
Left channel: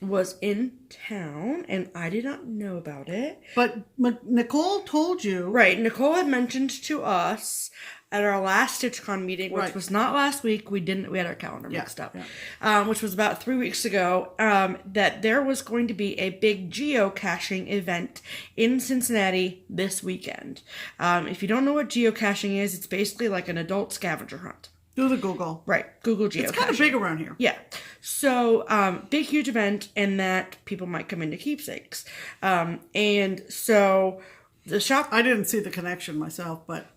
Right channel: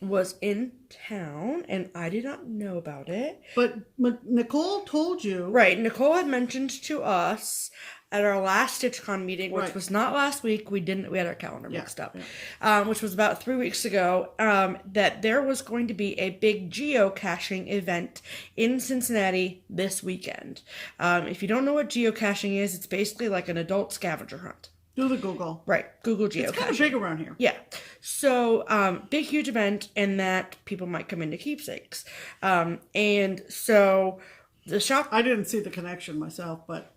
was in town, and I did not know about it. But Nicole told you. Right. Nicole had mentioned to us at our last StitchCon meeting, which was not last week. We had our calendar mixed up. Yeah. Which was about 3 weeks ago, that there was going to be a big geocaching event in Cincinnati this weekend. If you don't know what geocaching is, it's basically like an adult scavenger hunt. Do the Google. Right. Google geocaching. It's kind of big around here. Yeah. So, big, huge event, and that people might come into keepsakes. And so the shop... I didn't see the connection myself, but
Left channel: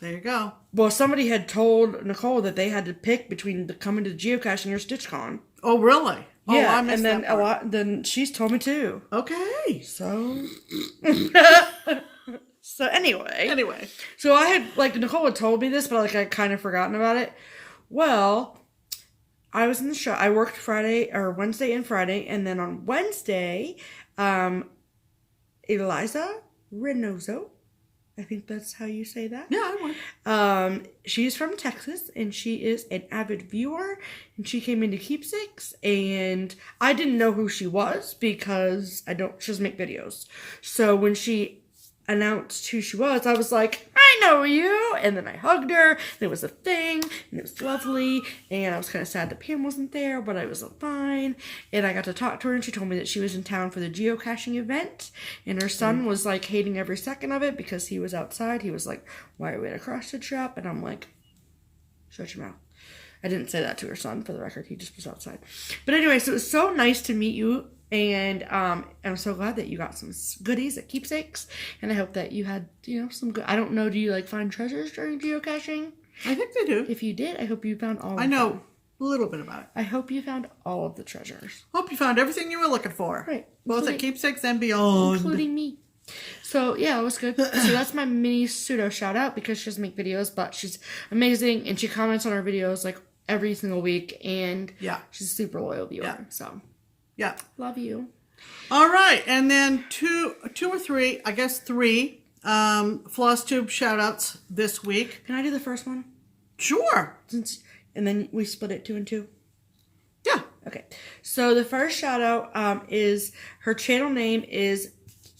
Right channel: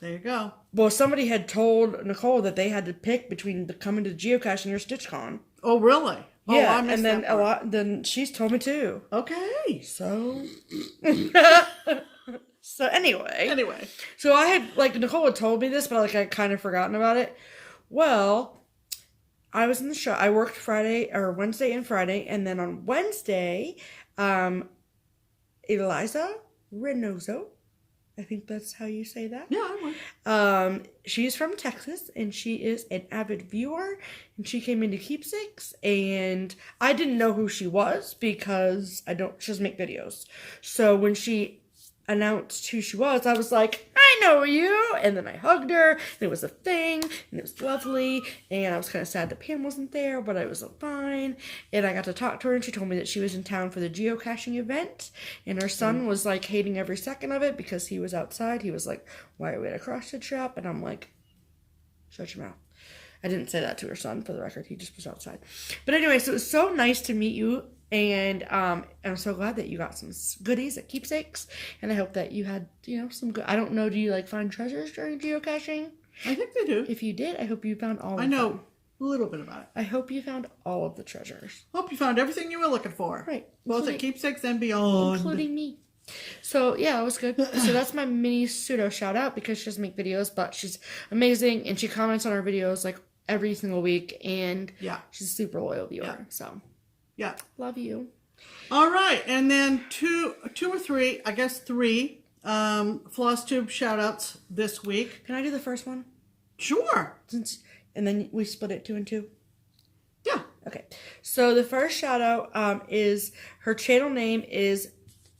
there you go. Well, somebody had told Nicole that they had to pick between coming to geocaching or StitchCon. Oh, really? Yeah, I missed and then that then she's told me too. Okay. So... So anyway. So I had, Nicole had told me this, but I kind of forgotten about it. Well, I was in the shop. I worked Wednesday and Friday, and then on Wednesday, Eliza Reynoso, I think that's how you say that. Yeah, I would. She's from Texas, and she is an avid viewer, and she came into Keepsakes, and I didn't know who she was because she doesn't make videos. So when she announced who she was, I was like, I know you, and then I hugged her, and it was a thing, and it was lovely, and I was kind of sad that Pam wasn't there, but I was fine, and I got to talk to her, and she told me that she was in town for the geocaching event, and her son was hating every second of it because he was outside. He was like, why are we at a cross-stitch shop? And I'm like, shut your mouth. I didn't say that to her son, for the record. He just was outside. But anyway, so it was so nice to meet you. And I'm so glad that you got some goodies at Keepsakes. And I hope that you had, some good... I don't know, do you, find treasures during geocaching? I think they do. If you did, I hope you found all of them. I know a little bit about it. I hope you found all of the treasures. Hope you found everything you were looking for. Right. Both at Keepsakes and beyond. Including me. So, yeah, it was good. So that's my mini pseudo shout-out because she doesn't make videos, but she's amazing. And she comments on our videos, every single week. And she's a super loyal viewer. Yeah. So... yeah. Love you. All right. And then two or three, I guess three, FlossTube shout-outs this week. Can I do the first one? Sure. And then we split it 2 and 2? Yeah. Okay. So the first shout-out is, her channel name is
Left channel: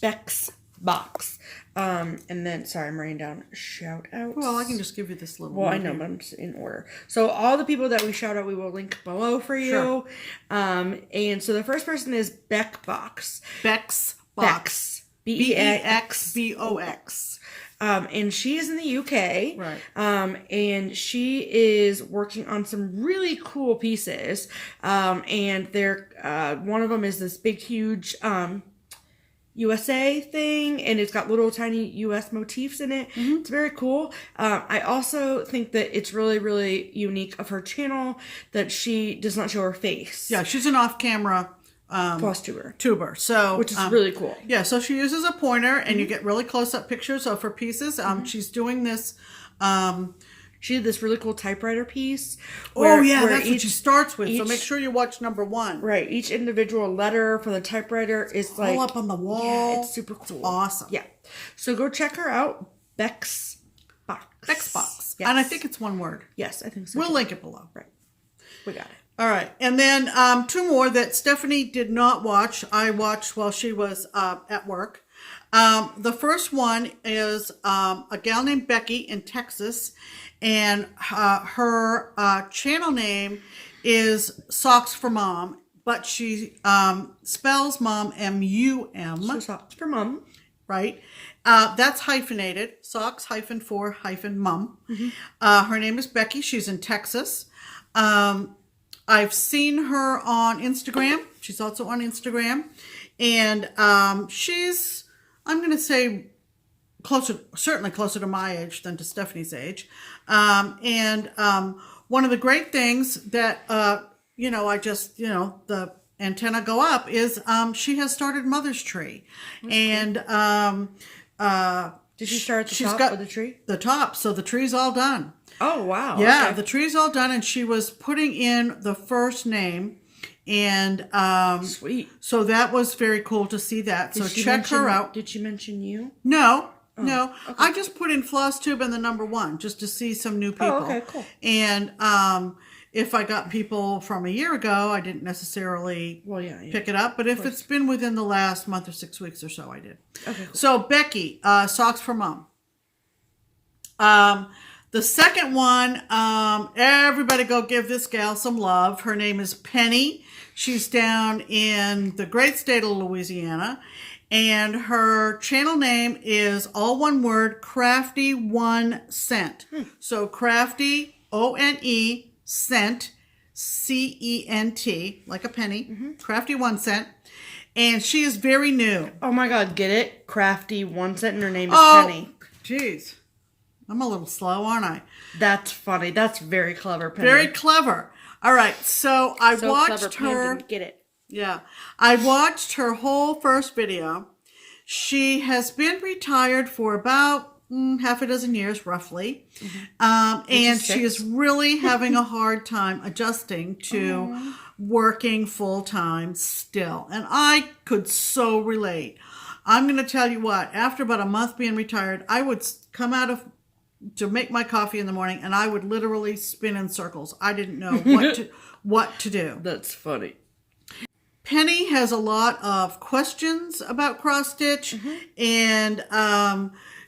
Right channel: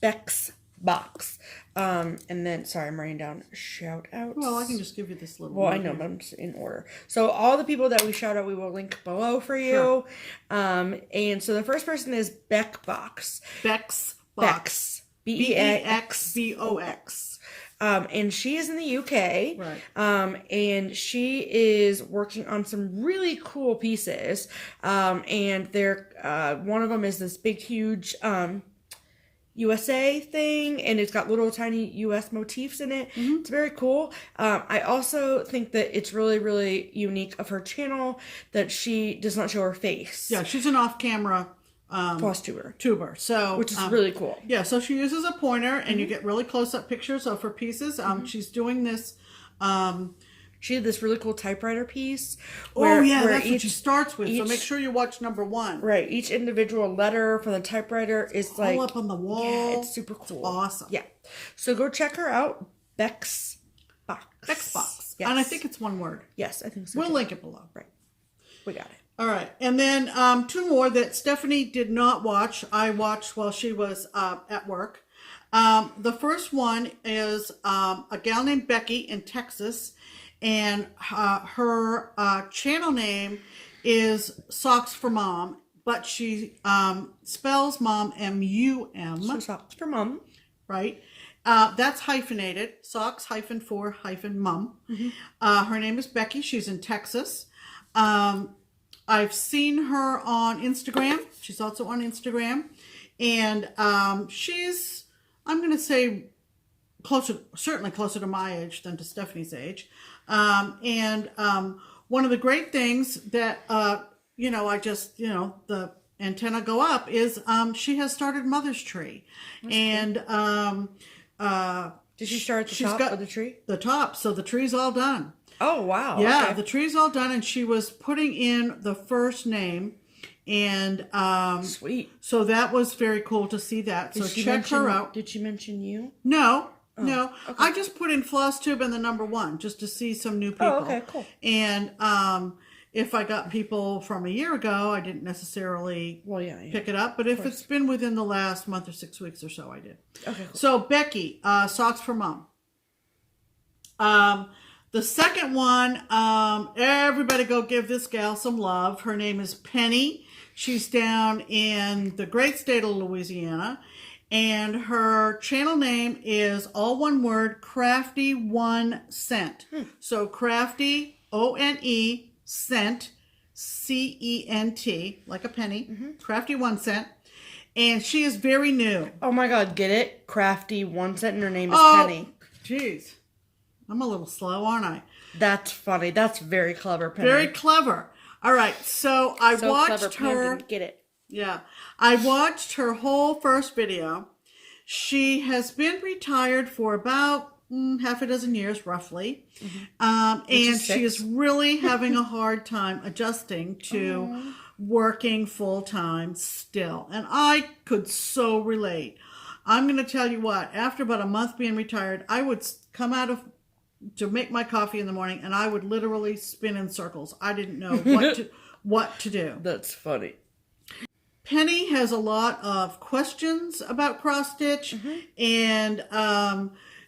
Beck's Box. And then, sorry, I'm writing down shout-outs. Well, I can just give you this little Well, I know, but I'm just in order. So all the people that we shout out, we will link below for you. Sure. And so the first person is Beck Box. Beck's Box. BEXBOX. And she is in the UK. Right. And she is working on some really cool pieces. And they're, one of them is this big, huge, USA thing, and it's got little tiny US motifs in it. Mm-hmm. It's very cool. I also think that it's really, really unique of her channel that she does not show her face. Yeah, she's an off-camera tuber. So which is really cool. Yeah, so she uses a pointer, and you get really close-up pictures of her pieces. She's doing this. She did this really cool typewriter piece. Where that's what she starts with. So make sure you watch number 1. Right. Each individual letter from the typewriter is all up on the wall. Yeah, it's super cool. It's awesome. Yeah. So go check her out. Beck's Box. Beck's Box. Yes. And I think it's one word. Yes, I think so. We'll link it below. Right. We got it. All right. And then 2 more that Stephanie did not watch. I watched while she was at work. The first one is a gal named Becky in Texas, and her channel name is Socks for Mom, but she spells mom M-U-M. So socks for mom. Right? That's hyphenated, socks -for -mum. Her name is Becky. She's in Texas. I've seen her on Instagram. She's also on Instagram. And she's, I'm going to say, certainly closer to my age than to Stephanie's age. And one of the great things that, the antenna go up is she has started Mother's Tree. That's and cool. Did she start the top of the tree? The top, so the tree's all done. Oh, wow. Yeah, okay. The tree's all done, and she was putting in the first name. And sweet. So that was very cool to see that. So check her out. Did she mention you? No. No, okay. I just put in FlossTube and the number 1 just to see some new people. Oh, okay, cool. And if I got people from a year ago, I didn't necessarily pick it up. But if it's been within the last month or 6 weeks or so, I did. Okay, cool. So Becky, Socks for Mom. The second one, everybody go give this gal some love. Her name is Penny. She's down in the great state of Louisiana. And her channel name is all one word, Crafty 1 Cent. So Crafty, O-N-E, Cent, C-E-N-T, like a penny, Crafty 1 Cent. And she is very new. Oh my God, get it? Crafty 1 Cent and her name is Penny. Jeez. I'm a little slow, aren't I? That's funny. That's very clever, Penny. Very clever. All right, so I watched her. Didn't get it. Yeah, I watched her whole first video. She has been retired for about half a dozen years, roughly. And she is really having a hard time adjusting to working full-time still. And I could so relate. I'm going to tell you what, after about a month being retired, I would come out to make my coffee in the morning, and I would literally spin in circles. I didn't know what to do. That's funny. Penny has a lot of questions about cross stitch, and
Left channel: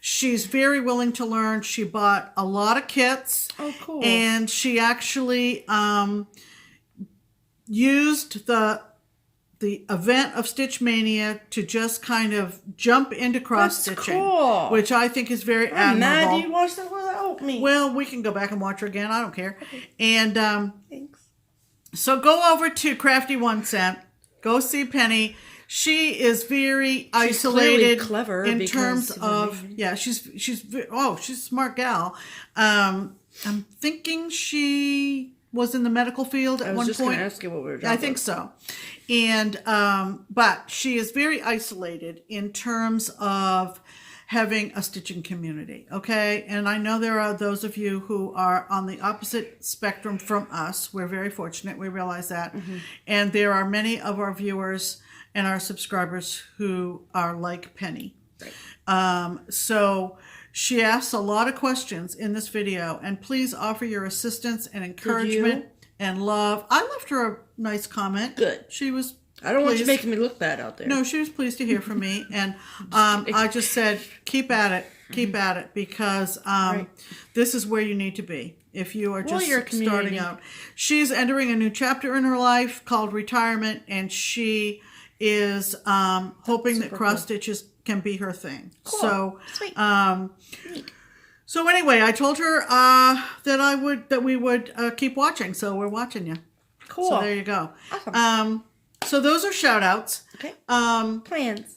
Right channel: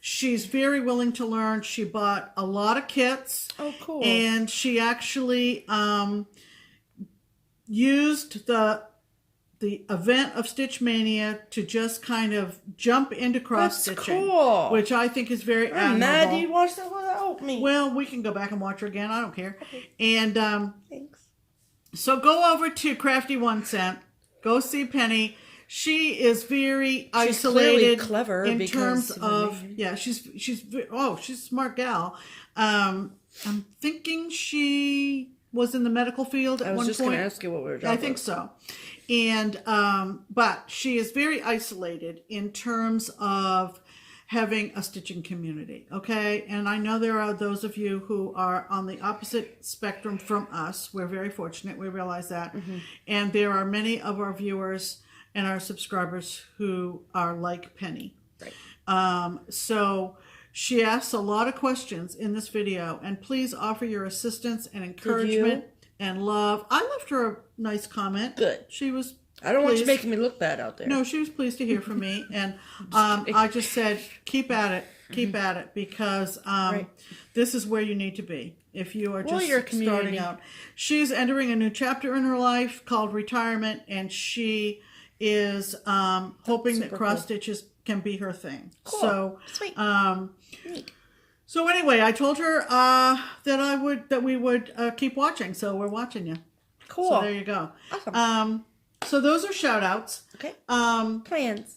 she's very willing to learn. She bought a lot of kits. Oh, cool. And she actually used the event of Stitch Mania to just kind of jump into cross stitching, cool. Which I think is very admirable. Mad you watched that without me. Well, we can go back and watch her again. I don't care. Okay. And thanks. So go over to Crafty 1 Cent. Go see Penny. She is very isolated, clever in terms of she's a smart gal. I'm thinking she was in the medical field at one point. I was just going to ask you what we were talking about. I think so. And but she is very isolated in terms of having a stitching community, okay? And I know there are those of you who are on the opposite spectrum from us. We're very fortunate. We realize that. And there are many of our viewers and our subscribers who are like Penny. Right. So she asks a lot of questions in this video, and please offer your assistance and encouragement and love. I left her a nice comment. Good. She was I don't want you making me look bad out there. No, she was pleased to hear from me. And I just said, keep at it. Keep at it. Because this is where you need to be. If you are just starting out. She's entering a new chapter in her life called retirement. And she is hoping that cross stitches can be her thing. Cool. So, sweet. So anyway, I told her that we would keep watching. So we're watching you. Cool. So there you go. Awesome. So those are shout outs. Okay. Plans.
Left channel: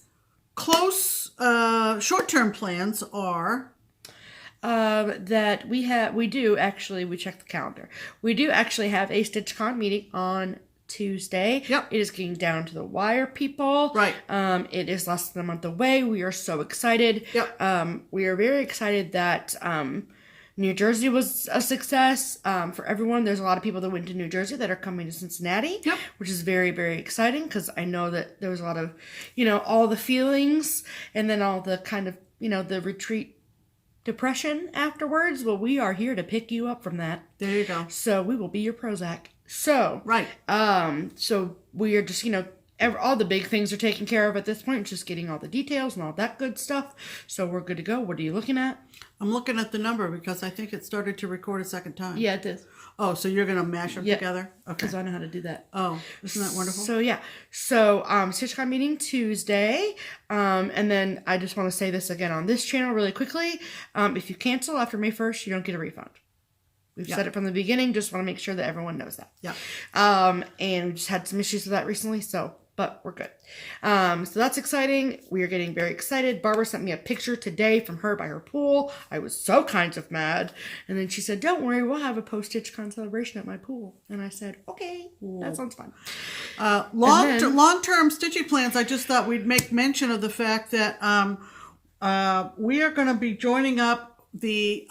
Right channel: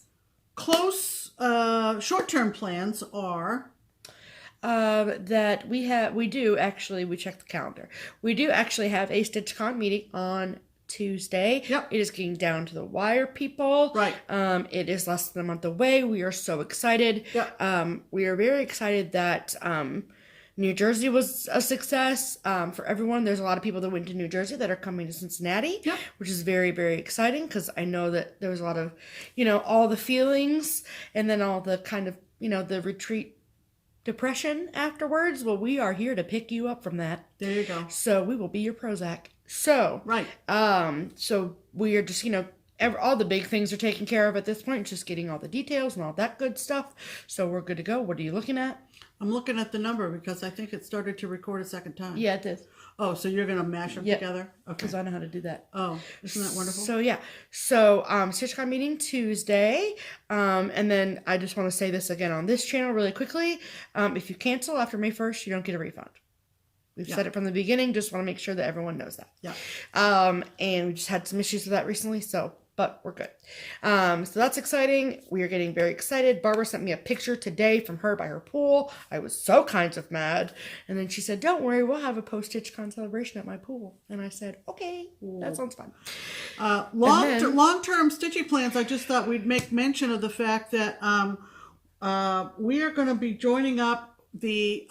Close short-term plans are that we checked the calendar. We do actually have a StitchCon meeting on Tuesday. Yep. It is getting down to the wire, people. Right. It is less than a month away. We are so excited. Yep. We are very excited that New Jersey was a success for everyone. There's a lot of people that went to New Jersey that are coming to Cincinnati, which is very, very exciting because I know that there was a lot of, all the feelings and then all the kind of, the retreat depression afterwards. Well, we are here to pick you up from that. There you go. So we will be your Prozac. So, right. So we are just, all the big things are taken care of at this point. It's just getting all the details and all that good stuff. So we're good to go. What are you looking at? I'm looking at the number because I think it started to record a second time. Yeah, it did. Oh, so you're going to mash them together? Okay. Because I know how to do that. Oh, isn't that wonderful? So, yeah. So, StitchCon meeting Tuesday. And then I just want to say this again on this channel really quickly. If you cancel after May 1st, you don't get a refund. We've said it from the beginning. Just want to make sure that everyone knows that. Yeah. And we just had some issues with that recently. But we're good. So that's exciting. We are getting very excited. Barbara sent me a picture today from her by her pool. I was so kind of mad. And then she said, don't worry, we'll have a post-StitchCon celebration at my pool. And I said, okay, that sounds fun. Long-term stitching plans, I just thought we'd make mention of the fact that we are going to be joining up the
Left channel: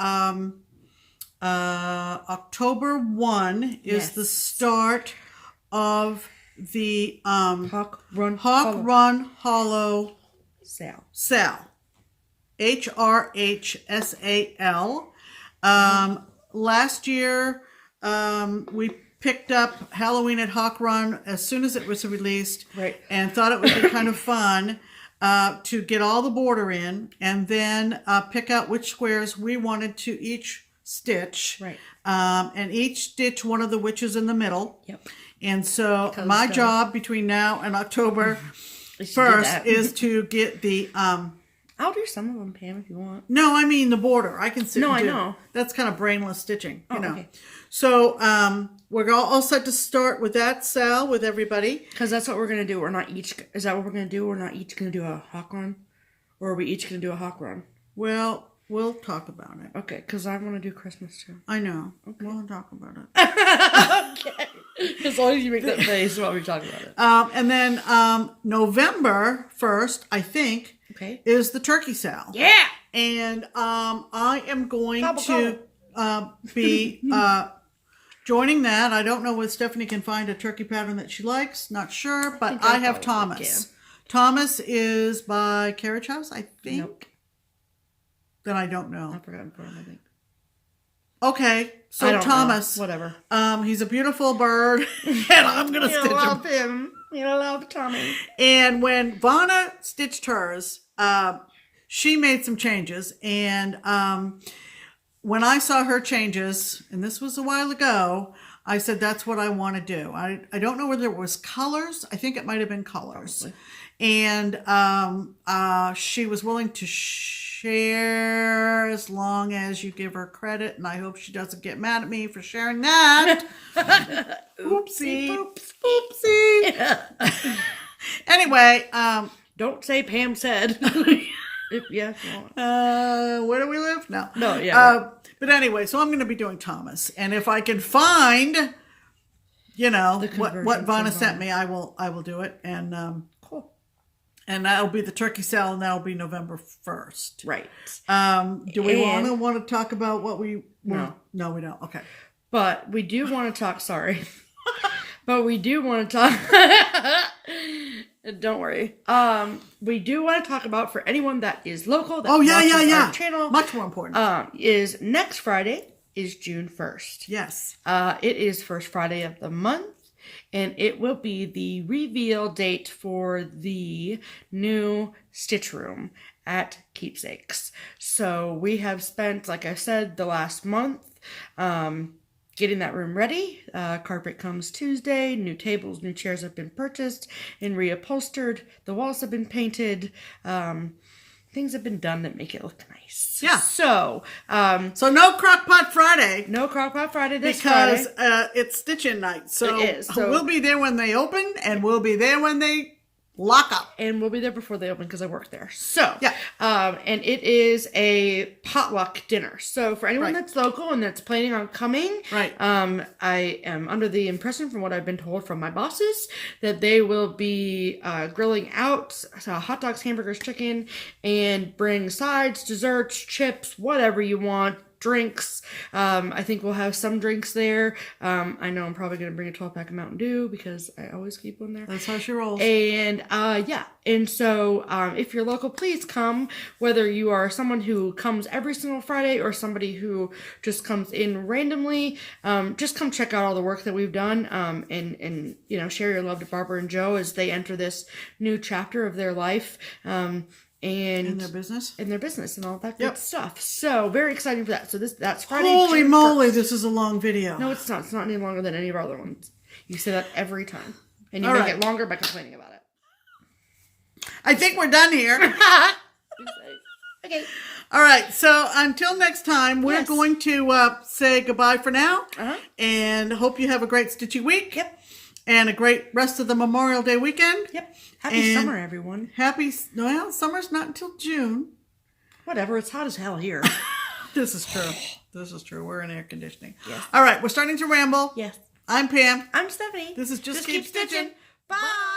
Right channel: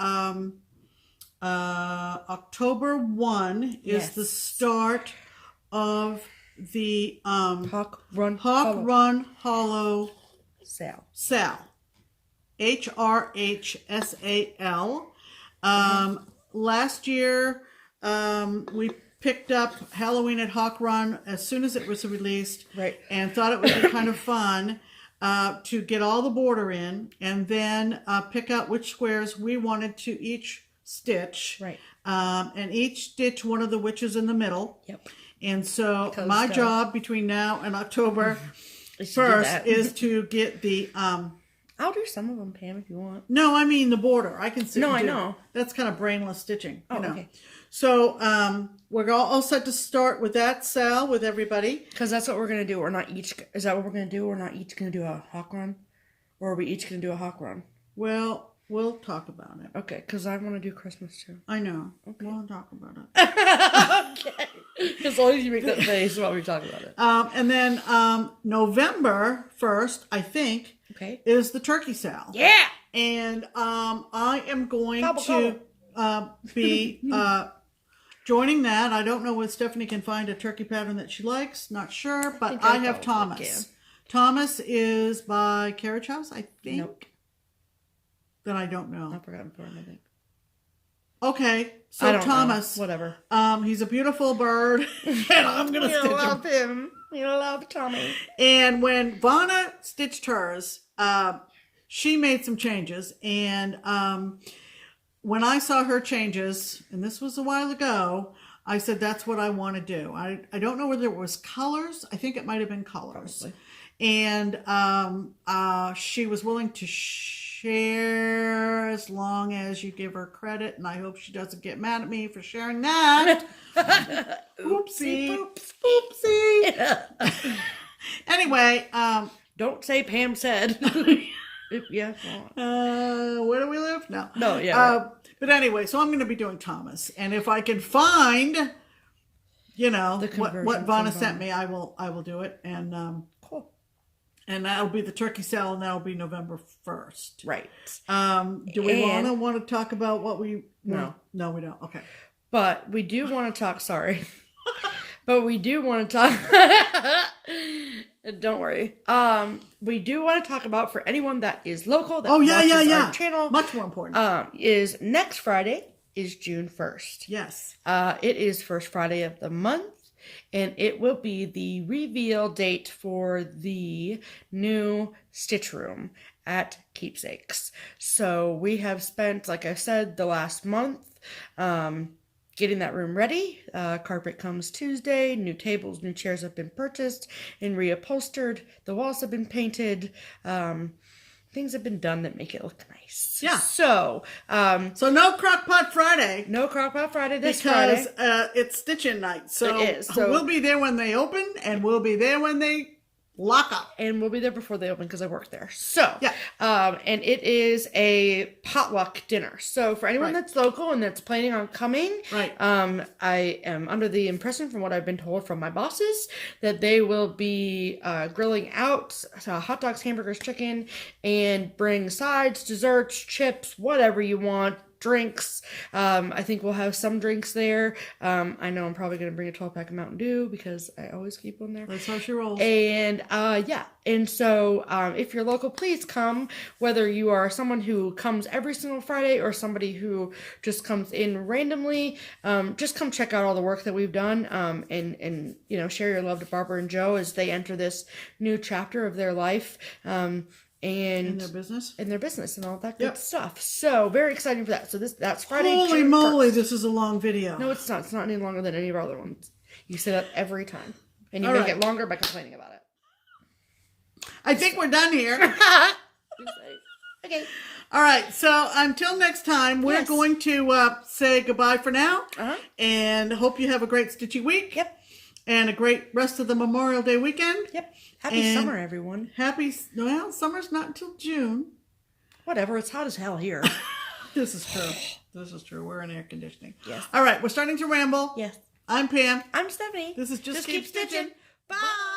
October 1 is the start of the Hawk Run Hollow sale. HRHSAL. Last year, we picked up Halloween at Hawk Run as soon as it was released, right? And thought it would be kind of fun to get all the border in, and then pick out which squares we wanted to each stitch, right? And each stitch one of the witches in the middle. Yep. And so my job between now and October 1st is to get the... I'll do some of them, Pam, if you want. No, I mean the border. I can sit and do. I know. That's kind of brainless stitching. Oh, you know. okay. So we're all set to start with that, Sal, with everybody. Because that's what we're going to do. We're not each... Is that what we're going to do? We're not each going to do a hawk run? Or are we each going to do a hawk run? Well... We'll talk about it. Okay, because I want to do Christmas too. I know. Okay. We'll talk about it. Okay. As long as you make that face while we talk about it. And then November 1st, I think, is the turkey sale. Yeah! And I am going to be joining that. I don't know if Stephanie can find a turkey pattern that she likes. Not sure. But I have Thomas. Thomas is by Carriage House, I think. Nope. Then I don't know. I've forgotten for him, I think. Okay, so Thomas. Know. Whatever. He's a beautiful bird, and I'm going to stitch him. You love Tommy. And when Vanna stitched hers, she made some changes. And when I saw her changes, and this was a while ago, I said, that's what I want to do. I don't know whether it was colors. I think it might have been colors. Probably. And she was willing to share as long as you give her credit, and I hope she doesn't get mad at me for sharing that. Oopsie. Oopsie. Anyway, don't say Pam said. Where do we live? No. Right. But anyway, so I'm going to be doing Thomas, and if I can find, what Vanna sent me, I will do it, and cool. And that'll be the turkey sale, and that'll be November 1st. Right. Do we want to talk about what we... No. No, we don't. Okay. But we do want to talk... Sorry. But we do want to talk... Don't worry. We do want to talk about, for anyone that is local, that watches our channel... Much more important. Is next Friday is June 1st. Yes. It is first Friday of the month. And it will be the reveal date for the new stitch room at Keepsakes. So we have spent, like I said, the last month getting that room ready. Carpet comes Tuesday. New tables, new chairs have been purchased and reupholstered. The walls have been painted. Things have been done that make it look nice. Yeah. So no Crockpot Friday. No Crockpot Friday this Friday. Because it's stitching night. So, it is. So we'll be there when they open, and we'll be there when they lock up. And we'll be there before they open because I work there. So, yeah. And it is a potluck dinner. So for anyone that's local and that's planning on coming, I am under the impression from what I've been told from my bosses that they will be grilling out hot dogs, hamburgers, chicken, and bring sides, desserts, chips, whatever you want. drinks. I think we'll have some drinks there. I know I'm probably going to bring a 12-pack of Mountain Dew because I always keep one there. That's how she rolls. And yeah, and so if you're local, please come. Whether you are someone who comes every single Friday or somebody who just comes in randomly, just come check out all the work that we've done, and you know, share your love to Barbara and Joe as they enter this new chapter of their life. And their business and all that good stuff. So very exciting for that. So that's Friday. Holy June moly, 1st. this is a long video. No, it's not. It's not any longer than any of our other ones. You say that every time, and you All make right. it longer by complaining about it. I think we're done here. Okay. All right. So until next time, we're Yes. going to say goodbye for now. Uh-huh. And hope you have a great stitchy week. Yep. And a great rest of the Memorial Day weekend. Yep. Happy And summer, everyone. Well, summer's not until June. Whatever. It's hot as hell here. This is true. This is true. We're in air conditioning. Yes. All right. We're starting to ramble. Yes. I'm Pam. I'm Stephanie. This is Just Keep Stitching. Bye.